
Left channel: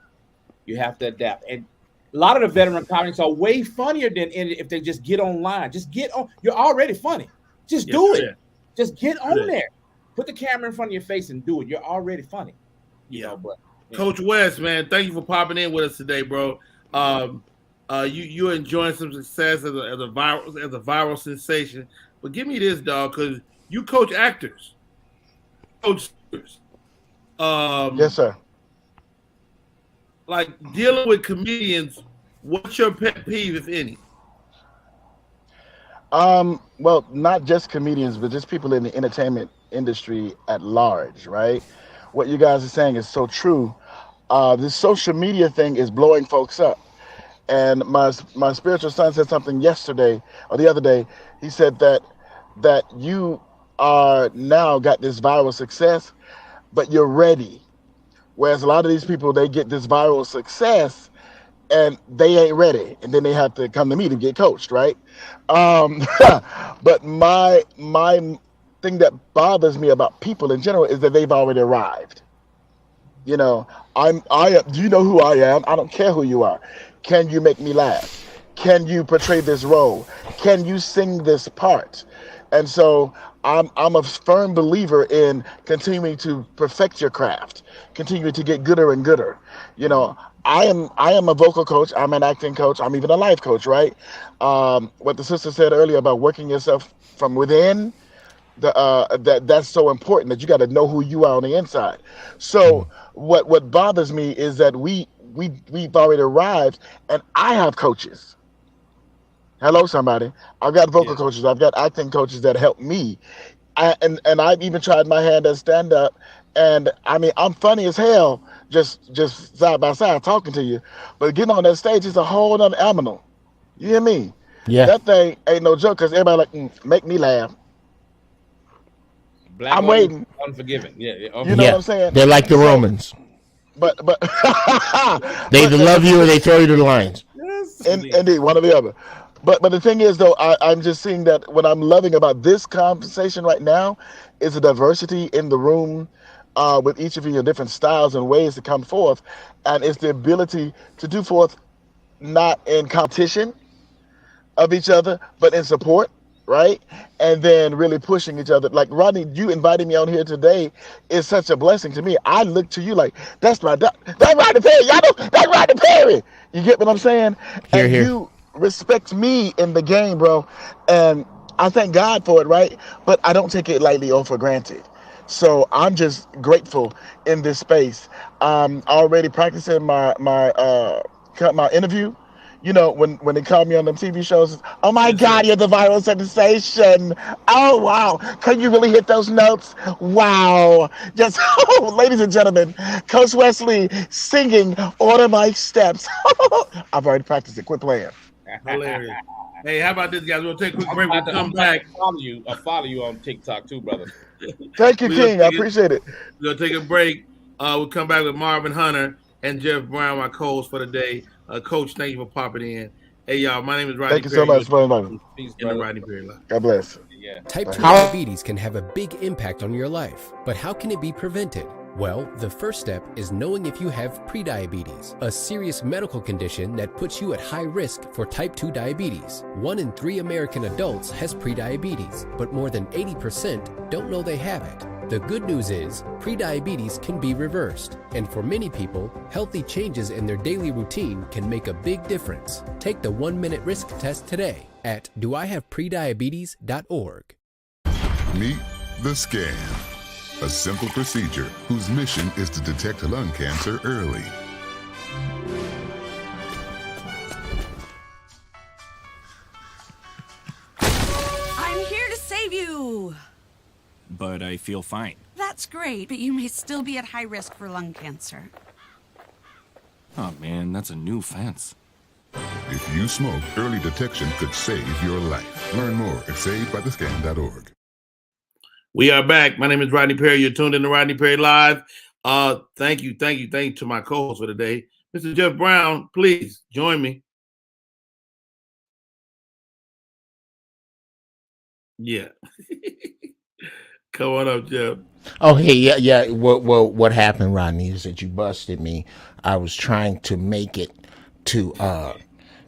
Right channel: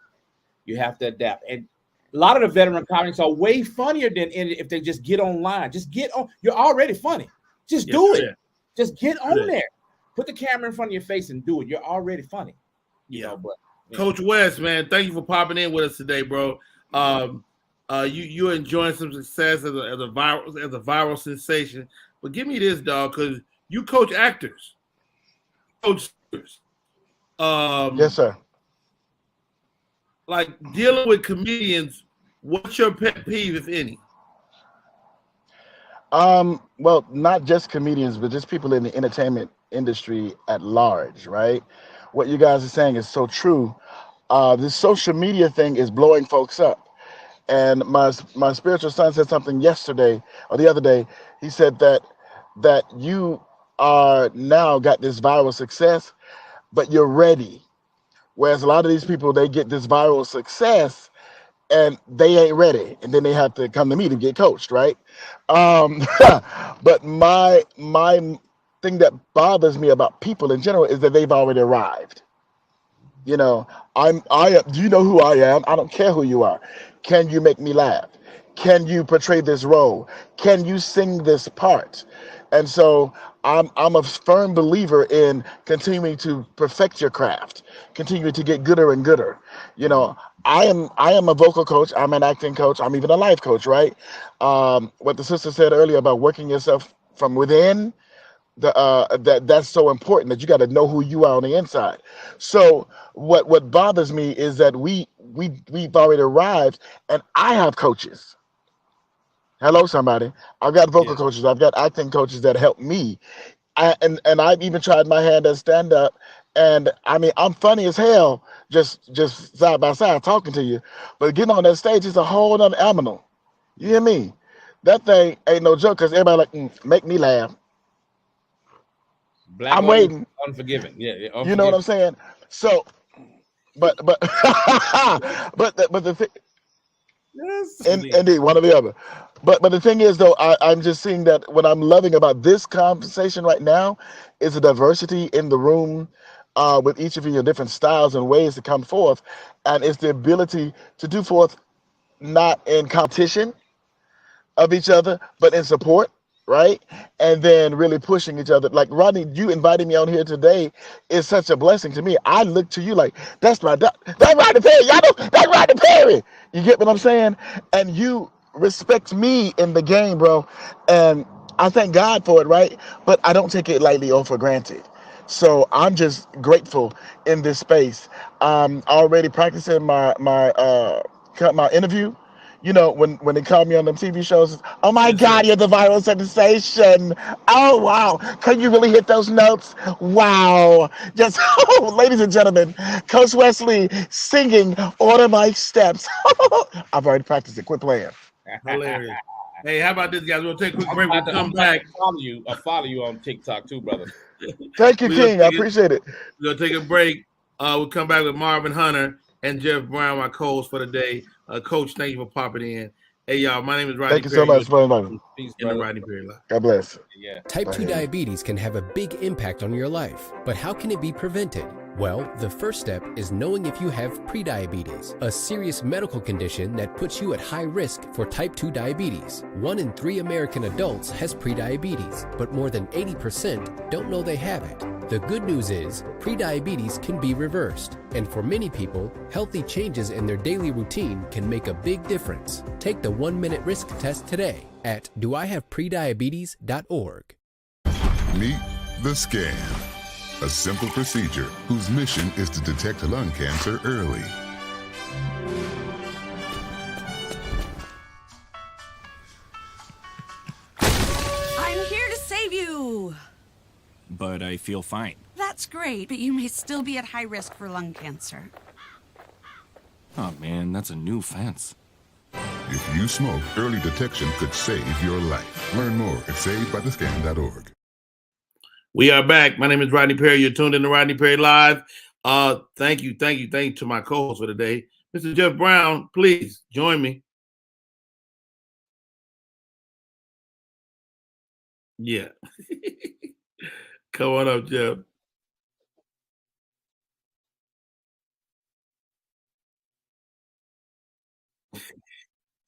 You have to adapt. And a lot of the veteran comics are way funnier than if they just get online. Just get on. You're already funny. Just do it. Just get on there. Put the camera in front of your face and do it. You're already funny. You know, but Coach West, man, thank you for popping in with us today, bro. You're enjoying some success as a viral sensation. But give me this, dog, because you coach actors. Yes, sir. Like dealing with comedians, what's your pet peeve, if any? Well, not just comedians, but just people in the entertainment industry at large, right? What you guys are saying is so true. This social media thing is blowing folks up. And my spiritual son said something yesterday or the other day. He said that you are now got this viral success, but you're ready. Whereas a lot of these people, they get this viral success and they ain't ready. And then they have to come to me to get coached, right? But my thing that bothers me about people in general is that they've already arrived. You know, do you know who I am? I don't care who you are. Can you make me laugh? Can you portray this role? Can you sing this part? And so I'm a firm believer in continuing to perfect your craft, continuing to get gooder and gooder. You know, I am a vocal coach. I'm an acting coach. I'm even a life coach, right? What the sister said earlier about working yourself from within, that's so important, that you got to know who you are on the inside. So what bothers me is that we've already arrived, and I have coaches. Hello, somebody. I've got vocal coaches. I've got acting coaches that help me. And I've even tried my hand at stand-up. And I mean, I'm funny as hell, just side by side talking to you. But getting on that stage is a whole other animal. You hear me? Yeah. That thing ain't no joke, because everybody like, make me laugh. I'm waiting. Unforgiving. Yeah. You know what I'm saying? They're like the Romans. But they either love you or they throw you to the lions. Yes. Indeed, one or the other. But the thing is, though, I'm just seeing that what I'm loving about this conversation right now is the diversity in the room, with each of your different styles and ways to come forth. And it's the ability to do forth not in competition of each other, but in support, right? And then really pushing each other. Like, Rodney, you inviting me on here today is such a blessing to me. I look to you like, that's Rodney Perry. Y'all know, that's Rodney Perry. You get what I'm saying? And you respect me in the game, bro, and I thank God for it, right? But I don't take it lightly or for granted. So I'm just grateful in this space. Already practicing my interview. You know, when they call me on them TV shows, oh my God, you're the viral sensation. Oh wow, can you really hit those notes? Wow. Just ladies and gentlemen, Coach Wesley singing Order My Steps. I've already practiced it. Quit playing. Hilarious. Hey, how about this, guys? We'll take a quick break. We'll come back. I follow you on TikTok too, brother. Thank you, King. I appreciate it. We'll take a break. We'll come back with Marvin Hunter and Jeff Brown, my co-host for the day. Coach, thank you for popping in. Hey, y'all, my name is Rodney Thank you so much for inviting me. Peace, in the Rodney Perry Live. God bless. Type 2 diabetes can have a big impact on your life, but how can it be prevented? Well, the first step is knowing if you have prediabetes, a serious medical condition that puts you at high risk for type 2 diabetes. 1 in 3 American adults has prediabetes, but more than 80% don't know they have it. The good news is, prediabetes can be reversed, and for many people, healthy changes in their daily routine can make a big difference. Take the 1-minute risk test today at doihaveprediabetes.org. Meet the scan, a simple procedure whose mission is to detect lung cancer early. I'm here to save you. But I feel fine. That's great, but you may still be at high risk for lung cancer. Oh man, that's a new fence. If you smoke, early detection could save your life. Learn more at savedbythescan.org. We are back. My name is Rodney Perry. You're tuned in to Rodney Perry Live. Thank you to my co-host for today. Mr. Jeff Brown, please join me. Yeah. Come on up, Jeff. Oh, hey, yeah. What happened, Rodney, is that you busted me. I was trying to make it to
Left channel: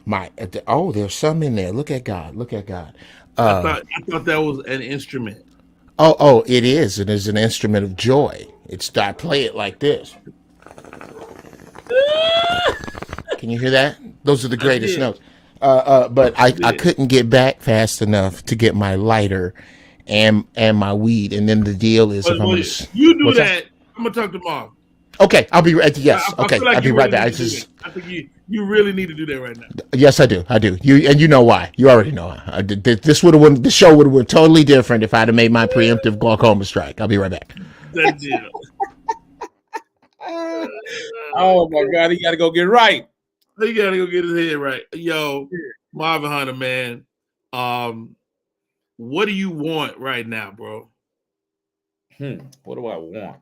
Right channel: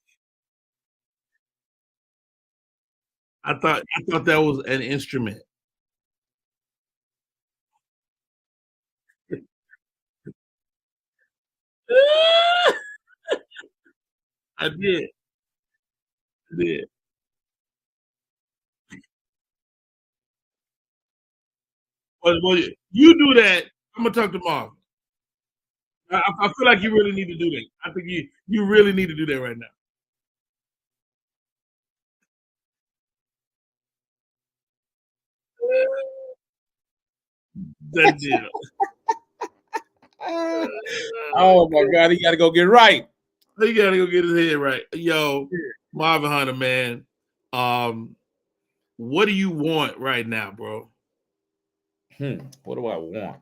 there's some in there. Look at God. I thought that was an instrument. Oh, it is. It is an instrument of joy. I play it like this. Can you hear that? Those are the greatest notes. But I couldn't get back fast enough to get my lighter and my weed. And then the deal is, you do that. I'm gonna talk tomorrow. Okay, I'll be right. Yes. I feel like I'll be right back. I think you really need to do that right now. Yes, I do. You know why? You already know. The show would have been totally different if I'd have made my preemptive glaucoma strike. I'll be right back. That deal. Oh my God, he got to go get right. He got to go get his head right. Yo, Marvin Hunter, man. What do you want right now, bro? What do I want?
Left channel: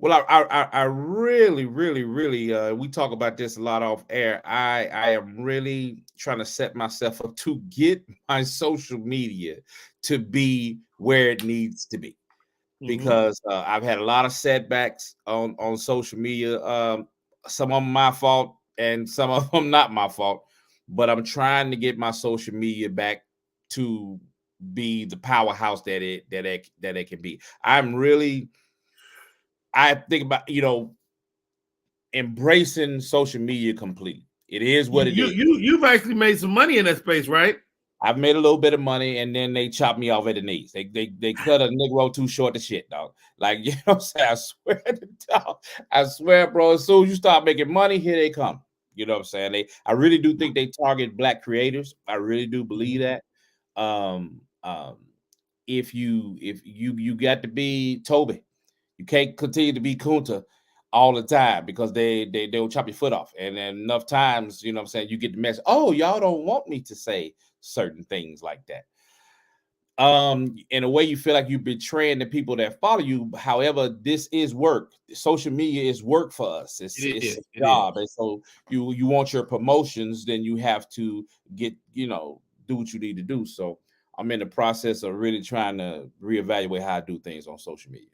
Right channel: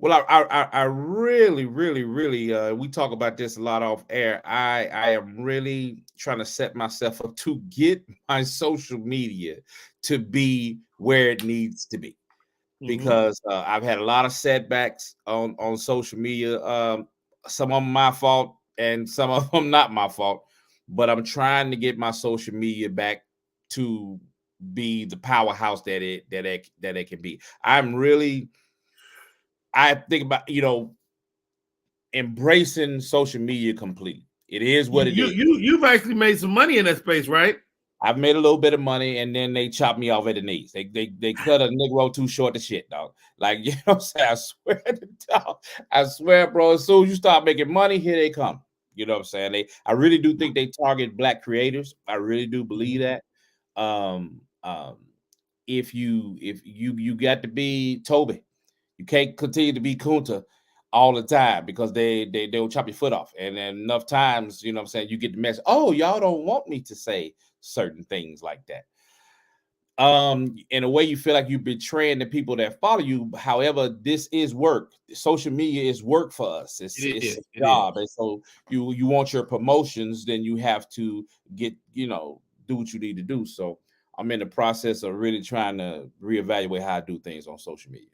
Well, I really, we talk about this a lot off air. I am really trying to set myself up to get my social media to be where it needs to be, because I've had a lot of setbacks on social media. Some of them my fault and some of them not my fault, but I'm trying to get my social media back to be the powerhouse that it can be. I think about, embracing social media completely. It is what it is. You've actually made some money in that space, right? I've made a little bit of money, and then they chopped me off at the knees. They cut a Negro too short to shit, dog. Like, you know what I'm saying? I swear, bro, as soon as you start making money, here they come. You know what I'm saying? I really do think they target Black creators. I really do believe that. If you got to be Toby, you can't continue to be Kunta all the time, because they'll chop your foot off. And then enough times, you know what I'm saying, you get the message, oh, y'all don't want me to say certain things like that. In a way, you feel like you're betraying the people that follow you. However, this is work. Social media is work for us. It's a job. And so you want your promotions, then you have to do what you need to do. So I'm in the process of really trying to reevaluate how I do things on social media.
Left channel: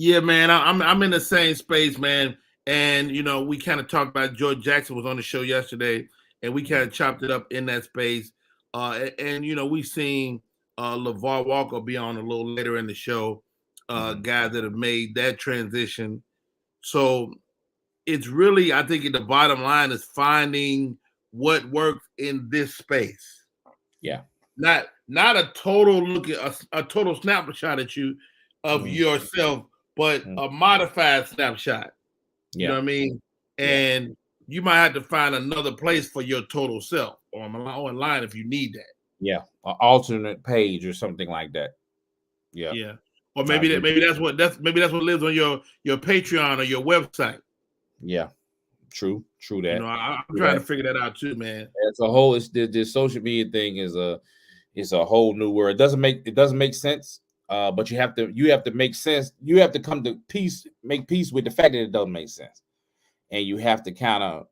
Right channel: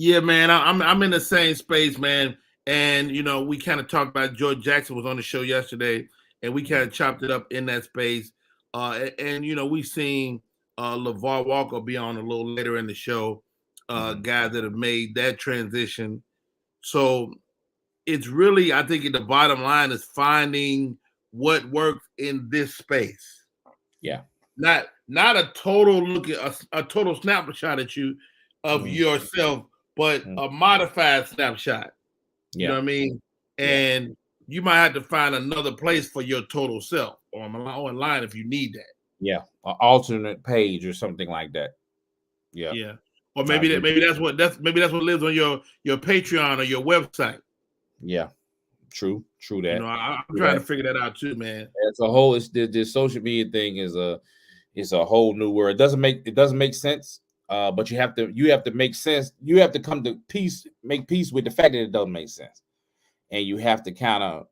Yeah, man, I'm in the same space, man. And, we kind of talked about George Jackson was on the show yesterday, and we kind of chopped it up in that space. We've seen LeVar Walker be on a little later in the show, guys that have made that transition. So it's really, I think, the bottom line is finding what works in this space. Yeah. Not a total look at a total snapshot at you of yourself, but a modified snapshot. Yeah. You know what I mean? And you might have to find another place for your total self online if you need that. Yeah, an alternate page or something like that. Yeah. Yeah. Or maybe that's what lives on your Patreon or your website. Yeah. True that. I'm trying to figure that out too, man. It's a whole this social media thing is a whole new world. It doesn't make sense. But you have to make sense. You have to make peace with the fact that it doesn't make sense. And you have to kind of,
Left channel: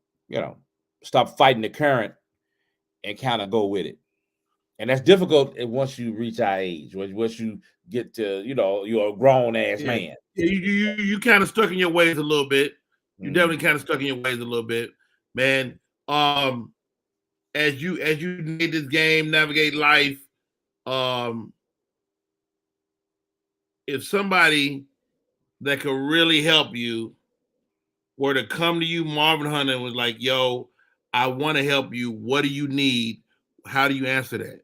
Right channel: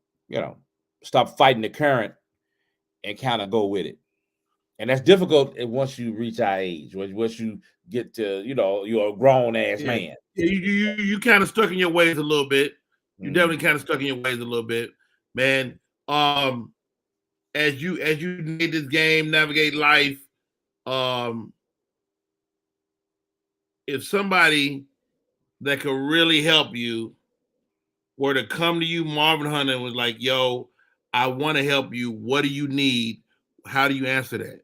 stop fighting the current and kind of go with it. And that's difficult once you reach our age. Once you get to, you're a grown ass man. You kind of stuck in your ways a little bit. You definitely kind of stuck in your ways a little bit, man. As you navigate this game, navigate life, if somebody that could really help you were to come to you, Marvin Hunter, and was like, "Yo, I want to help you. What do you need?" How do you answer that?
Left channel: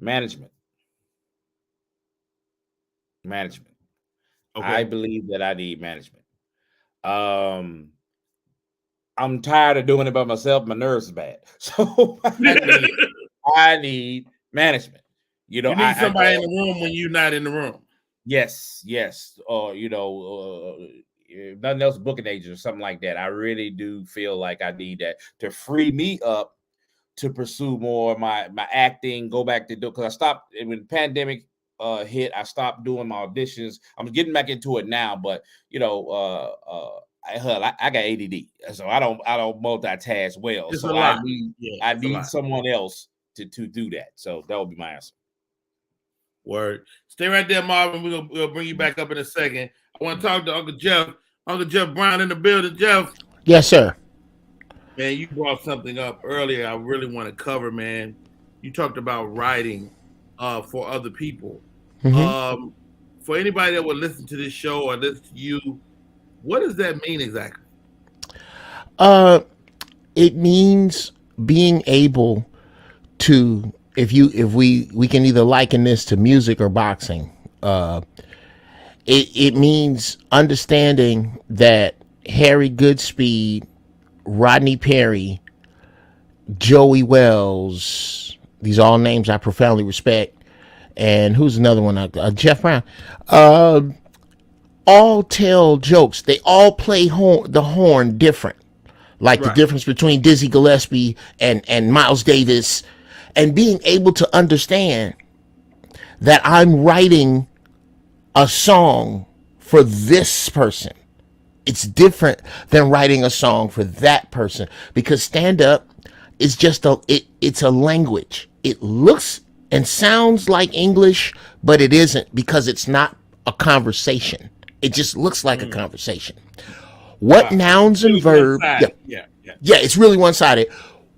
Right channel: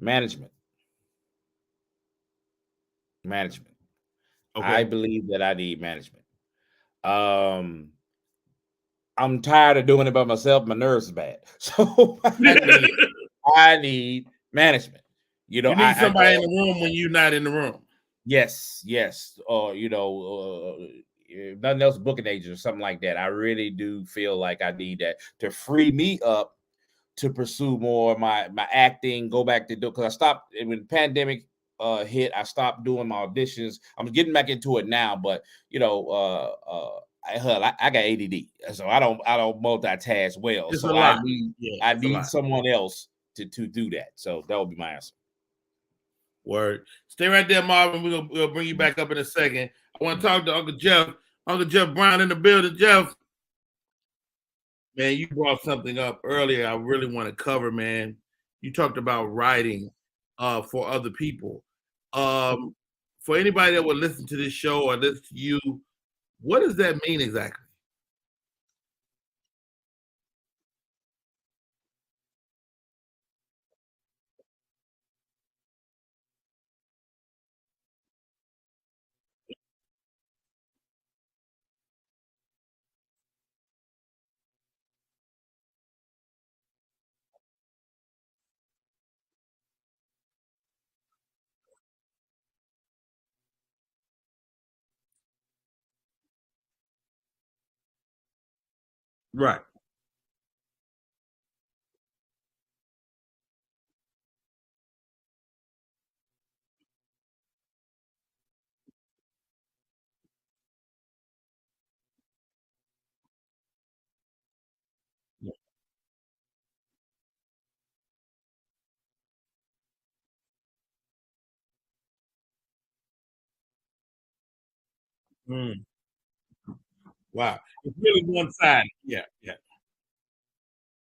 Management. Okay. I believe that I need management. I'm tired of doing it by myself. My nerves are bad. So I need management. You need somebody in the room when you're not in the room. Yes. Or, nothing else, booking agent or something like that. I really do feel like I need that to free me up to pursue more of my acting, go back to do, because I stopped when the pandemic hit. I stopped doing my auditions. I'm getting back into it now, but I got ADD, so I don't multitask well. It's so I need someone else to do that. So that would be my answer. Word. Stay right there, Marvin. We'll bring you back up in a second. I want to talk to Uncle Jeff. Uncle Jeff Brown in the building. Jeff. Yes, sir. Man, you brought something up earlier I really want to cover, man. You talked about writing for other people. Mm-hmm. For anybody that would listen to this show or listen to you, what does that mean exactly? It means being able to, if we can either liken this to music or boxing. It means understanding that Harry Goodspeed, Rodney Perry, Joey Wells, these are all names I profoundly respect, and who's another one? Jeff Brown. All tell jokes. They all play the horn different. Like the difference between Dizzy Gillespie and Miles Davis, and being able to understand that I'm writing a song for this person. It's different than writing a song for that person, because stand-up is just it's a language. It looks and sounds like English, but it isn't, because it's not a conversation. It just looks like a conversation. What nouns and verbs? Yeah, it's really one-sided.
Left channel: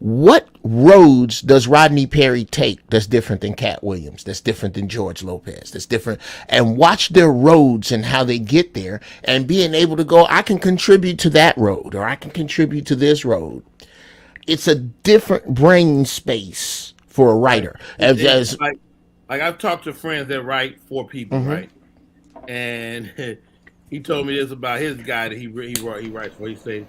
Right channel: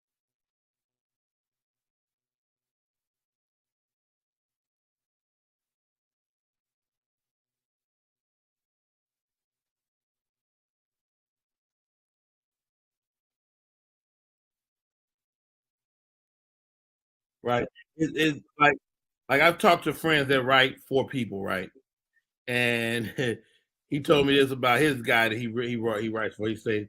What roads does Rodney Perry take that's different than Cat Williams, that's different than George Lopez, that's different? And watch their roads and how they get there, and being able to go, I can contribute to that road, or I can contribute to this road. It's a different brain space for a writer. Like I've talked to friends that write for people, right? And he told me this about his guy that he writes for. He said,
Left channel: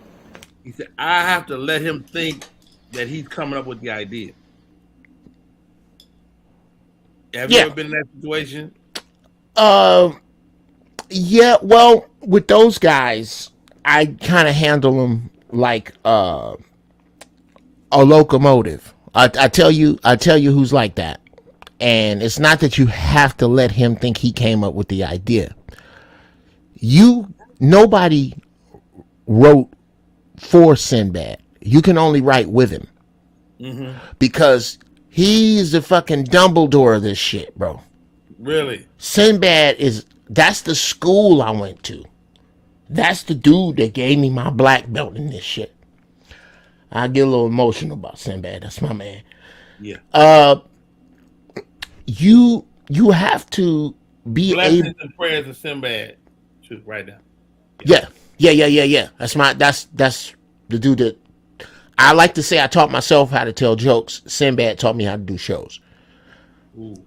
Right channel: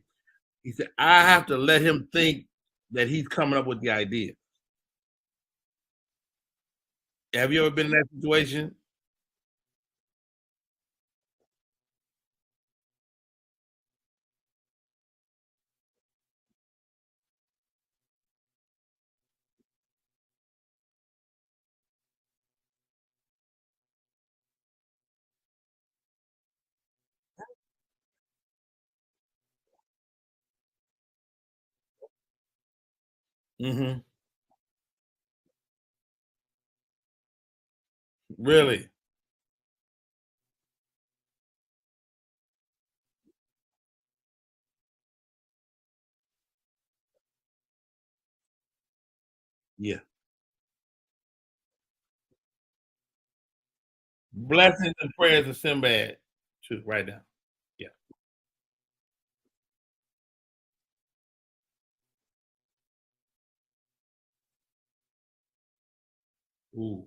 I have to let him think that he's coming up with the idea. Have you ever been in that situation? Yeah. Well, with those guys, I kind of handle them like a locomotive. I tell you who's like that. And it's not that you have to let him think he came up with the idea. Nobody wrote for Sinbad. You can only write with him. Because he's the fucking Dumbledore of this shit, bro. Really? Sinbad that's the school I went to. That's the dude that gave me my black belt in this shit. I get a little emotional about Sinbad. That's my man. Yeah. You have to be blessings and prayers of Sinbad too, right now. Yeah. That's the dude that I like to say I taught myself how to tell jokes. Sinbad taught me how to do shows. Ooh.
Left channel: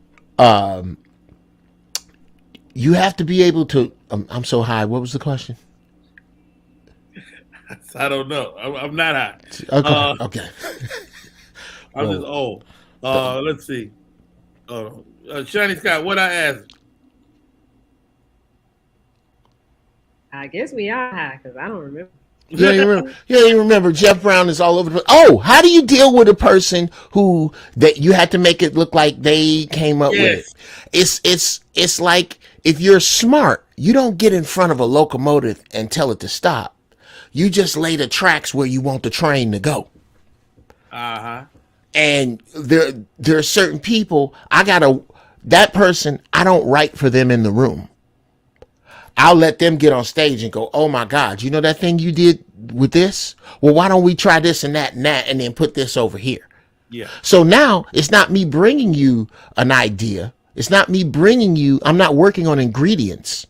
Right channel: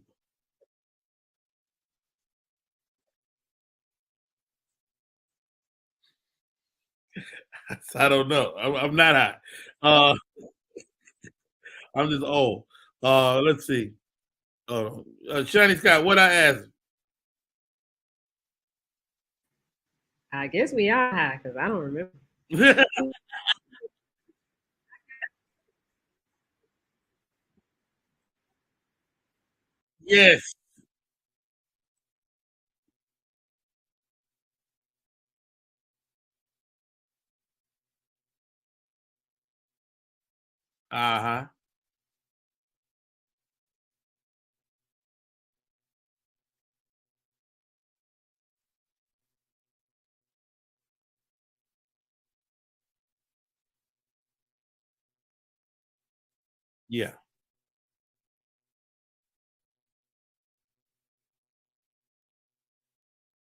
You have to be able to. I'm so high. What was the question? I don't know. I'm not high. Okay. I'm just old. Let's see. Shiny Scott, what I asked? I guess we are high because I don't remember. You don't even remember. Jeff Brown is all over the place. Oh, how do you deal with a person that you had to make it look like they came up with it? It's like, if you're smart, you don't get in front of a locomotive and tell it to stop. You just lay the tracks where you want the train to go. And there are certain people that person, I don't write for them in the room. I'll let them get on stage and go, oh my God, you know that thing you did with this? Well, why don't we try this and that and then put this over here? Yeah. So now it's not me bringing you an idea. It's not me bringing you, I'm not working on ingredients.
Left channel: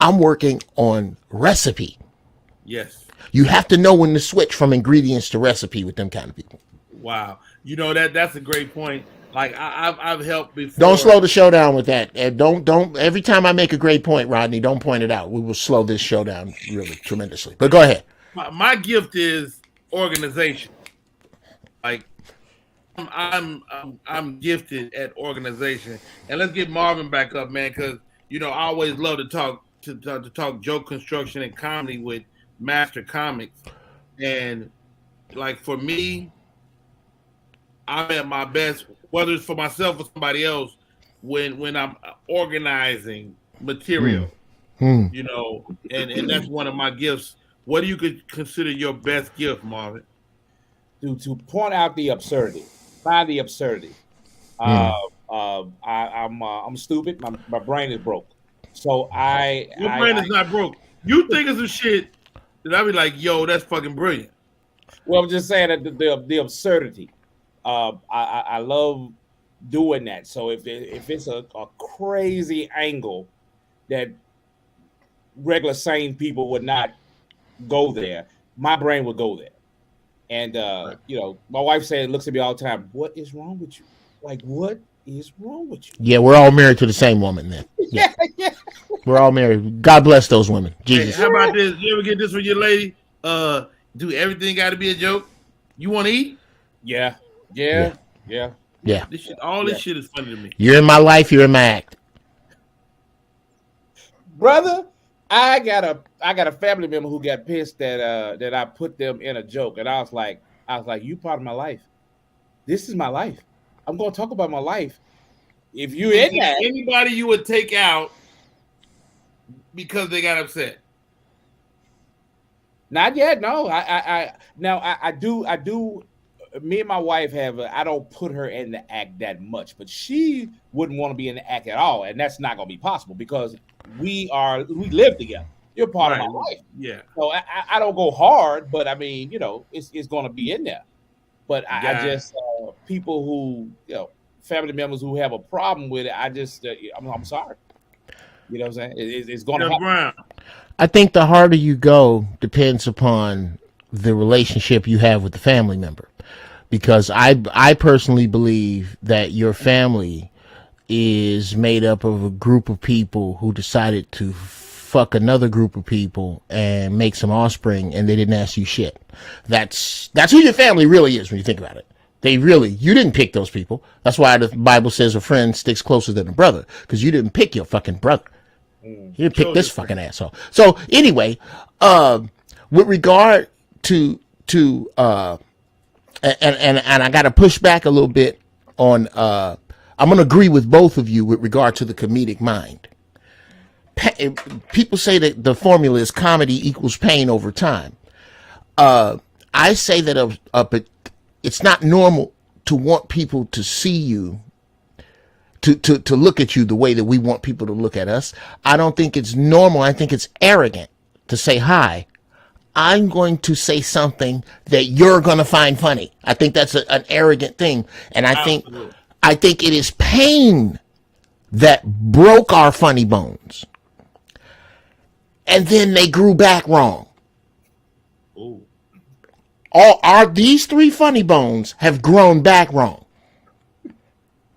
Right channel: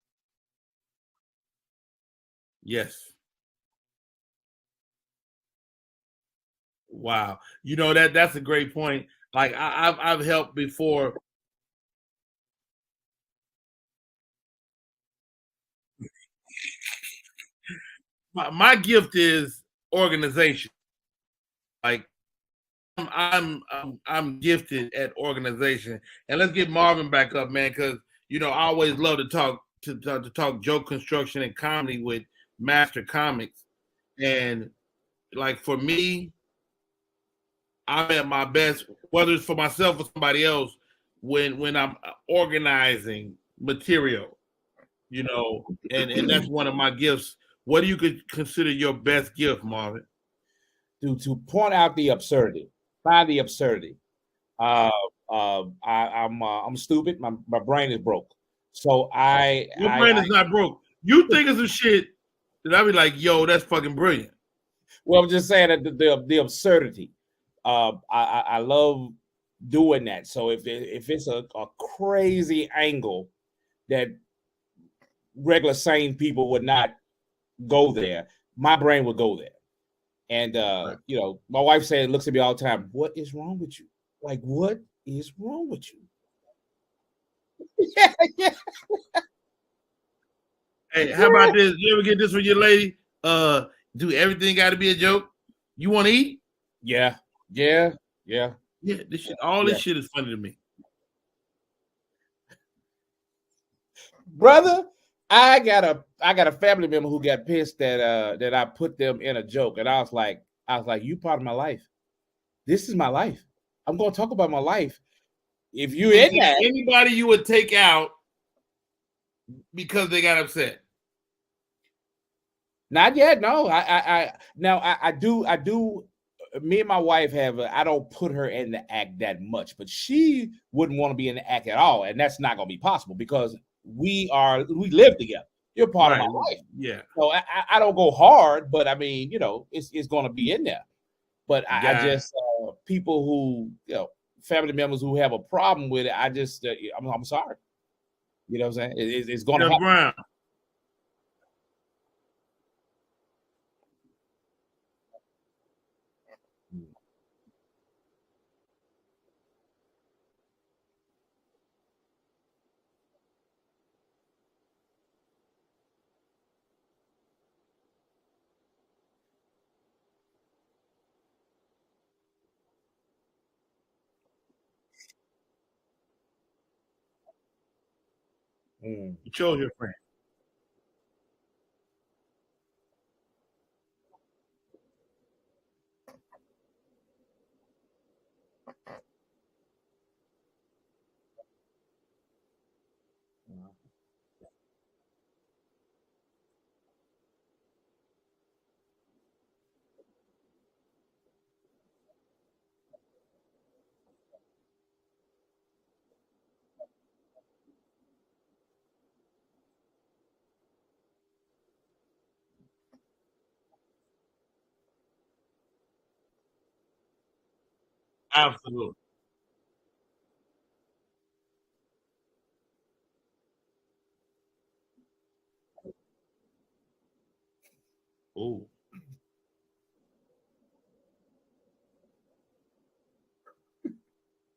I'm working on recipe. Yes. You have to know when to switch from ingredients to recipe with them kind of people. Wow. You know, that's a great point. Like I've helped before. Don't slow the show down with that. And don't every time I make a great point, Rodney, don't point it out. We will slow this show down really tremendously. But go ahead. My gift is organization. Like I'm gifted at organization. And let's get Marvin back up, man, because you know I always love to talk joke construction and comedy with Master Comics. And like for me, I'm at my best, whether it's for myself or somebody else, when I'm organizing material, you know, and that's one of my gifts. What do you could consider your best gift, Marvin? To point out the absurdity, find the absurdity. I'm stupid. My brain is broke. So your brain is not broke. You think of some shit that I'd be like, yo, that's fucking brilliant. Well, I'm just saying that the absurdity. I love doing that. So if it's a crazy angle that regular sane people would not go there, my brain would go there. And you know, my wife looks at me all the time. What is wrong with you? Like, what is wrong with you? Yeah, we're all married to the same woman then. Yeah. We're all married. God bless those women. Jesus. Hey, how about this? You ever get this from your lady? Do everything got to be a joke? You want to eat? Yeah. Yeah. This shit is funny to me. You're in my life. You're in my act, brother. I got a family member who got pissed that I put them in a joke, and I was like, you part of my life. This is my life. I'm going to talk about my life. If you're in that, anybody you would take out because they got upset. Not yet. No, I do. Me and my wife I don't put her in the act that much, but she wouldn't want to be in the act at all, and that's not going to be possible because we live together. You're part of my life. Yeah. So I don't go hard, but I mean, you know, it's going to be in there. But I just people who, you know, family members who have a problem with it, I'm sorry. You know what I'm saying? It's going to happen. I think the harder you go depends upon the relationship you have with the family member. Because I personally believe that your family is made up of a group of people who decided to fuck another group of people and make some offspring, and they didn't ask you shit. That's who your family really is when you think about it. You didn't pick those people. That's why the Bible says a friend sticks closer than a brother, because you didn't pick your fucking brother. You didn't pick this fucking asshole. So anyway, with regard to and I got to push back a little bit on. I'm going to agree with both of you with regard to the comedic mind. People say that the formula is comedy equals pain over time. I say that it's not normal to want people to see you, to look at you the way that we want people to look at us. I don't think it's normal. I think it's arrogant to say, hi, I'm going to say something that you're going to find funny. I think that's an arrogant thing. And I think it is pain that broke our funny bones. And then they grew back wrong. Ooh. These three funny bones have grown back wrong.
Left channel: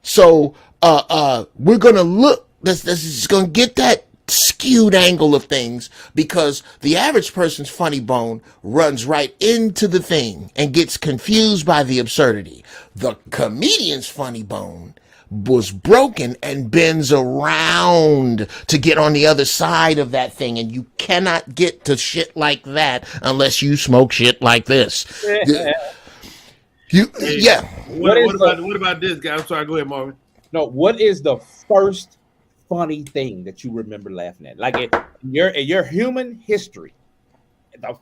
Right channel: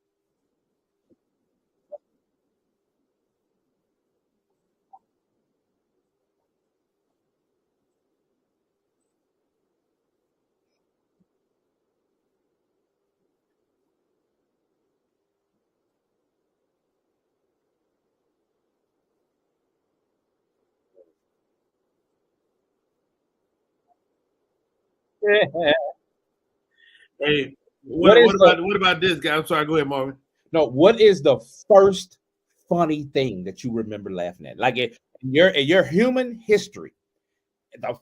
So we're going to look, this is going to get that skewed angle of things, because the average person's funny bone runs right into the thing and gets confused by the absurdity. The comedian's funny bone was broken and bends around to get on the other side of that thing, and you cannot get to shit like that unless you smoke shit like this. What about this guy? I'm sorry, go ahead, Marvin. No, what is the first funny thing that you remember laughing at? Like in your human history, the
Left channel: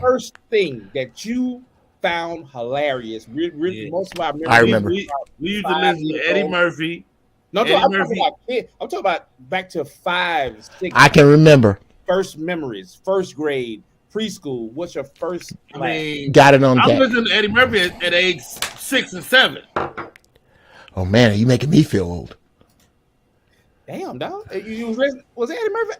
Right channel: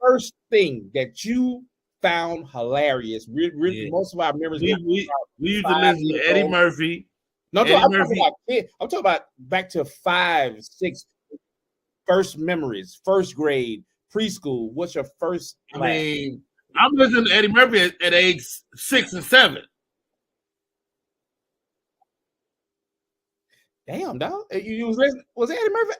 first thing that you found hilarious. Most of our memories. I remember. We used to listen to Eddie Murphy. No, Eddie I'm Murphy. talking about kids. I'm talking about back to 5, 6. I can remember. First memories, first grade, preschool. What's your first? I mean, Got it on I'm tap. listening to Eddie Murphy at age 6 and 7. Oh man, are you making me feel old? Damn, dog. You was listening? Was Eddie Murphy?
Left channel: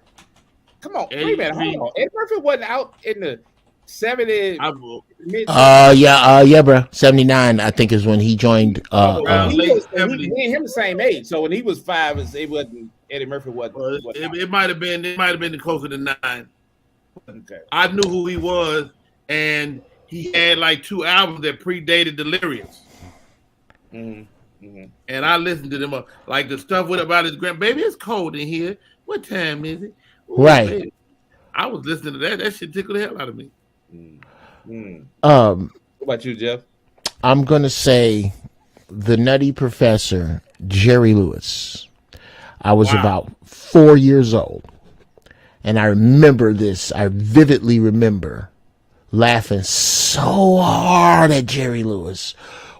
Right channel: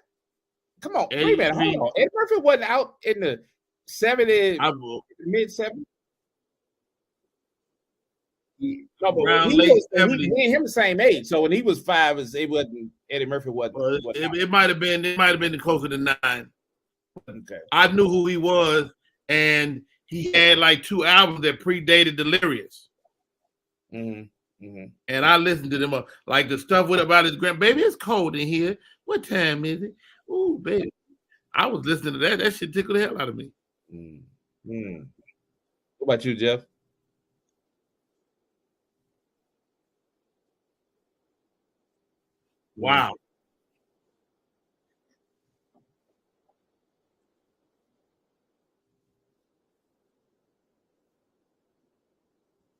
Come on, Eddie wait a minute, hold Murphy. on. Eddie Murphy wasn't out in the 70s. Mid Yeah, bro. 79, I think, is when he joined. me and him the same age. So when he was 5, it wasn't Eddie Murphy wasn't. It might have been. It might have been closer to 9. Okay. I knew who he was, and he had like 2 albums that predated Delirious. Mm-hmm. And I listened to them, like the stuff with about his baby. It's cold in here. What time is it? Ooh, Right. Baby. I was listening to that. That shit tickled the hell out of me. What about you, Jeff? I'm gonna say the Nutty Professor, Jerry Lewis. I was about 4 years old, and I remember this. I vividly remember laughing so hard at Jerry Lewis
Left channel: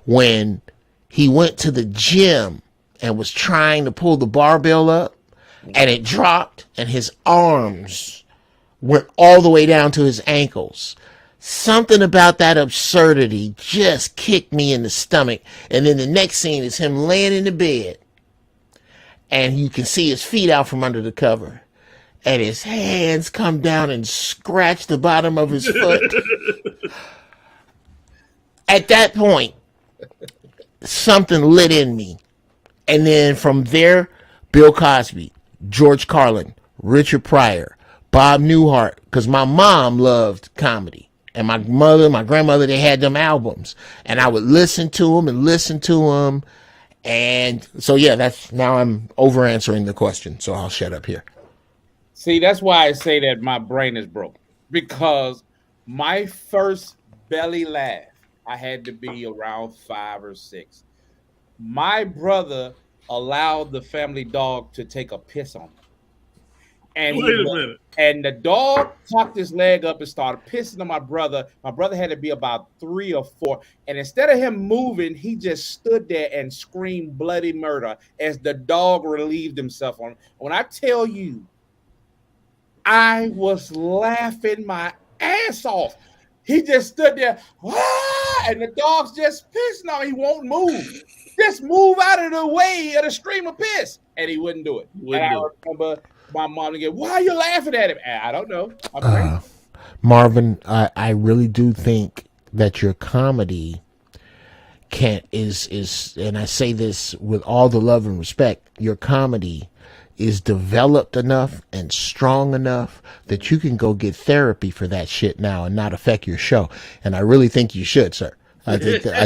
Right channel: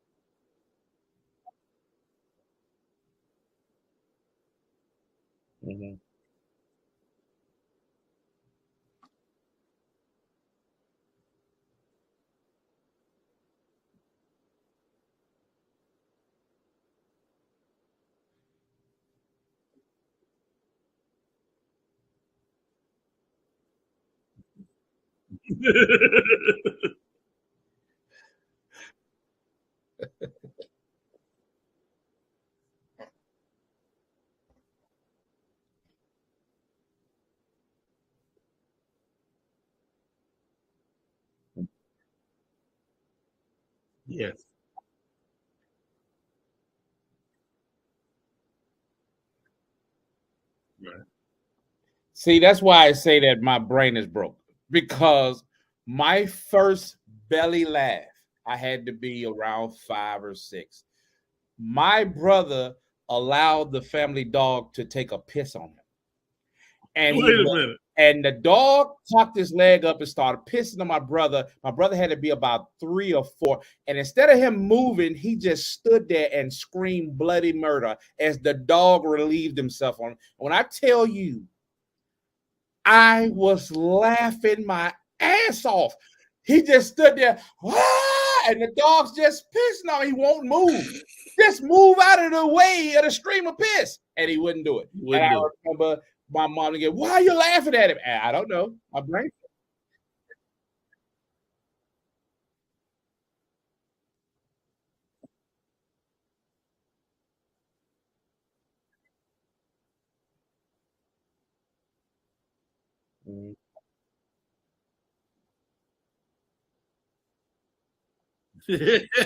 when he went to the gym and was trying to pull the barbell up, and it dropped, and his arms went all the way down to his ankles. Something about that absurdity just kicked me in the stomach. And then the next scene is him laying in the bed, and you can see his feet out from under the cover, and his hands come down and scratch the bottom of his foot. At that point, something lit in me. And then from there, Bill Cosby, George Carlin, Richard Pryor, Bob Newhart, because my mom loved comedy. And my grandmother, they had them albums. And I would listen to them. And so, yeah, now I'm over answering the question. So I'll shut up here. See, that's why I say that my brain is broken. Because my first belly laugh, I had to be around 5 or 6. My brother allowed the family dog to take a piss on him. And and the dog tucked his leg up and started pissing on my brother. My brother had to be about 3 or 4. And instead of him moving, he just stood there and screamed bloody murder as the dog relieved himself on him. When I tell you, I was laughing my ass off. He just stood there, and the dog's just pissing on him. He won't move. Just move out of the way of the stream of piss. And he wouldn't do it. I remember my mom again, why are you laughing at him? I don't know. Marvin, I really do think that your comedy is, and I say this with all the love and respect, your comedy is developed enough and strong enough that you can go get therapy for that shit now and not affect your show. And I really think you should, sir. I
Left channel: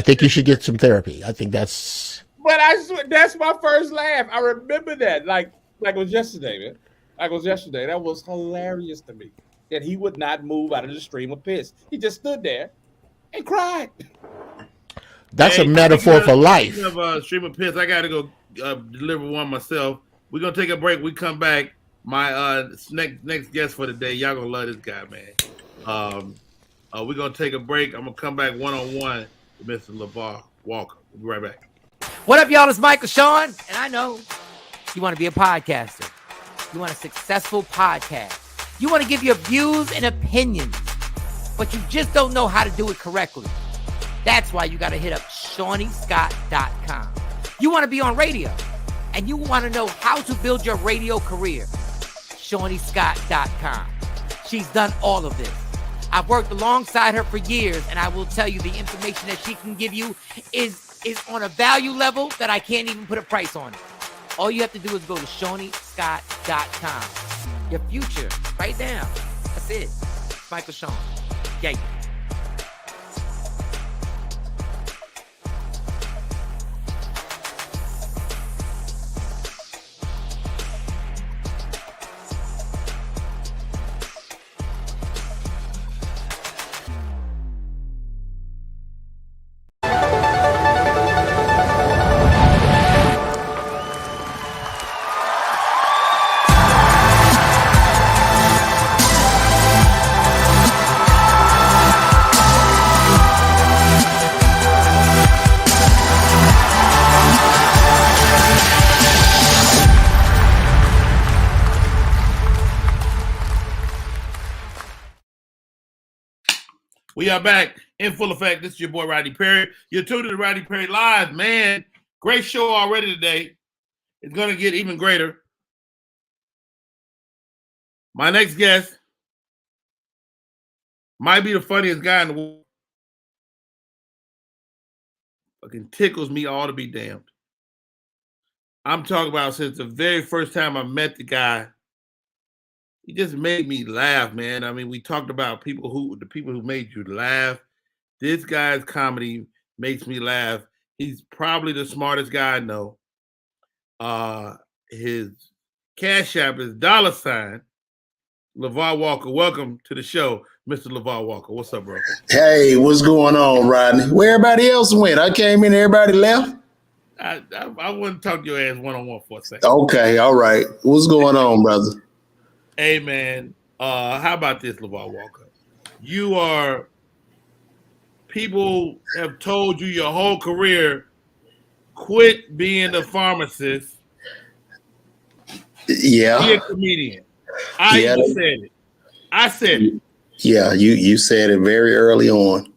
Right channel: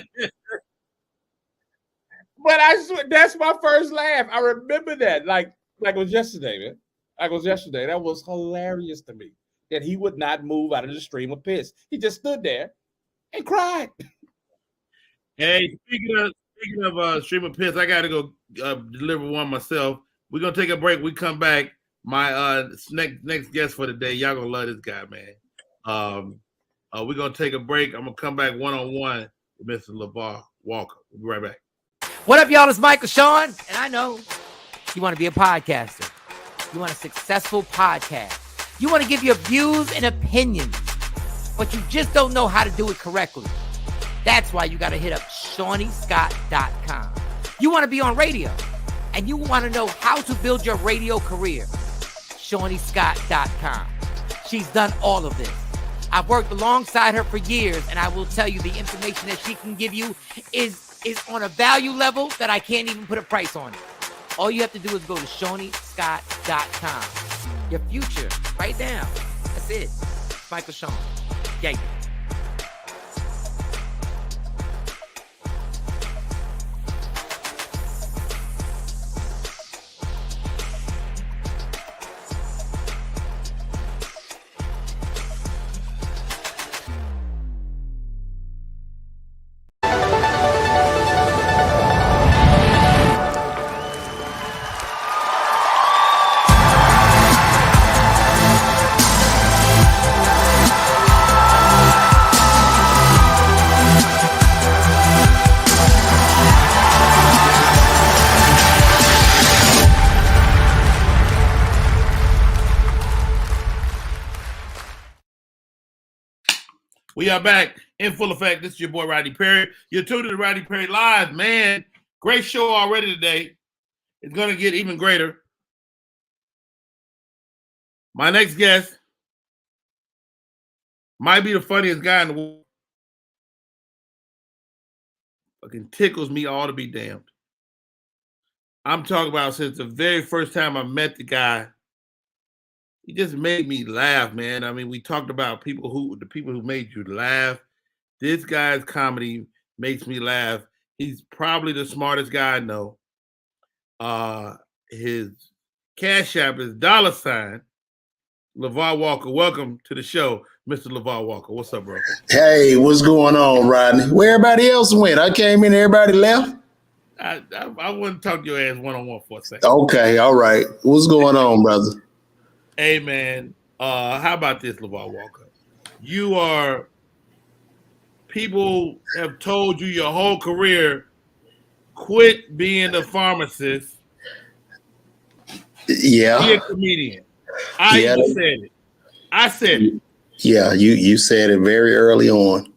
think you should get some therapy. I think that's. But I swear, that's my first laugh. I remember that like it was yesterday, man. Like it was yesterday. That was hilarious to me. That he would not move out of the stream of piss. He just stood there and cried. That's a metaphor for life. Speaking of stream of piss, I got to go deliver one myself. We're gonna take a break. We come back. My next guest for the day. Y'all gonna love this guy, man. We're gonna take a break. I'm gonna come back one-on-one with Mr. LeVar Walker. We'll be right back. What up, y'all? It's Michael Sean, and I know you want to be a podcaster. You want a successful podcast. You want to give your views and opinions, but you just don't know how to do it correctly. That's why you got to hit up ShawneeScott.com. You want to be on radio, and you want to know how to build your radio career. ShawneeScott.com. She's done all of this. I've worked alongside her for years, and I will tell you the information that she can give you is on a value level that I can't even put a price on it. All you have to do is go to ShawneeScott.com. Your future, right now. That's it. Michael Sean. Yeah. We are back in full effect. This is your boy, Rodney Perry. You're tuned to Rodney Perry Live. Man, great show already today. It's going to get even greater. My next guest might be the funniest guy in the world. Fucking tickles me all to be damned. I'm talking about since the very first time I met the guy, he just made me laugh, man. I mean, we talked about the people who made you laugh. This guy's comedy makes me laugh. He's probably the smartest guy I know. His Cash App is $, LeVar Walker. Welcome to the show, Mr. LeVar Walker. What's up, bro? Hey, what's going on, Rodney? Where everybody else went? I came in, everybody left? I want to talk to your ass one-on-one for a second. Okay, all right. What's going on, brother? Hey, man. How about this, LeVar Walker? People have told you your whole career, quit being a pharmacist. Yeah. Be a comedian. I said it. Yeah, you said it very early on.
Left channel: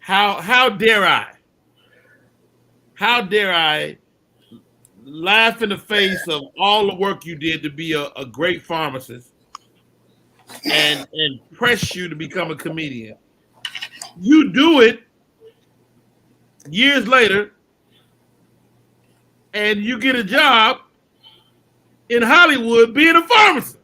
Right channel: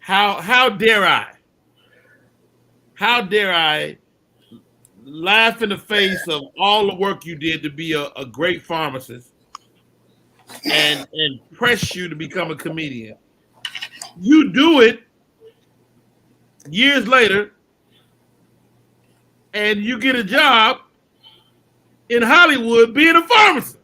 How dare I? How dare I laugh in the face of all the work you did to be a great pharmacist and press you to become a comedian? You do it years later and you get a job in Hollywood being a pharmacist.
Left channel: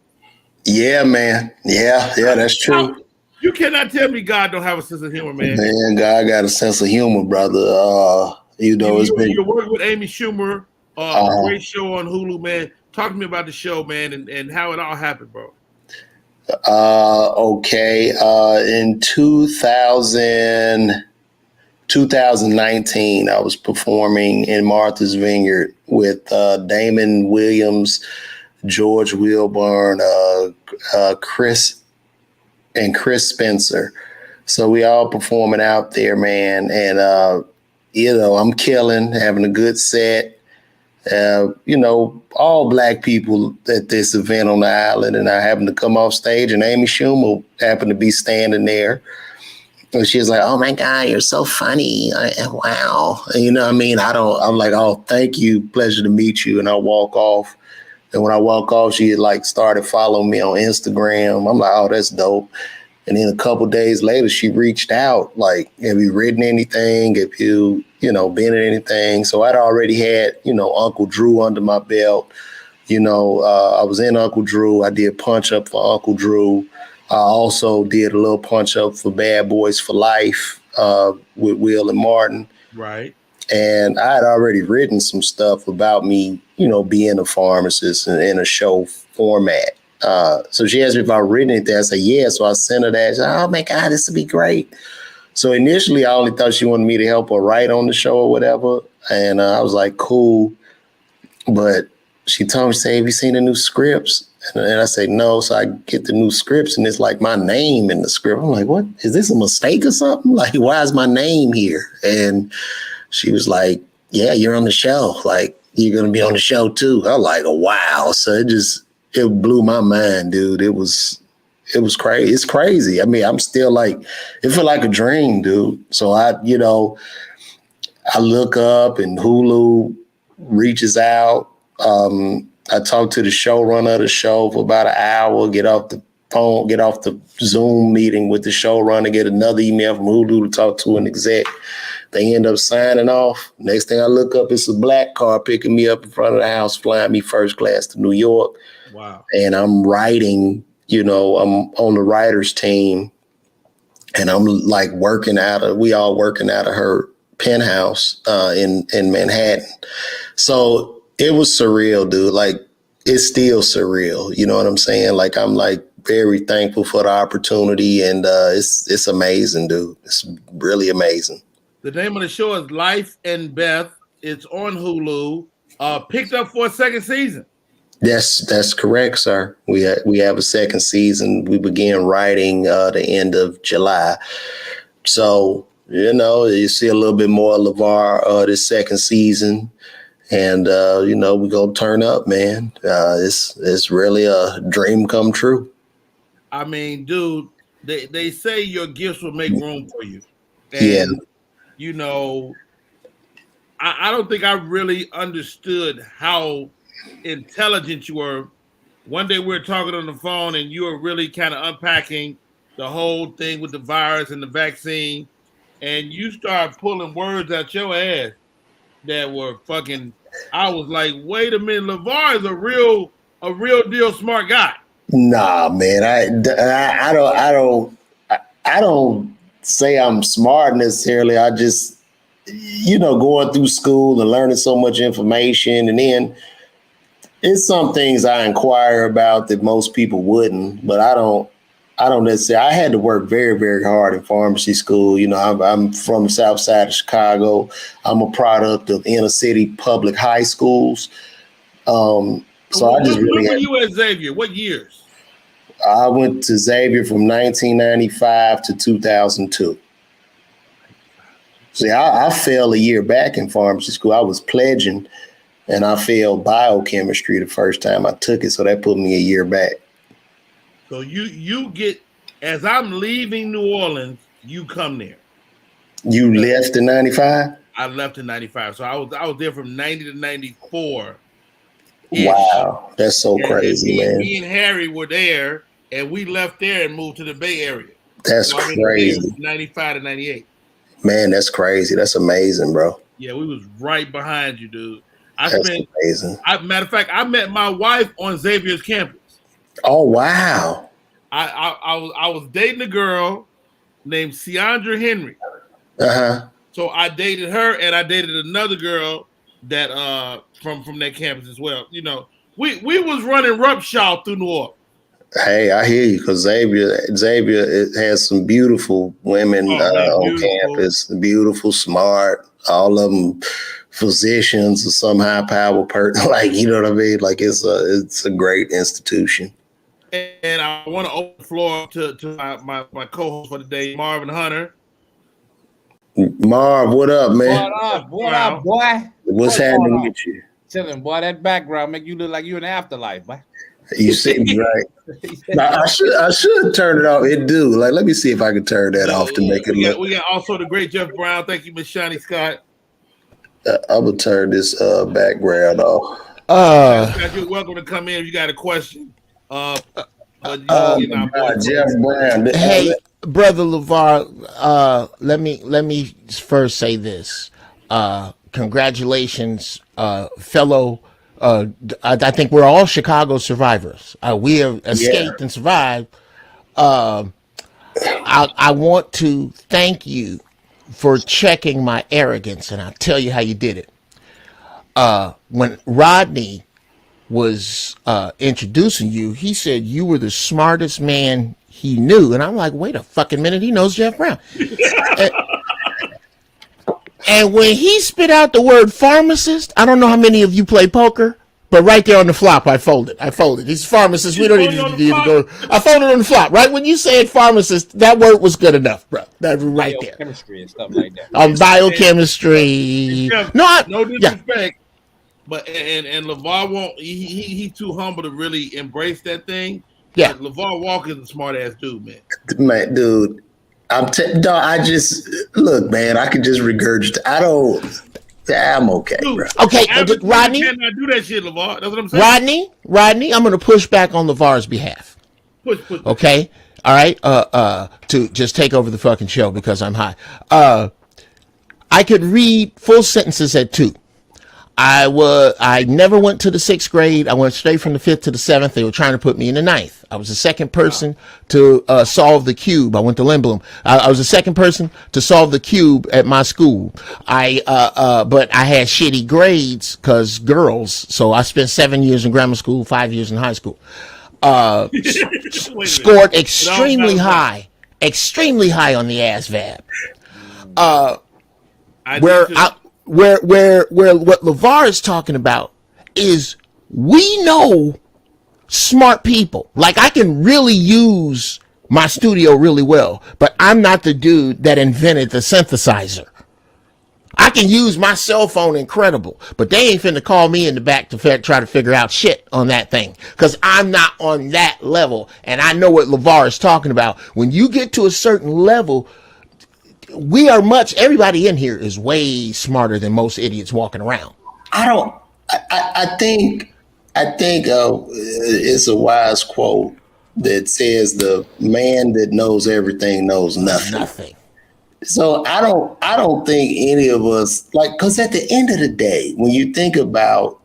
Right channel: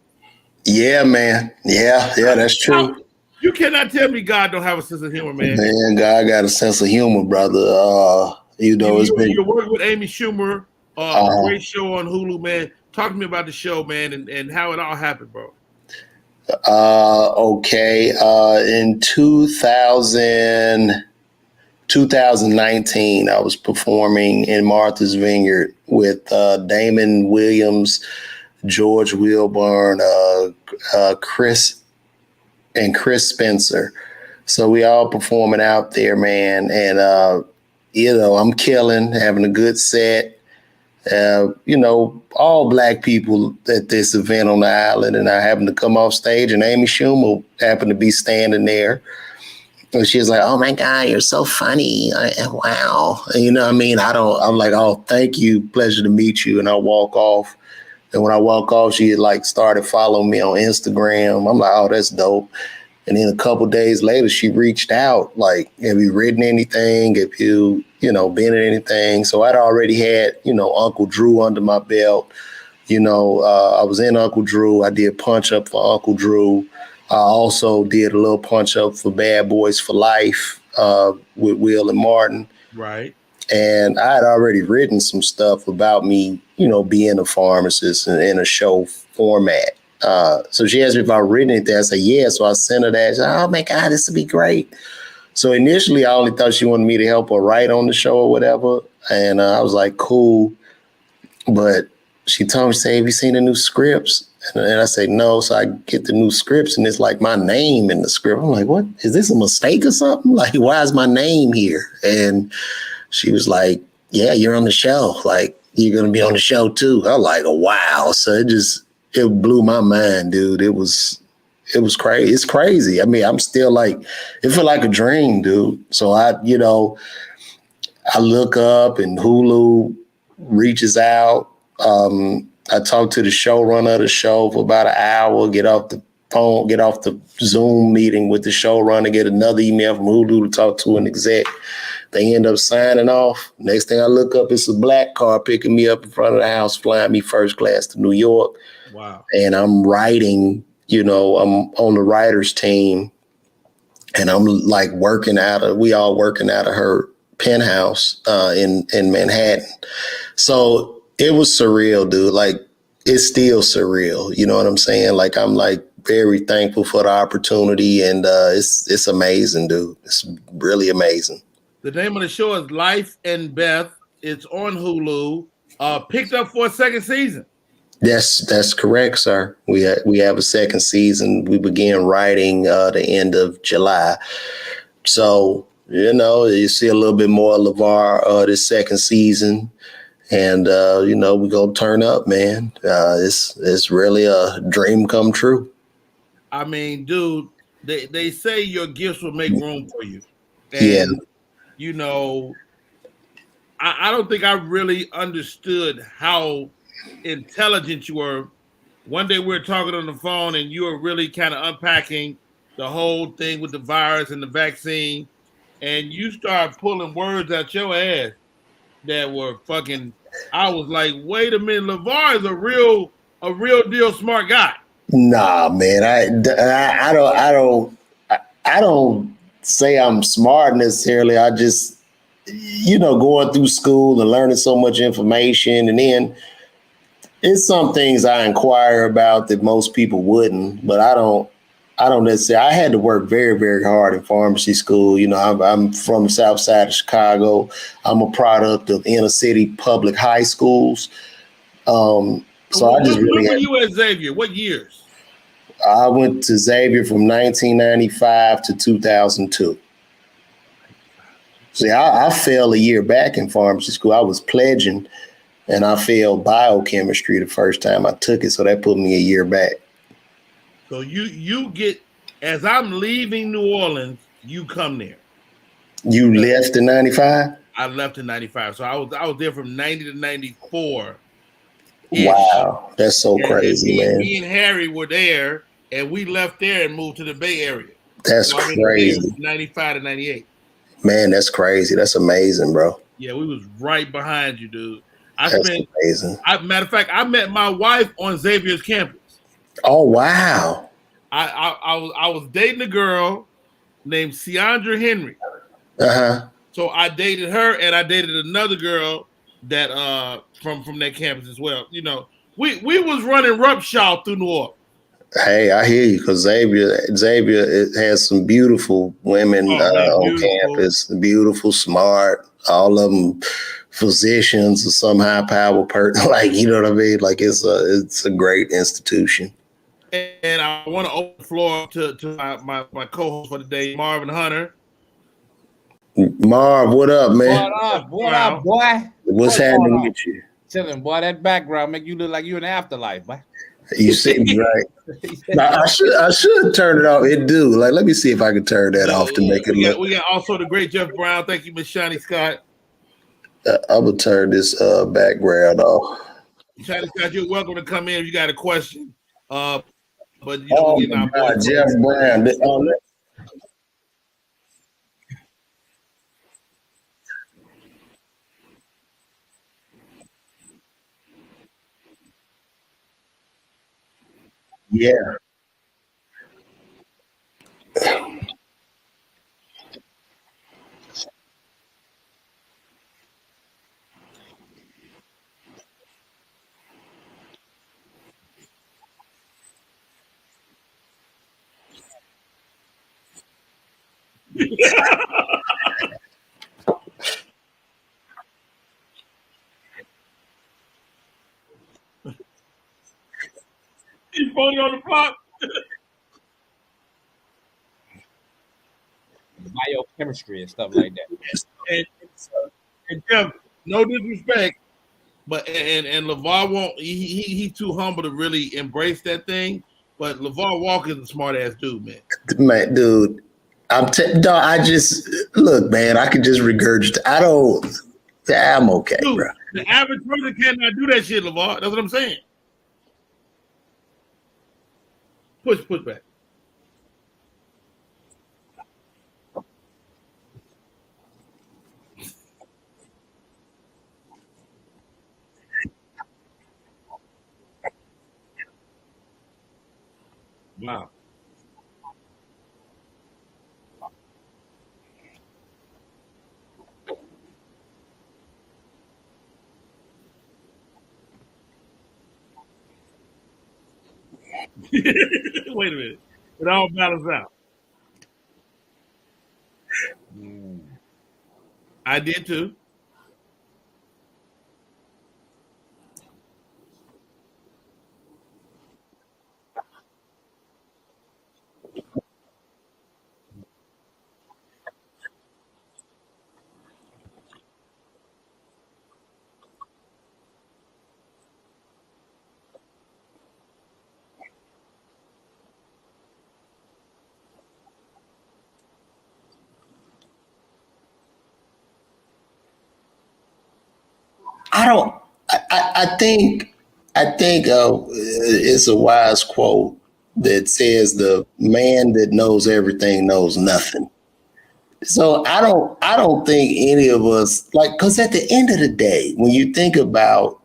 Yeah, man. Yeah, that's true. You cannot tell me God don't have a sense of humor, man. Man, God got a sense of humor, brother. You work with Amy Schumer, a great show on Hulu, man. Talk to me about the show, man, and how it all happened, bro. Okay. In 2019, I was performing in Martha's Vineyard with Damon Williams, George Wilburn, Chris Spencer. So we all performing out there, man. And, I'm killing, having a good set. All black people at this event on the island. And I happened to come off stage and Amy Schumer happened to be standing there. And she was like, "Oh my God, you're so funny. Wow." And, you know what I mean? I'm like, "Oh, thank you. Pleasure to meet you." And I walk off. And when I walk off, she had started following me on Instagram. I'm like, "Oh, that's dope." And then a couple days later, she reached out, like, "Have you written anything? Have you, been in anything?" So I'd already had, Uncle Drew under my belt. I was in Uncle Drew. I did Punch Up for Uncle Drew. I also did a little Punch Up for Bad Boys for Life with Will and Martin. Right. And I had already written some stuff about me, being a pharmacist in a show format. So she asked me if I'd written anything. I said, yeah. So I sent her that. She said, "Oh my God, this would be great." So initially, I only thought she wanted me to help her write on the show or whatever. And I was like, cool. But she told me, "Have you seen the new scripts?" And I said, "No." So I get the new scripts and it's like my name in the script. I'm like, "What? Is this a mistake or something? Like, why is my name here?" And she was like, "Yeah, you're on the show. Like, you're going to be on the show too." I was like, "Oh, wow." So it blew my mind, dude. It was crazy. It's crazy. I mean, I'm still like, it felt like a dream, dude. So I look up and Hulu reaches out. I talked to the showrunner of the show for about an hour, get off the phone, get off the Zoom meeting with the showrunner, get another email from Hulu to talk to an exec. They end up signing off. Next thing I look up, it's a black car picking me up in front of the house, flying me first class to New York. Wow. And I'm writing, I'm on the writers team and I'm like we all working out of her penthouse in Manhattan. So it was surreal, dude. Like, it's still surreal. You know what I'm saying? Like, I'm like very thankful for the opportunity and it's amazing, dude. It's really amazing. The name of the show is Life and Beth. It's on Hulu. Picked up for a second season. That's correct, sir. We have a second season. We began writing the end of July. So, you see a little bit more of LeVar this second season. And, we're going to turn up, man. It's really a dream come true. I mean, dude, they say your gifts will make room for you. Yeah. And, you know, I don't think I really understood how intelligent you were. One day we were talking on the phone and you were really kind of unpacking the whole thing with the virus and the vaccine. And you start pulling words out your ass that were fucking. I was like, wait a minute, LeVar is a real deal smart guy. Nah, man, I don't say I'm smart necessarily. I just, going through school and learning so much information, and then it's some things I inquire about that most people wouldn't, but I don't necessarily. I had to work very, very hard in pharmacy school. I'm from the South Side of Chicago. I'm a product of inner city public high schools. So I just really. When were you at Xavier? What years? I went to Xavier from 1995 to 2002. See, I failed a year back in pharmacy school. I was pledging, and I failed biochemistry the first time I took it, so that put me a year back. So you get, as I'm leaving New Orleans, you come there. You left in 95? I left in 95. So I was there from 90 to 94. Wow, that's so crazy, man. Me and Harry were there, and we left there and moved to the Bay Area. That's crazy. 95 to 98. Man, that's crazy. That's amazing, bro. Yeah, we was right behind you, dude. That's amazing. Matter of fact, I met my wife on Xavier's campus. Oh, wow. I was dating a girl named Ciandra Henry. Uh-huh. So I dated her, and I dated another girl that from that campus as well. We was running roughshod through New Orleans. Hey, I hear you, because Xavier has some beautiful women on campus, beautiful, smart, all of them physicians or some high power person. Like, you know what I mean? Like, it's a great institution. And I want to open the floor to my co-host for the day, Marvin Hunter. Marv, what up, man? What up, boy? What's happening with you? Chilling, boy. That background make you look like you in the afterlife, boy. You see me, right? Now, I should turn it off. It do. Like, let me see if I can turn that off to make it look. We got also the great Jeff Brown. Thank you, Miss Shani Scott. I'm gonna turn this background off. Scott, you're welcome to come in if you got a question. But Jeff Brown. Hey, brother LeVar, let me first say this. Congratulations, fellow. I think we're all Chicago survivors. We have escaped and survived. I want to thank you for checking my arrogance, and I'll tell you how you did it. When Rodney was introducing you, he said you were the smartest man he knew, and I'm like, wait a fucking minute, he knows Jeff Brown. And when he spit out the word pharmacist, I don't know how many of you play poker, but right there on the flop, I folded. He's pharmacist. We don't even need to go. I folded on the flop. Right when you said pharmacist, that word was good enough, bro. That right there. Biochemistry and stuff like that. Biochemistry. No disrespect, but and LeVar won't. He too humble to really embrace that thing. Yeah, but LeVar Walker is a smart ass dude, man. Man, dude. I just look, man. I can just regurgitate. I'm okay, dude, bro. Okay, Rodney cannot do that shit, LeVar. That's what I'm saying. Rodney, I'm going to push back on LeVar's behalf. Push. Okay, all right. To just take over the fucking show because I'm high. I could read full sentences at 2. I never went to the 6th grade. I went straight from the 5th to the 7th. They were trying to put me in the 9th. I was the second person to solve the cube. I went to Lindblom. I was the second person to solve the cube at my school. But I had shitty grades because girls. So I spent 7 years in grammar school, 5 years in high school. Scored extremely high on the ASVAB. Where what LeVar is talking about is we know smart people. Like, I can really use my studio really well, but I'm not the dude that invented the synthesizer. I can use my cell phone incredible, but they ain't finna call me in the back to try to figure out shit on that thing, because I'm not on that level. And I know what LeVar is talking about. When you get to a certain level, everybody in here is way smarter than most idiots walking around. I think it's a wise quote that says the man that knows everything knows nothing. So I don't think any of us, like, because at the end of the day, when you think about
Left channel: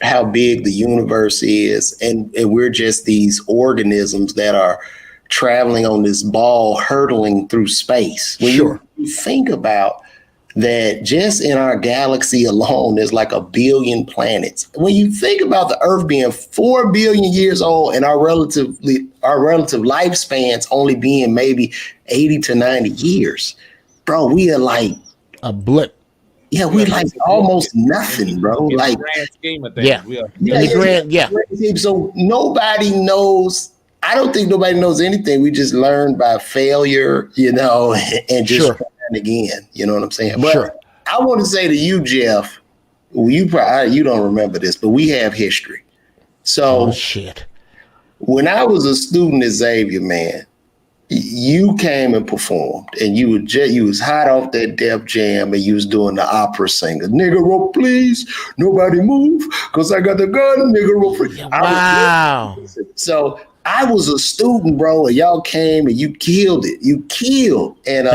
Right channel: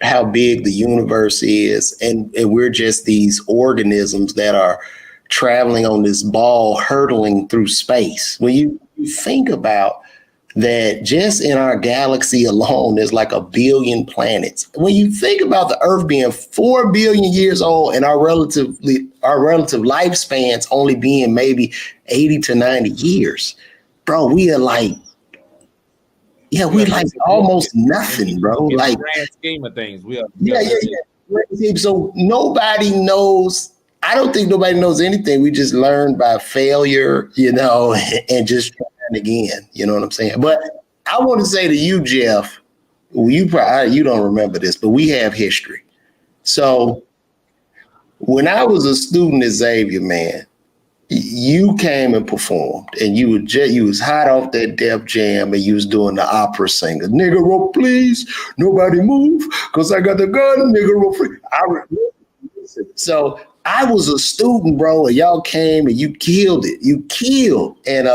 how big the universe is, and we're just these organisms that are traveling on this ball hurtling through space. When you think about that, just in our galaxy alone, there's like 1 billion planets. When you think about the Earth being 4 billion years old and our relative lifespans only being maybe 80 to 90 years, bro, we are like a blip. Yeah, we're like almost nothing, bro. In Like, the grand scheme of things, yeah. So nobody knows. I don't think nobody knows anything. We just learn by failure, and just trying again. You know what I'm saying? But I want to say to you, Jeff, you don't remember this, but we have history. So when I was a student at Xavier, man, you came and performed, and you was hot off that Def Jam, and you was doing the opera singer. Nigga, roll, please. Nobody move, because I got the gun. Nigga, roll, please. Wow. So I was a student, bro, and y'all came and you killed it. You killed. And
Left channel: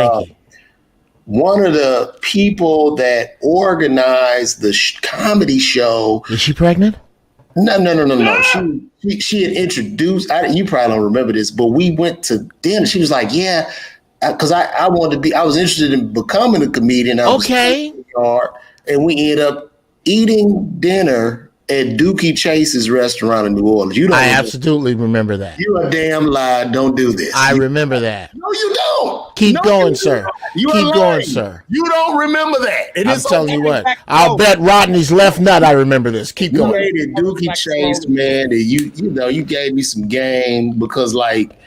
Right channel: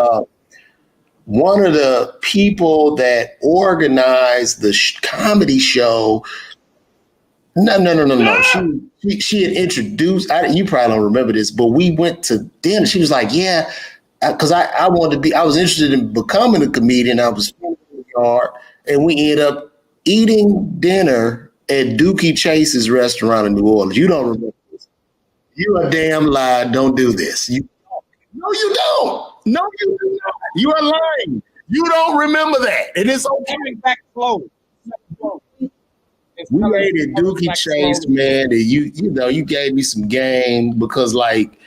one of the people that organized the comedy show. Is she pregnant? No. She had introduced, you probably don't remember this, but we went to dinner. She was like, yeah, because I was interested in becoming a comedian. I was and we ended up eating dinner at Dookie Chase's restaurant in New Orleans. I absolutely remember that. You a damn lie. Don't do this. I remember that. No, you don't. Keep going, sir. You are Keep lying, going, sir. You don't remember that. And I'm telling you what. I'll bet Rodney's left nut I remember this. Keep going. You ate at Dookie Chase, man, and you gave me some game, because like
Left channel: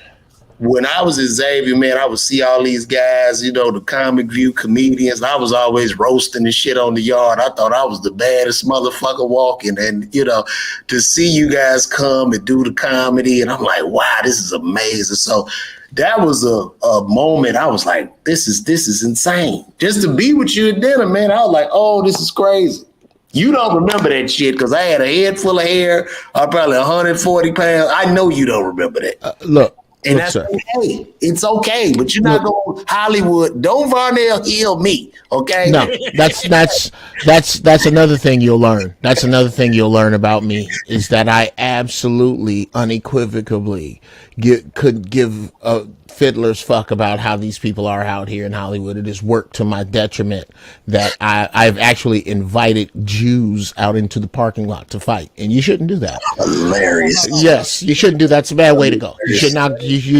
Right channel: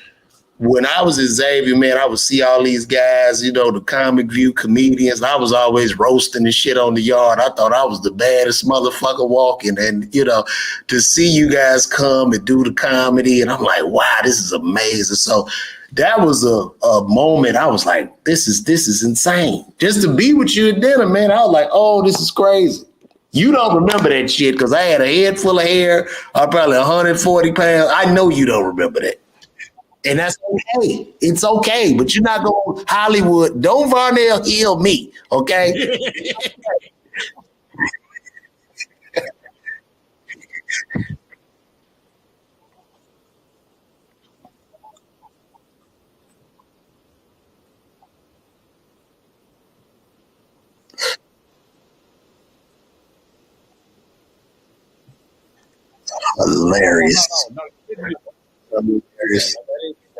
when I was at Xavier, man, I would see all these guys, the Comic View comedians. I was always roasting and shit on the yard. I thought I was the baddest motherfucker walking. And, to see you guys come and do the comedy, and I'm like, wow, this is amazing. So that was a moment I was like, this is insane. Just to be with you at dinner, man, I was like, oh, this is crazy. You don't remember that shit because I had a head full of hair. I'm probably 140 pounds. I know you don't remember that. Look. And that's okay. It's okay, but you're not going Hollywood. Don't Varnell Hill me, okay? No, that's another thing you'll learn. That's another thing you'll learn about me, is that I absolutely, unequivocally could give a fiddler's fuck about how these people are out here in Hollywood. It has worked to my detriment that I've actually invited Jews out into the parking lot to fight, and you shouldn't do that. Hilarious. Yes, you shouldn't do that. It's a bad way to go. You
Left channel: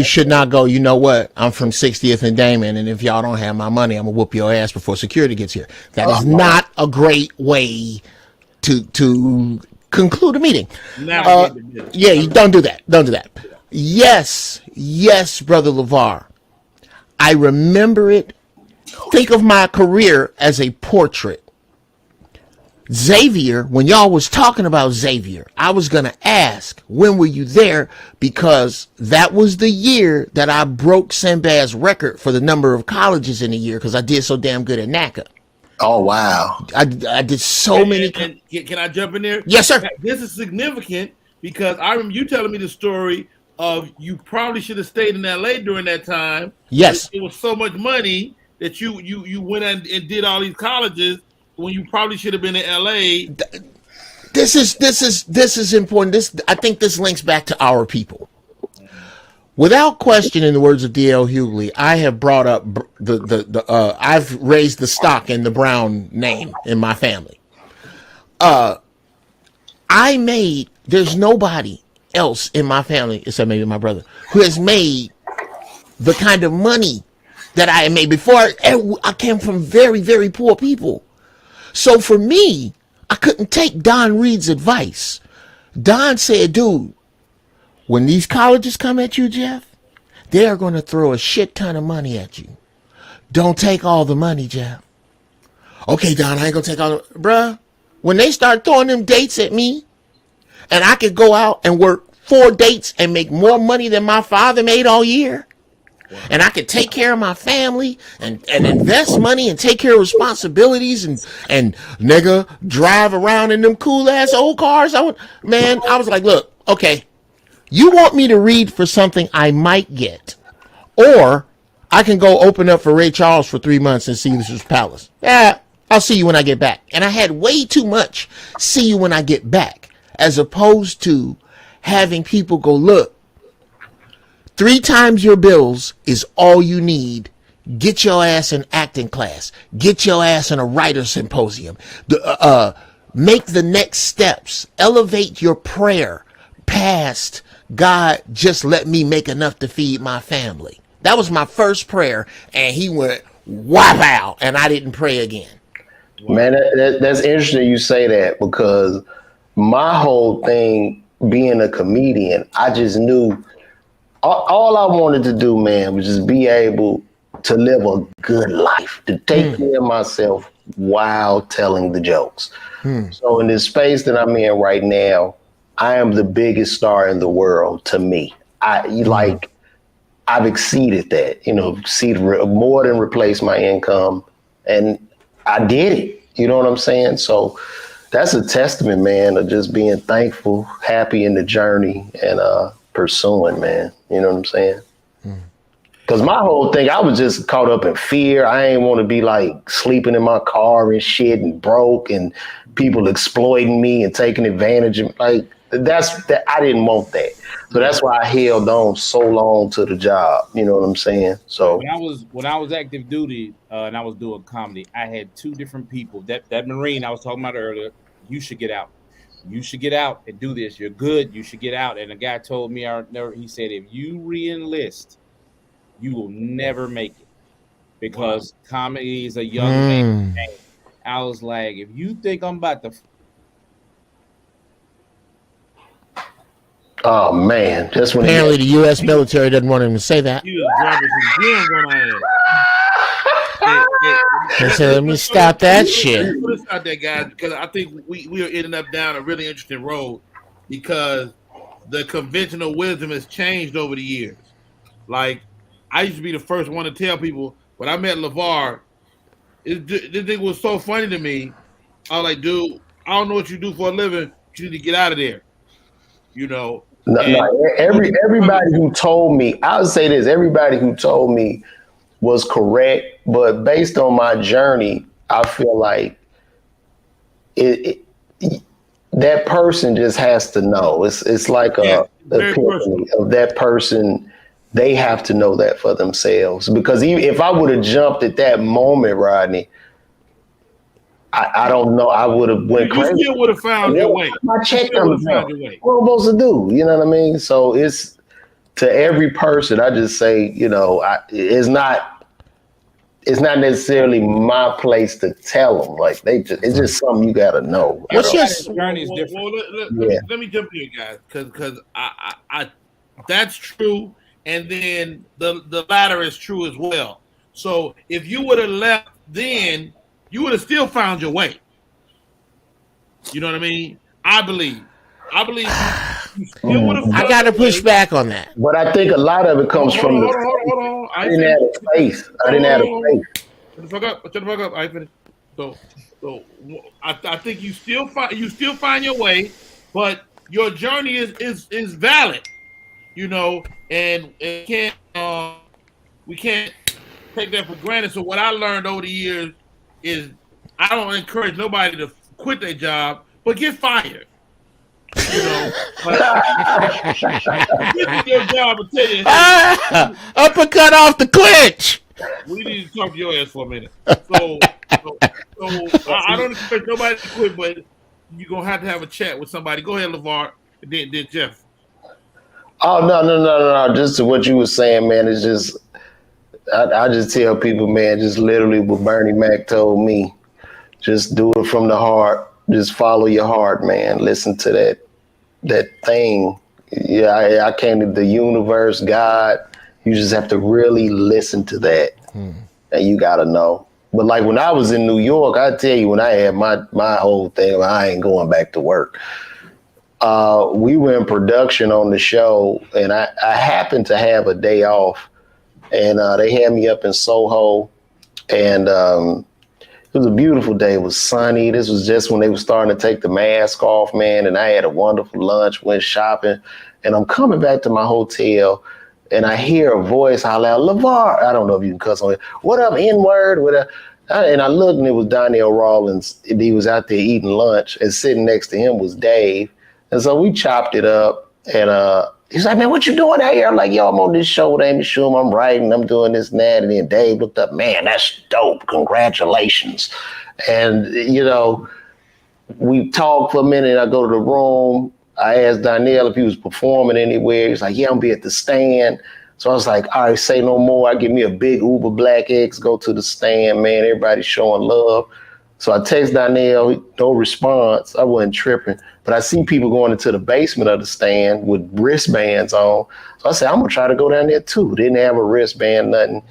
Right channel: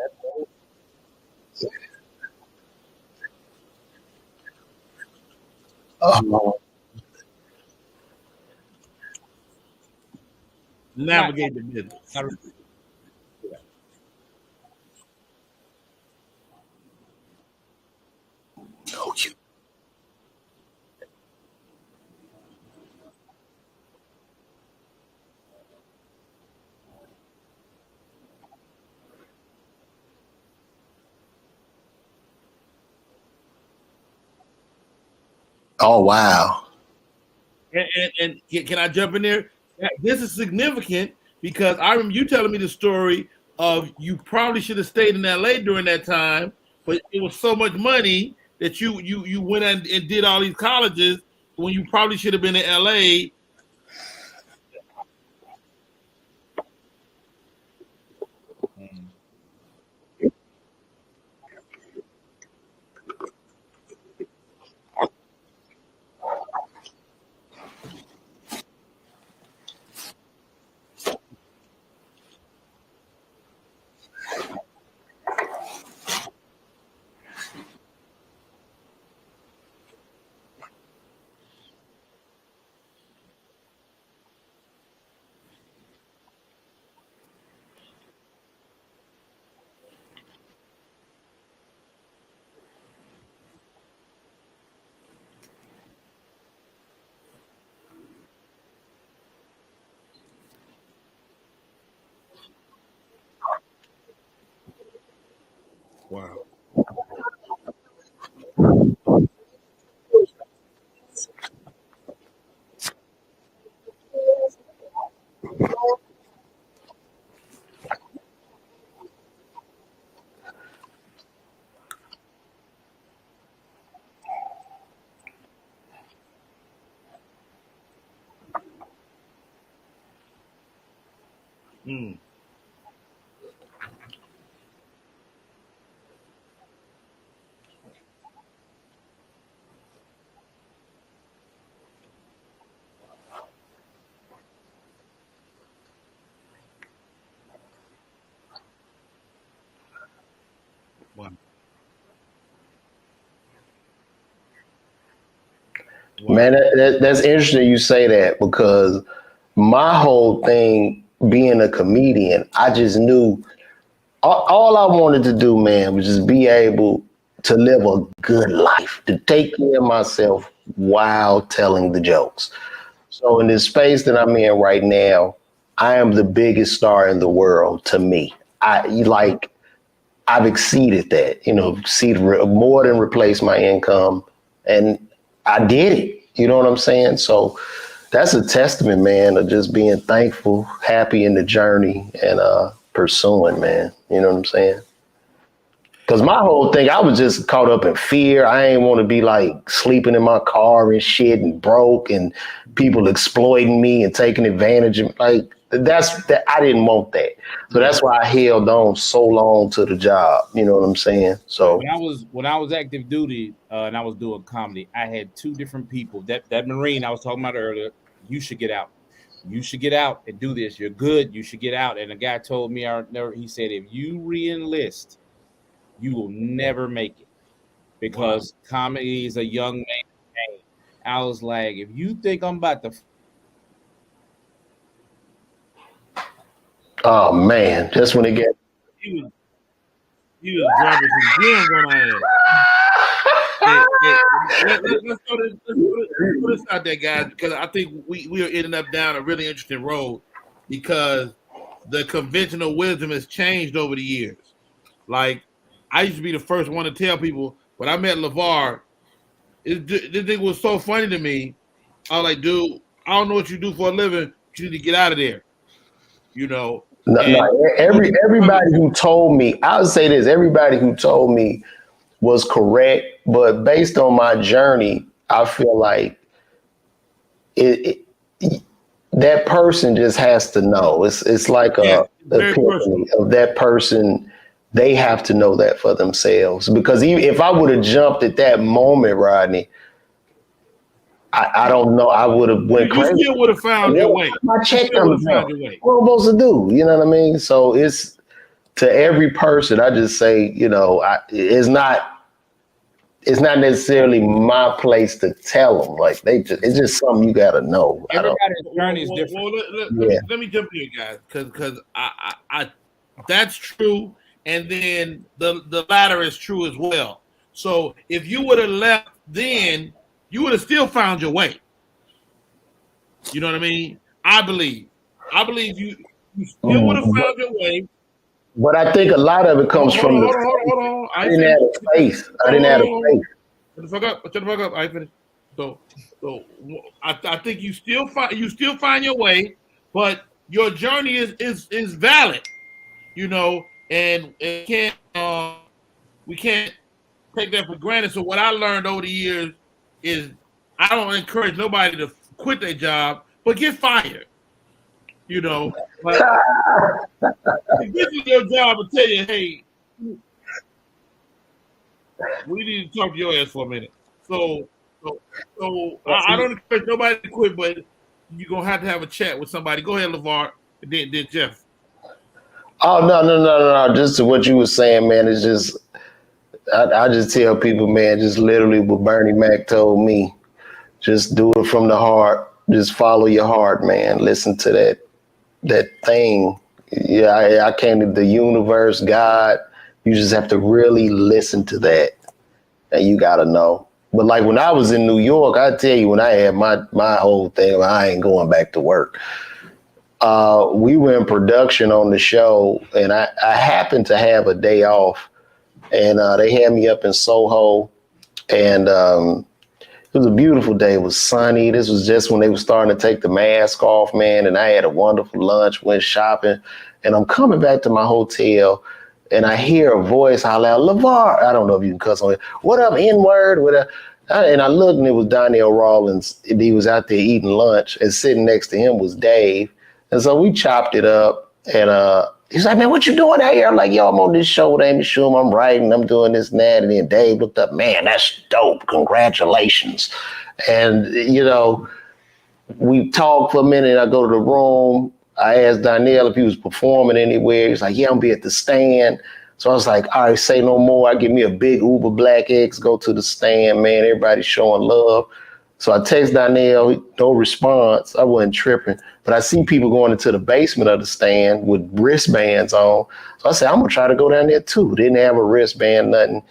should not go, you know what, I'm from 60th and Damon, and if y'all don't have my money, I'm gonna whoop your ass before security gets here. That is not a great way to conclude a meeting. You don't do that. Don't do that. Yes, Brother LeVar. I remember it. Think of my career as a portrait. Xavier, when y'all was talking about Xavier, I was going to ask, when were you there? Because that was the year that I broke Sinbad's record for the number of colleges in a year, because I did so damn good at NACA. Oh, wow. I did so many. And can I jump in there? Yes, sir. This is significant because I remember you telling me the story of you probably should have stayed in LA during that time. Yes. It was so much money that you went and did all these colleges when you probably should have been in LA. This is important. I think this links back to our people. Without question, in the words of D.L. Hughley, I have brought up I've raised the stock in the Brown name in my family. There's nobody else in my family, except maybe my brother, who has made the kind of money that I made before. I came from very, very poor people. So for me, I couldn't take Don Reed's advice. Don said, dude, when these colleges come at you, Jeff, they are going to throw a shit ton of money at you. Don't take all the money, Jeff. Okay, Don, I ain't gonna take all bruh. When they start throwing them dates at me, and I could go out and work 4 dates and make more money than my father made all year. Wow. And I could take care of my family and invest money and take care of responsibilities and nigga drive around in them cool ass old cars. I was like, look, okay, you want me to read for something I might get, or I can go open up for Ray Charles for 3 months and see Caesar's Palace. Yeah, I'll see you when I get back. And I had way too much see you when I get back, as opposed to having people go, look, 3 times your bills is all you need. Get your ass in acting class. Get your ass in a writer's symposium. Make the next steps. Elevate your prayer past, God, just let me make enough to feed my family. That was my first prayer, and he went whap out, and I didn't pray again. Man, that's interesting you say that, because my whole thing being a comedian, I just knew all I wanted to do, man, was just be able to live a good life, to take care of myself while telling the jokes. So in this space that I'm in right now, I am the biggest star in the world to me. I've exceeded that, more than replaced my income, and I did it. You know what I'm saying? So that's a testament, man, of just being thankful, happy in the journey, and pursuing, man. You know what I'm saying? Because my whole thing, I was just caught up in fear. I ain't want to be like sleeping in my car and shit and broke and people exploiting me and taking advantage of like that. I didn't want that. So that's why I held on so long to the job. You know what I'm saying? So when I was active duty and I was doing comedy, I had 2 different people. That Marine I was talking about earlier, you should get out. You should get out and do this. You're good. You should get out. And a guy told me, he said, if you re-enlist, you will never make it, because comedy is a young man. I was like, if you think I'm about to. Oh man, just when apparently the U.S. military doesn't want him to say that. He was dropping some gems on our ass. Let me stop that shit. Let's stop that, guys, because I think we are ending up down a really interesting road, because the conventional wisdom has changed over the years. Like, I used to be the first one to tell people, when I met LeVar, this thing was so funny to me. I was like, dude, I don't know what you do for a living, but you need to get out of there. No, everybody who told me, I would say this, everybody who told me was correct, but based on my journey, I feel like that person just has to know. It's like a epiphany of that person. They have to know that for themselves, because even if I would have jumped at that moment, Rodney, I don't know. I would have went crazy. You still would have found your way. My check comes out. What am I supposed to do? You know what I mean? So it's to every person. I just say, it's not necessarily my place to tell them. Like it's just something you got to know. Everybody's journey is different. Let me jump in, guys, because I that's true, and then the latter is true as well. So if you would have left then, you would have still found your way. You know what I mean? I believe you still would have found your way. I got to push back on that. But I think a lot of it comes from hold on. I didn't have a faith. I didn't have a faith. Shut the fuck up. I finished. So I think you still find your way, but your journey is valid. And we can't take that for granted. So what I learned over the years is I don't encourage nobody to quit their job, but get fired. This is your job to tell you, hey, uppercut off the clinch. We need to talk to your ass for a minute. So I don't expect nobody to quit, but you're gonna have to have a chat with somebody. Go ahead, LeVar, and then Jeff. Oh no! Just to what you were saying, man. It's just I just tell people, man, just literally what Bernie Mac told me. Just do it from the heart. Just follow your heart, man. Listen to that thing. Yeah, I can't. The universe, God. You just have to really listen to that, and you got to know. But like when I was in New York, I tell you, when I had my whole thing, I ain't going back to work. We were in production on the show, and I happened to have a day off, and they had me up in Soho, and it was a beautiful day. It was sunny. This was just when they were starting to take the mask off, man. And I had a wonderful lunch, went shopping, and I'm coming back to my hotel, and I hear a voice holler out, LeVar. I don't know if you can cuss on it. What up, N-word? And I looked, and it was Donnell Rawlins. He was out there eating lunch, and sitting next to him was Dave. And so we chopped it up, and he's like, man, what you doing out here? I'm like, yo, I'm on this show with Amy Schumer. I'm writing, I'm doing this and that. And then Dave looked up, man, that's dope. Congratulations. And, you know, we talked for a minute. I go to the room. I asked Donnell if he was performing anywhere. He's like, yeah, I'm gonna be at the stand. So I was like, all right, say no more. I give me a big Uber Black X, go to the stand, man. Everybody's showing love. So I text Donnell, no response. I wasn't tripping. But I see people going into the basement of the stand with wristbands on. So I said, I'm going to try to go down there too. Didn't have a wristband, nothing.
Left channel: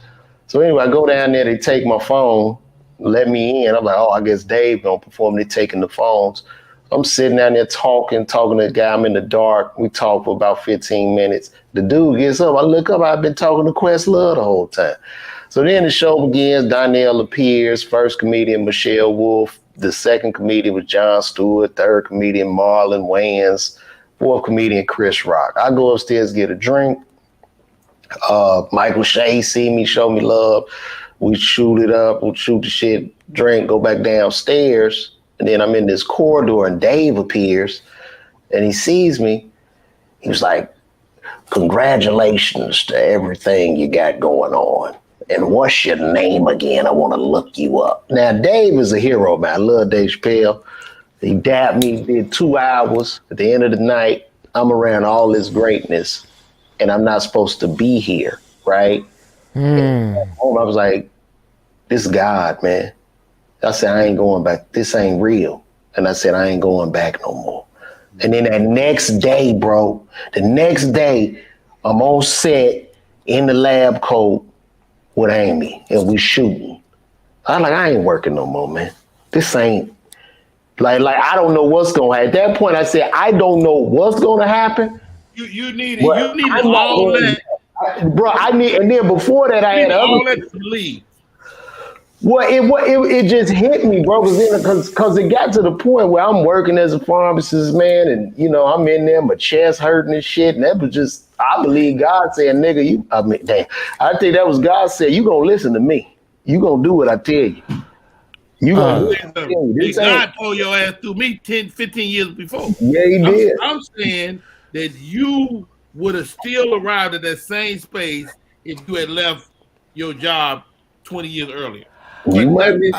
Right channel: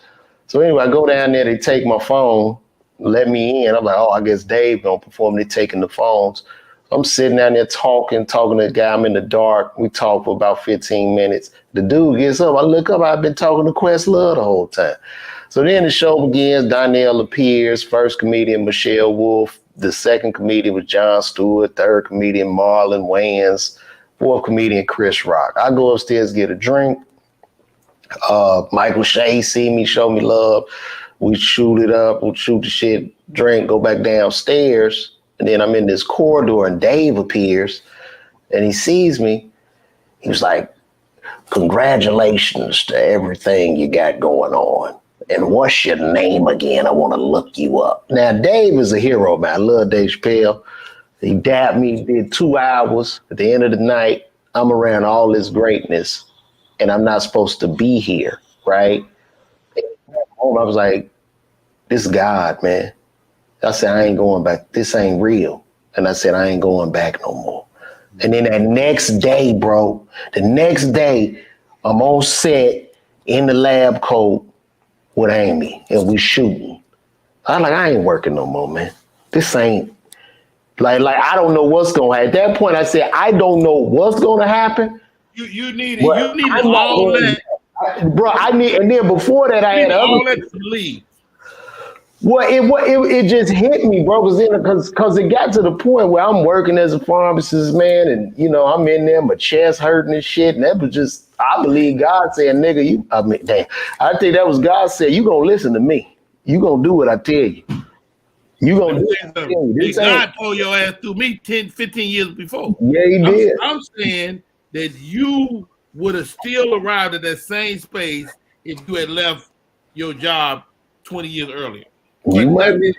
So anyway, I go down there, they take my phone, let me in. I'm like, oh, I guess Dave going to perform. They're taking the phones. I'm sitting down there talking to the guy. I'm in the dark. We talk for about 15 minutes. The dude gets up. I look up. I've been talking to Questlove the whole time. So then the show begins. Donnell appears. First comedian, Michelle Wolf. The second comedian was Jon Stewart. Third comedian, Marlon Wayans. Fourth comedian, Chris Rock. I go upstairs, get a drink. Michael Shea see me, show me love. We shoot it up. We shoot the shit, drink, go back downstairs. And then I'm in this corridor and Dave appears and he sees me. He was like, congratulations to everything you got going on. And what's your name again? I want to look you up. Now, Dave is a hero, man. I love Dave Chappelle. He dabbed me, did 2 hours. At the end of the night, I'm around all this greatness and I'm not supposed to be here, right? I was like, this is God, man. I said, I ain't going back. This ain't real. And I said, I ain't going back no more. And then that next day, bro, I'm on set in the lab coat with Amy and we shooting. I'm like, I ain't working no more, man. This ain't like I don't know what's going to happen. At that point, I said, I don't know what's going to happen. You need all that. Bro, and then before that, I had all that to leave. Well, it just hit me, bro, because it got to the point where I'm working as a pharmacist, man, and you know I'm in there, my chest hurting and shit, and that was just, I believe God said, nigga, I think that was God said, you gonna listen to me, you gonna do what I tell you, you gonna do what I tell you. God told your ass through me 10, 15 years before. Yeah, he did. I'm saying that you would have still arrived at that same space if you had left your job 20 years earlier. You might be,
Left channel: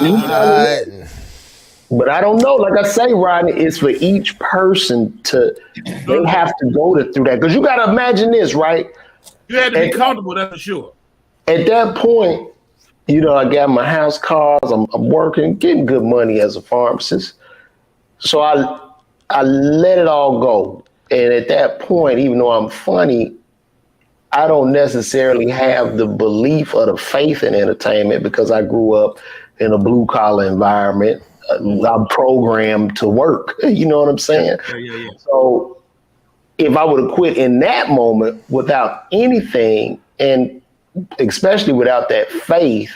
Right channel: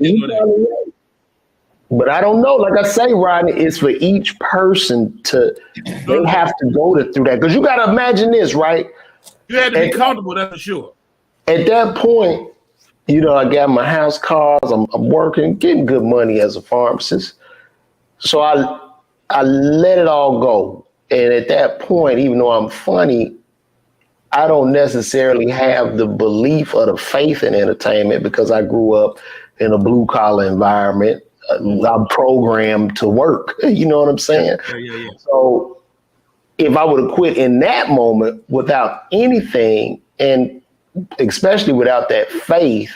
but I don't know. Like I say, Rodney, it's for each person they have to go through that. Because you got to imagine this, right? You had to be comfortable, that's for sure. At that point, you know, I got my house cars, I'm working, getting good money as a pharmacist. So I let it all go. And at that point, even though I'm funny, I don't necessarily have the belief or the faith in entertainment because I grew up in a blue collar environment. I'm programmed to work. You know what I'm saying? Yeah. So if I would have quit in that moment without anything, and especially without that faith,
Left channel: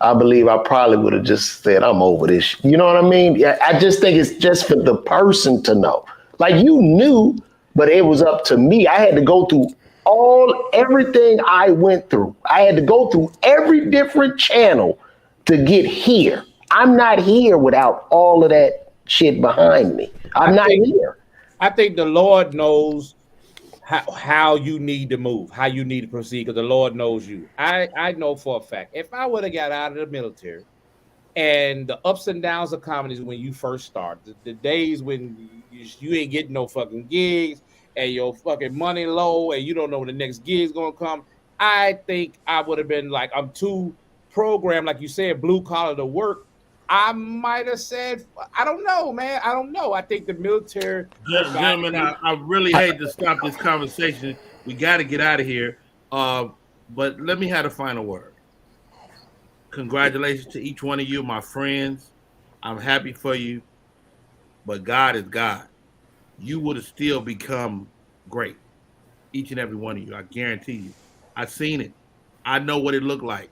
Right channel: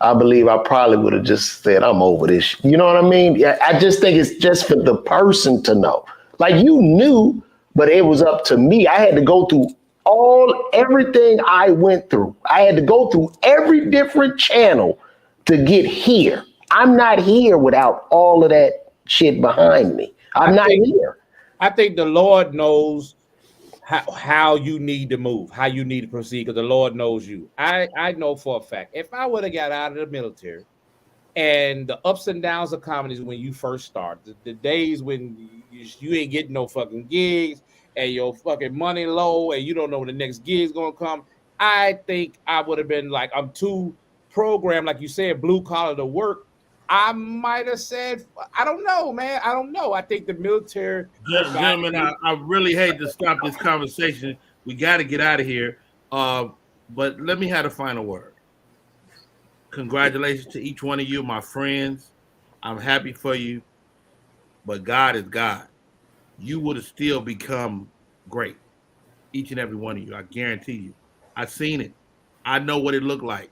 I believe I probably would have just said, I'm over this. You know what I mean? I just think it's just for the person to know. Like you knew, but it was up to me. I had to go through everything I went through. I had to go through every different channel to get here. I'm not here without all of that shit behind me. I'm not here. I think the Lord knows how you need to move, how you need to proceed, because the Lord knows you. I know for a fact, if I would have got out of the military and the ups and downs of comedy is when you first start, the days when you ain't getting no fucking gigs, and your fucking money low and you don't know when the next gig is going to come, I think I would have been like, I'm too programmed, like you said, blue collar to work. I might have said, I don't know, man. I don't know. I think the military... Gentlemen, I really hate to stop this conversation. We got to get out of here. But let me have the final word. Congratulations to each one of you, my friends. I'm happy for you, but God is God. You would have still become great, each and every one of you. I guarantee you. I've seen it. I know what it looked like.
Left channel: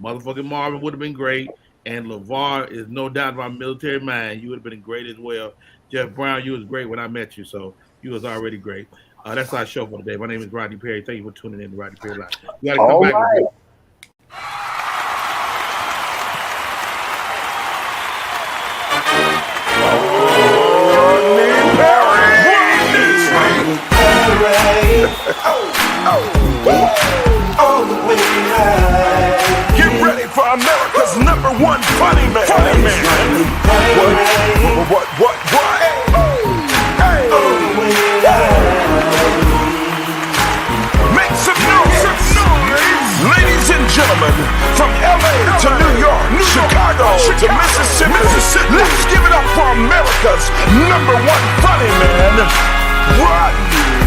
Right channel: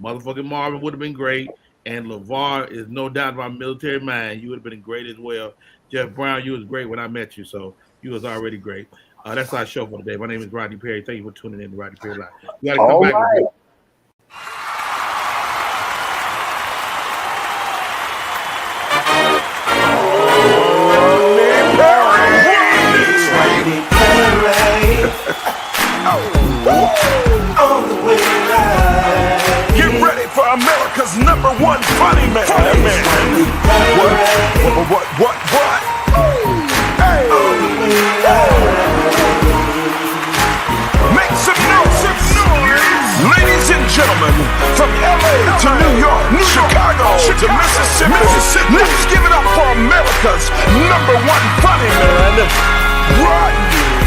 Motherfucking Marvin would have been great, and LeVar is no doubt my military man. You would have been great as well. Jeff Brown, you was great when I met you, so you was already great. That's our show for today. My name is Rodney Perry. Thank you for tuning in to Rodney Perry Live. You gotta come All back. right. Get ready for America's #1 funny man. What? Hey. Make some noise. Ladies and gentlemen, from LA to New York, Chicago to Mississippi, let's give it up for America's #1 funny man, Rodney.